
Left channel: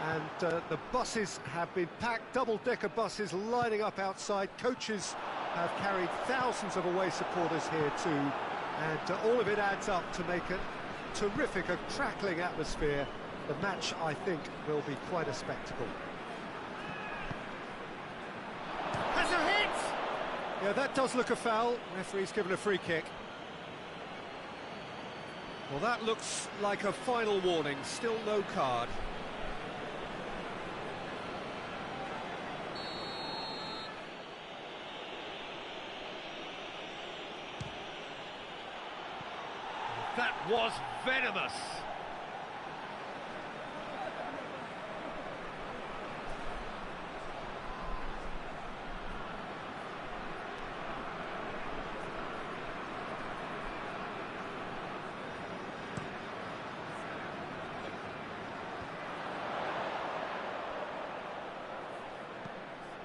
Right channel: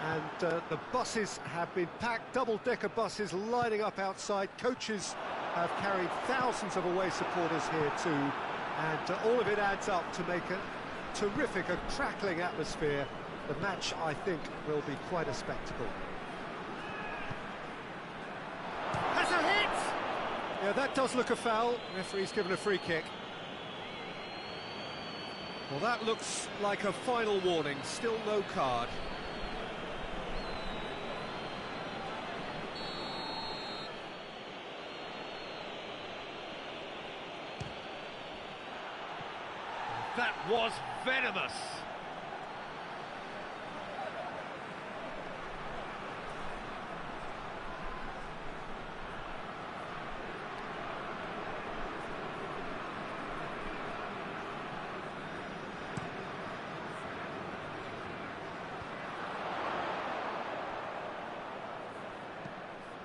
and the buses have been packed, double-decker buses lining up outside. Coaches have carried thousands of away supporters here too, and all of it adds up to make a terrific, a crackling atmosphere. The match, I think, will be quite a spectacle. Has a hit! Yeah, that does look a foul. Referee's given a free kick. Well, that looks like a final warning. Still no card. That was venomous.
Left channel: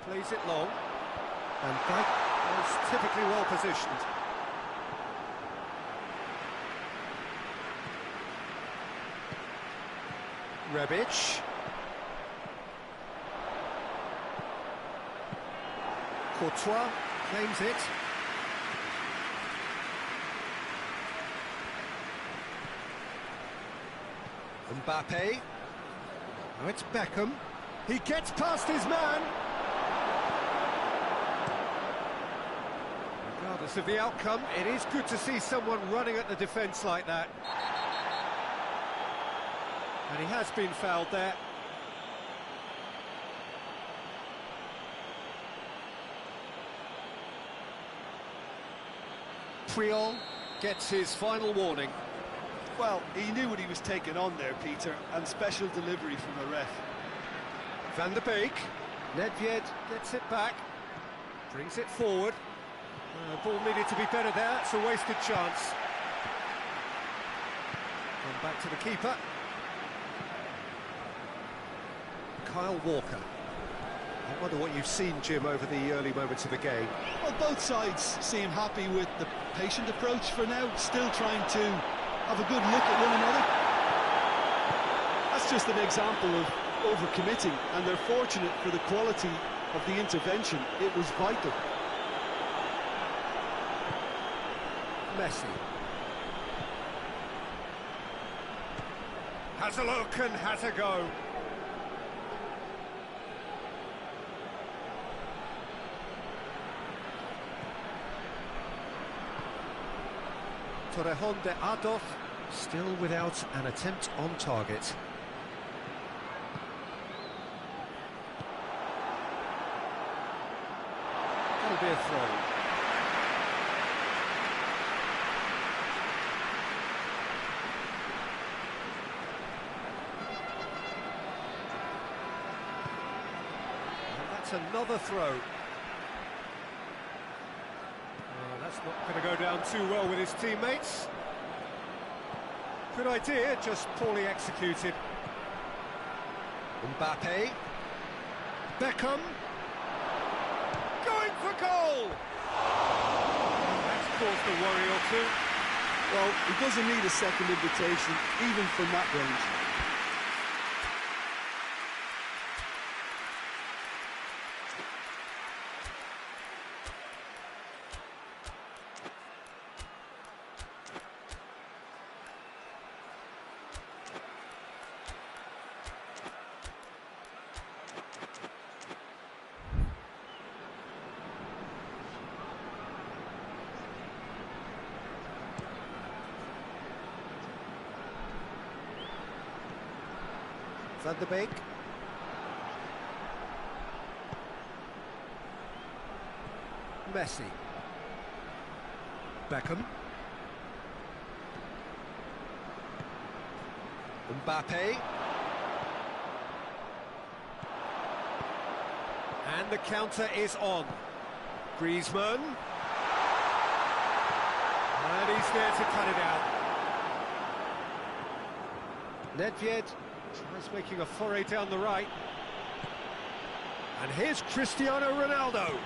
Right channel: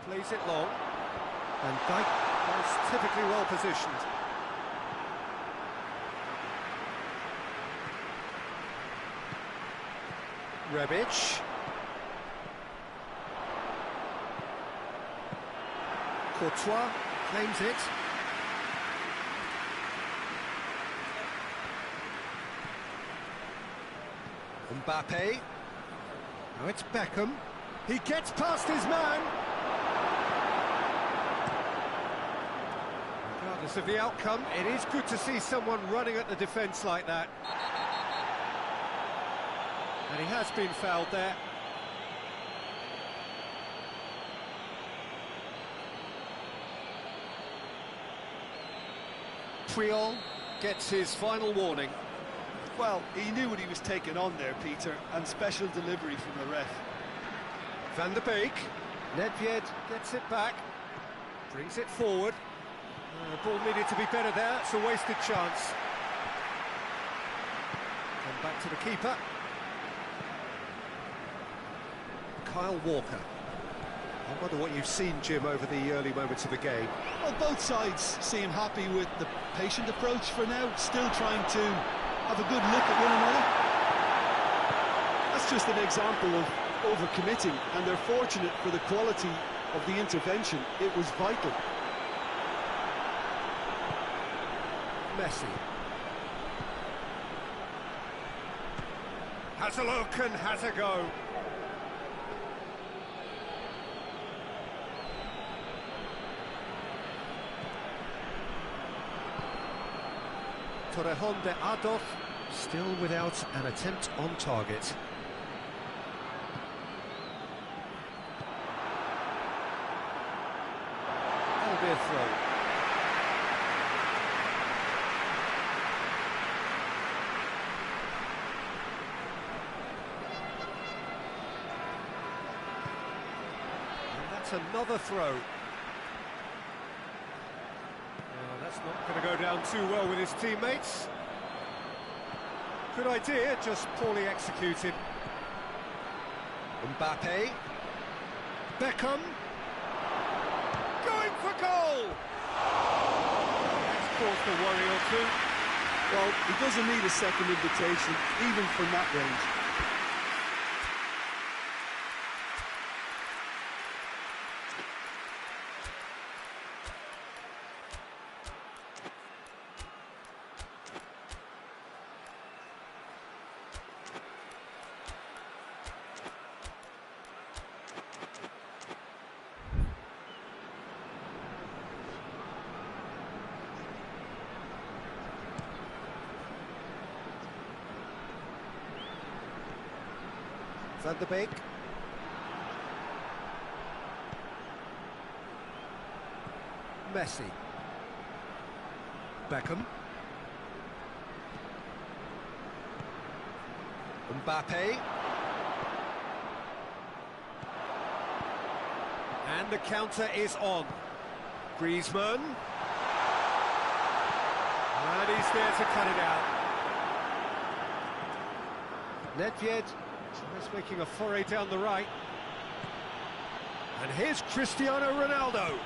Plays it long, and Dyke is typically well positioned. Rebic. Courtois claims it. Mbappe. Now it's Beckham. He gets past his man. Regardless of the outcome, it is good to see someone running at the defence like that. And he has been fouled there. Puyol gets his final warning. Well, he knew what he was taking on there, Peter, and special delivery from the ref. Van der Beek. Nedved gets it back. Brings it forward. Ball needed to be better there. It's a wasted chance. Come back to the keeper. Kyle Walker. I wonder what you've seen, Jim, over the early moments of the game. Well, both sides seem happy with the patient approach for now, still trying to have a good look at one another. That's just an example of overcommitting, and they're fortunate for the quality of the intervention. It was vital. Messi. Has a look and has a go. Torrejon de Ardoz still without an attempt on target. That'll be a throw. And that's another throw. That's not going to go down too well with his teammates. Good idea, just poorly executed. Mbappe. Beckham. Going for goal! Well, that's caused a worry or two. Well, he doesn't need a second invitation, even from that range. Van der Beek. Messi. Beckham. Mbappe. And the counter is on. Griezmann. And he's there to cut it out. Nedved tries making a foray down the right. And here's Cristiano Ronaldo.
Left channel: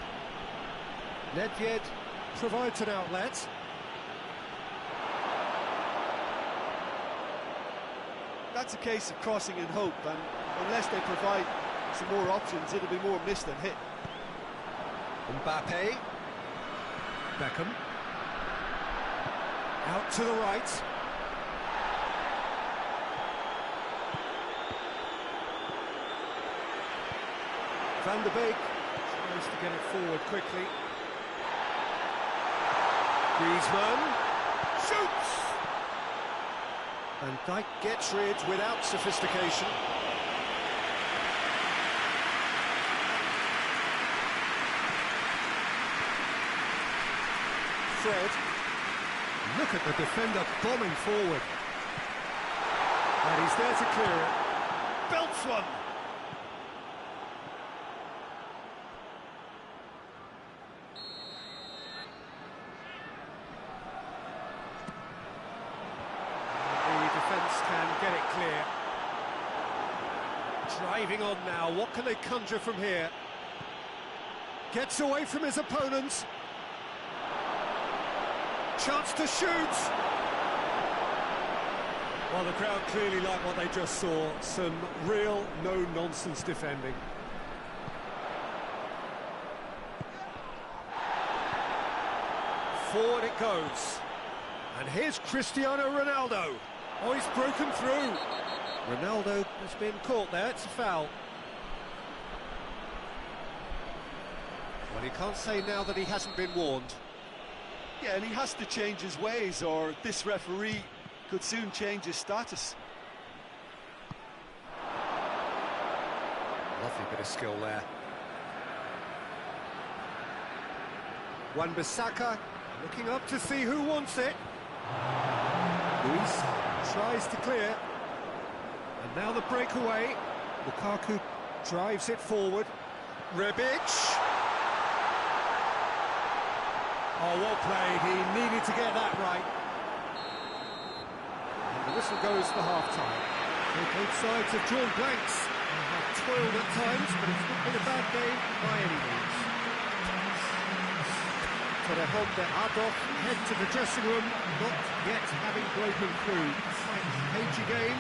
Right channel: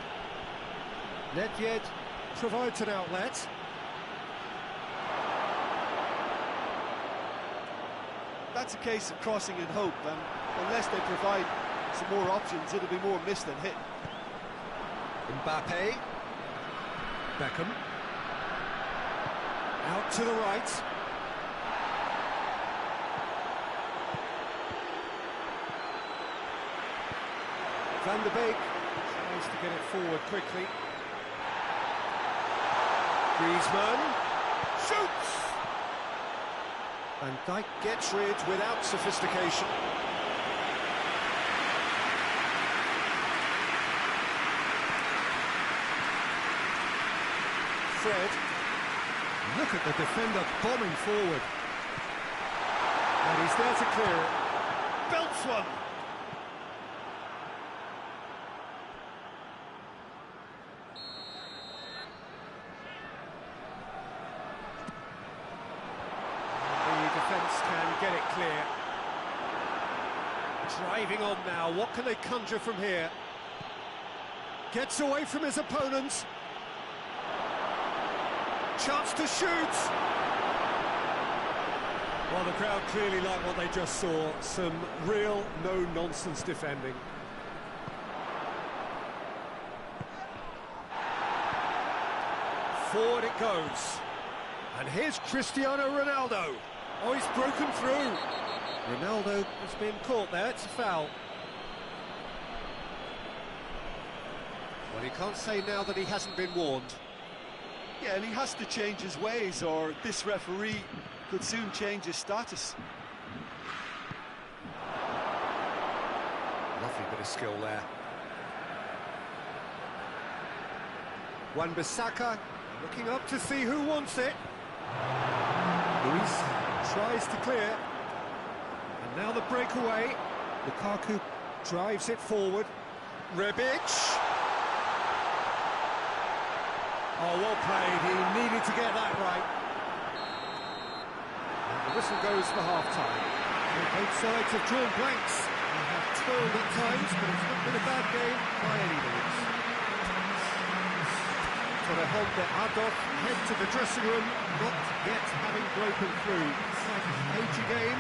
Nedved provides an outlet. That's a case of crossing in hope, and unless they provide some more options, it'll be more miss than hit. Mbappe. Beckham. Out to the right. Van der Beek tries to get it forward quickly. Griezmann shoots! Van Dijk gets rid without sophistication. Fred. Look at the defender bombing forward. And he's there to clear it. Belts one! Defence can get it clear. Driving on now, what can they conjure from here? Gets away from his opponents. Chance to shoot! Well, the crowd clearly like what they just saw. Some real no-nonsense defending. Forward it goes. And here's Cristiano Ronaldo. Oh, he's broken through. Ronaldo has been caught there, it's a foul. Well, he can't say now that he hasn't been warned. Yeah, and he has to change his ways, or this referee could soon change his status. Lovely bit of skill there. Wan-Bissaka looking up to see who wants it. Luis tries to clear, and now the breakaway. Lukaku drives it forward. Rebic. Oh, well played. He needed to get that right. And the whistle goes for half-time. So both sides have drawn blanks and have toiled at times, but it's not been a bad game by any means. Torrejon de Ardoz head to the dressing room, not yet having broken through. Quite a cagey game.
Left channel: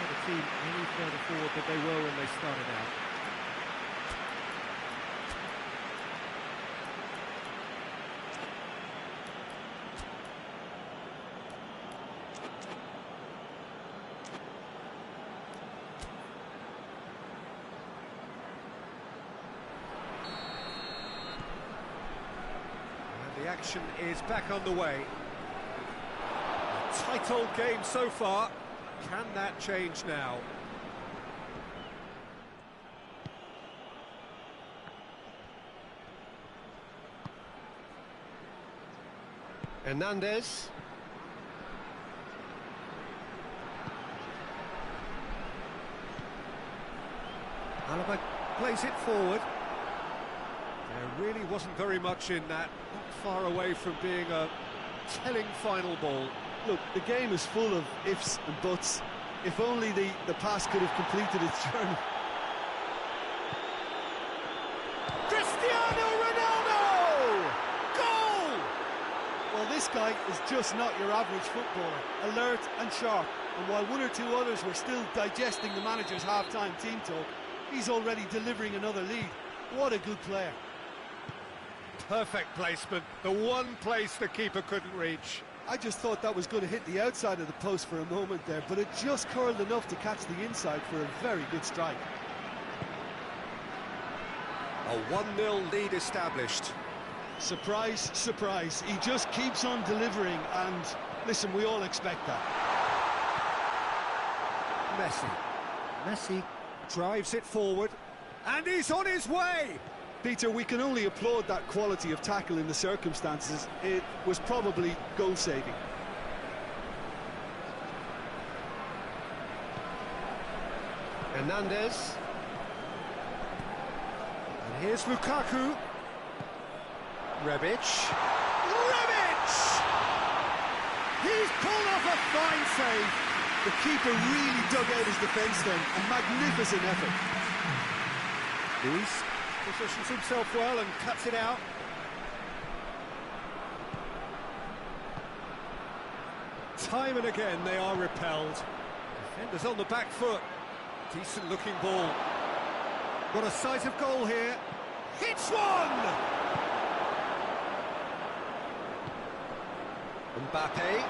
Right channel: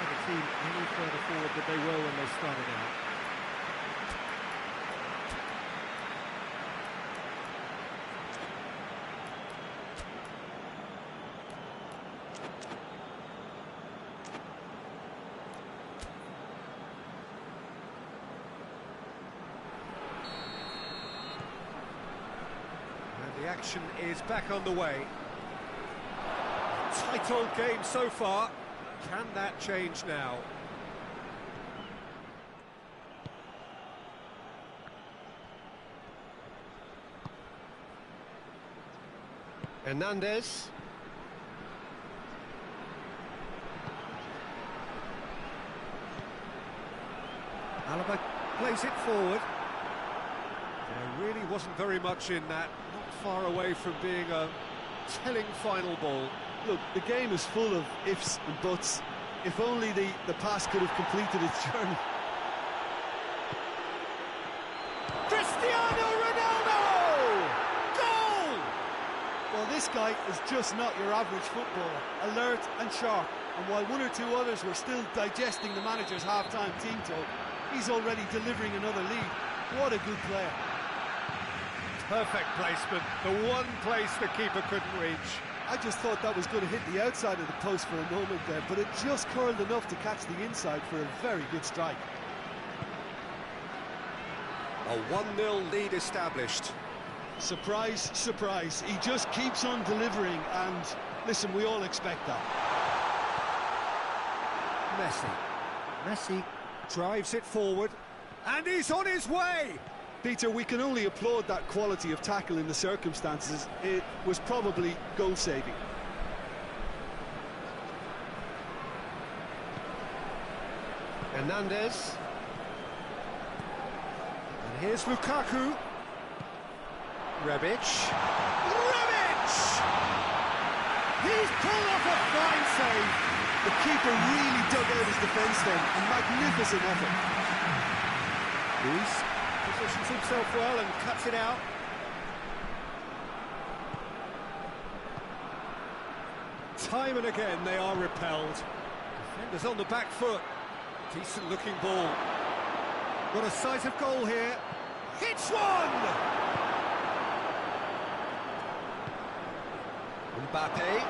Neither team any further forward than they were when they started out. The action is back on the way. A tight old game so far. Can that change now? Hernandez. Alaba plays it forward. There really wasn't very much in that, not far away from being a telling final ball. Look, the game is full of ifs and buts. If only the pass could have completed its journey. Cristiano Ronaldo! Goal! Well, this guy is just not your average footballer. Alert and sharp. And while one or two others were still digesting the manager's half-time team talk, he's already delivering another lead. What a good player. Perfect placement, the one place the keeper couldn't reach. I just thought that was going to hit the outside of the post for a moment there, but it just curled enough to catch the inside for a very good strike. A 1-0 lead established. Surprise, surprise. He just keeps on delivering, and listen, we all expect that. Messi drives it forward, and he's on his way! Peter, we can only applaud that quality of tackle in the circumstances. It was probably goal-saving. Hernandez. And here's Lukaku. Rebic. He's pulled off a fine save. The keeper really dug out his defence then. A magnificent effort. Luis positions himself well and cuts it out. Time and again they are repelled. Defenders on the back foot. Decent looking ball. Got a sight of goal here. Hits one! Mbappe.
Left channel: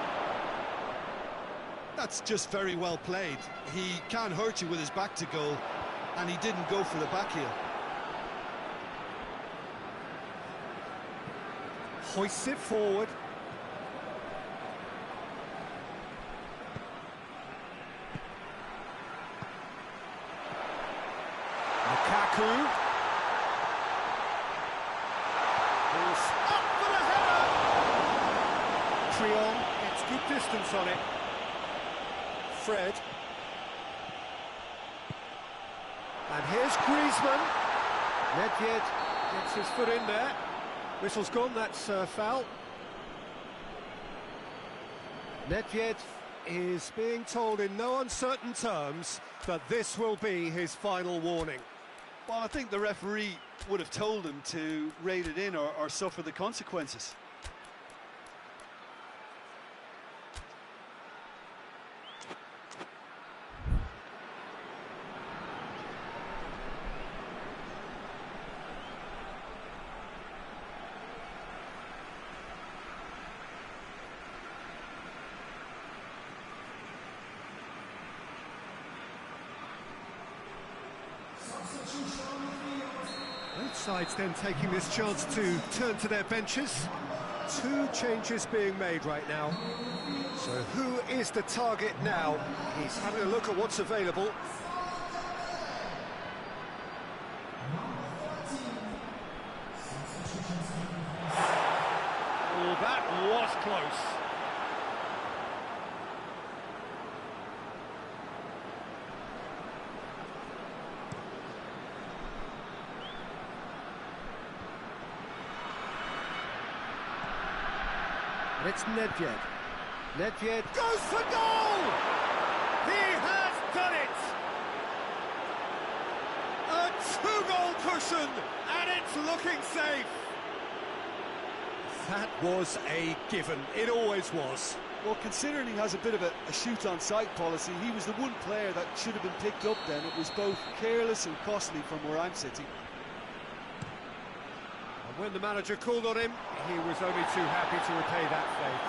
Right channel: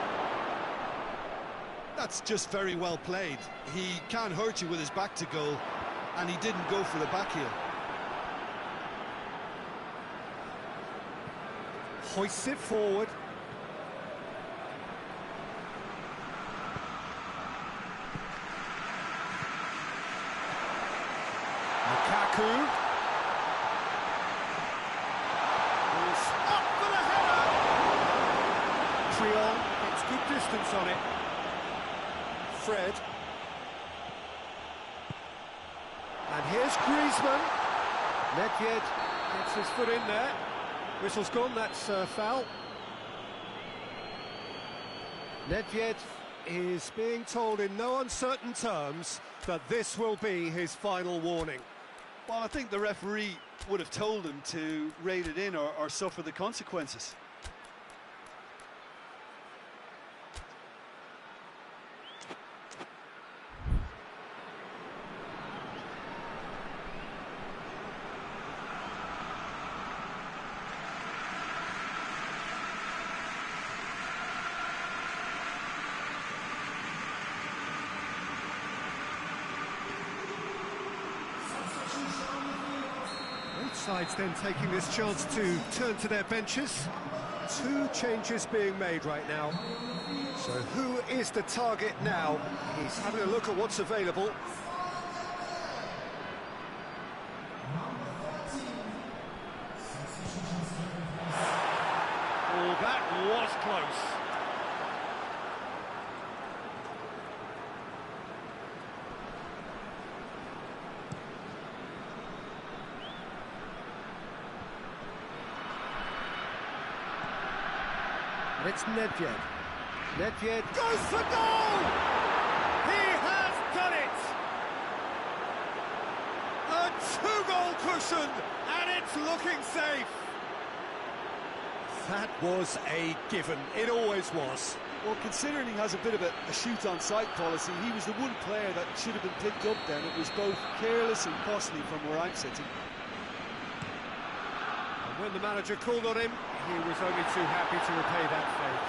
That's just very well played. He can't hurt you with his back to goal, and he didn't go for the back heel. Hoists it forward. Lukaku. Ball's up for the header. Triol gets good distance on it. Fred. And here's Griezmann. Nedved gets his foot in there. Whistle's gone, that's foul. Nedved is being told in no uncertain terms that this will be his final warning. Well, I think the referee would have told him to rate it in or suffer the consequences. Both sides then taking this chance to turn to their benches. Two changes being made right now. So who is the target now? He's having a look at what's available. Oh, that was close. And it's Nedved. Nedved goes for goal! He has done it! A two-goal cushion, and it's looking safe. That was a given. It always was. Well, considering he has a bit of a shoot-on-sight policy, he was the one player that should have been picked up then. It was both careless and costly from where I'm sitting. And when the manager called on him, he was only too happy to repay that faith.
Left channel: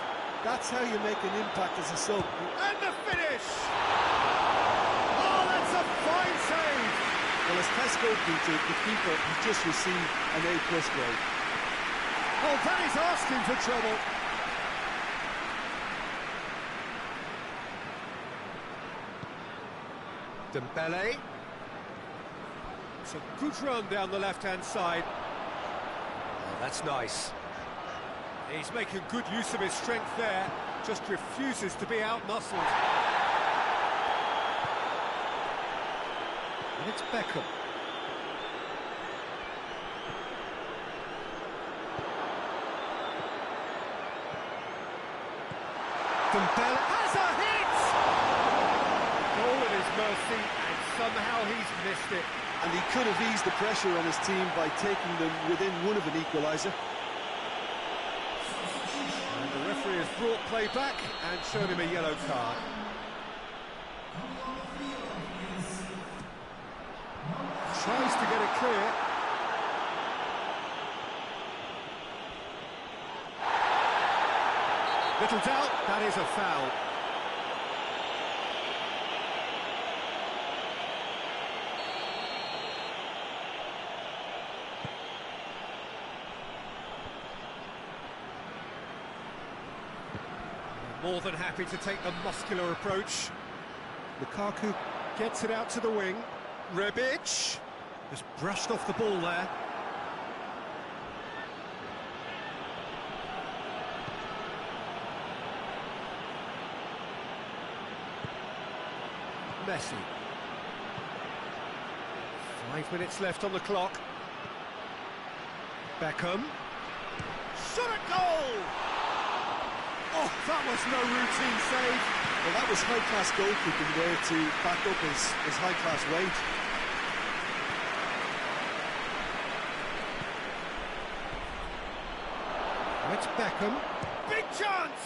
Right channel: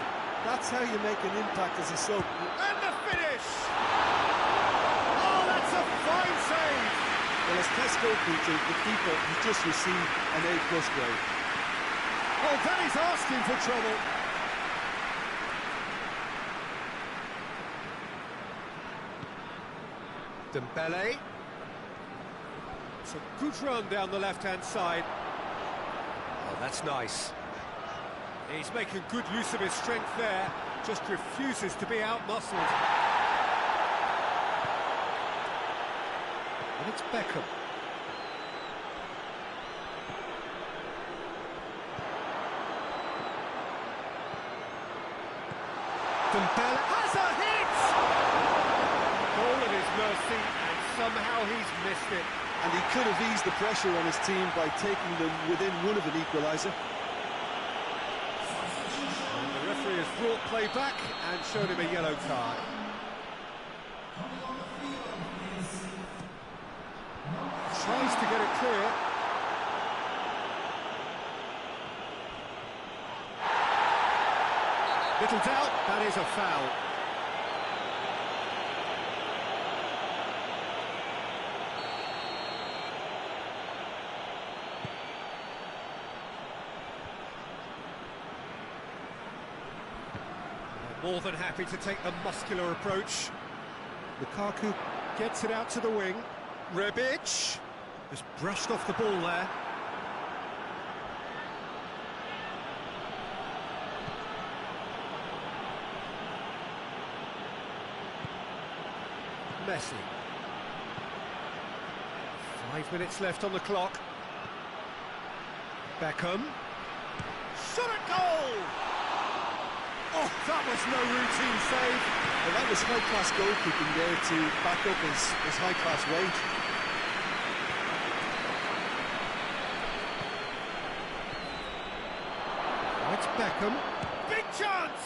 That's how you make an impact as a sub. And the finish! Oh, that's a fine save! Well, as Tesco Peter, the keeper, has just received an A+ grade. Oh, that is asking for trouble. Dembele. It's a good run down the left-hand side. Oh, that's nice. He's making good use of his strength there, just refuses to be out-muscled. And it's Beckham. Dembele has a hit! Goal at his mercy, and somehow he's missed it. And he could have eased the pressure on his team by taking them within one of an equaliser. And the referee has brought play back and shown him a yellow card. Tries to get it clear. Little doubt, that is a foul. More than happy to take the muscular approach. Lukaku gets it out to the wing. Rebic just brushed off the ball there. Messi. 5 minutes left on the clock. Beckham. Shot at goal! Oh, that was no routine save. Well, that was high-class goalkeeping there to back up his high-class wage. Oh, it's Beckham. Big chance!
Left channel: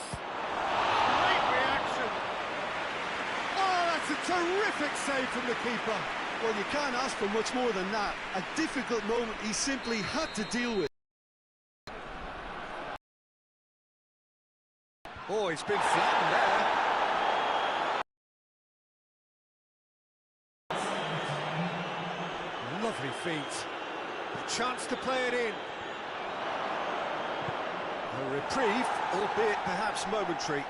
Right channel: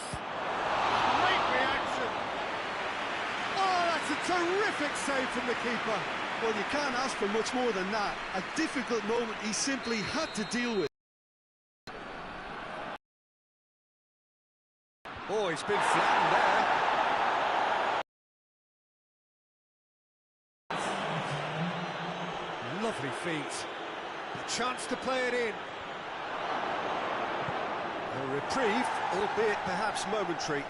Great reaction. Oh, that's a terrific save from the keeper. Well, you can't ask for much more than that. A difficult moment he simply had to deal with. Oh, he's been flattened there. Lovely feet. A chance to play it in. A reprieve, albeit perhaps momentary.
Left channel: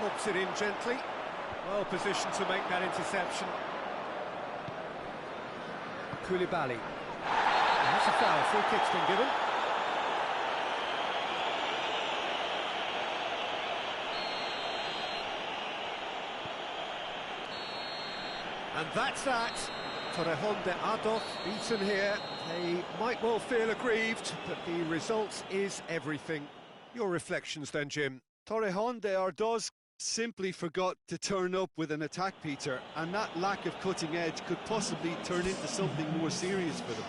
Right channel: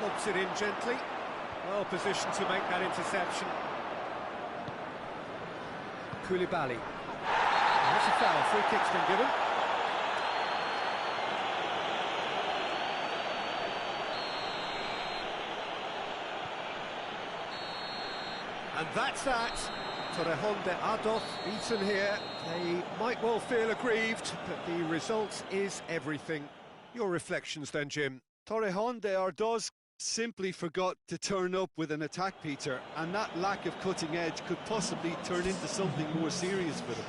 Lobs it in gently. Well positioned to make that interception. Koulibaly. That's a foul. Free kick's been given. And that's that. Torrejón de Ardoz beaten here. They might well feel aggrieved, but the result is everything. Your reflections then, Jim? Torrejón de Ardoz simply forgot to turn up with an attack, Peter, and that lack of cutting edge could possibly turn into something more serious for them.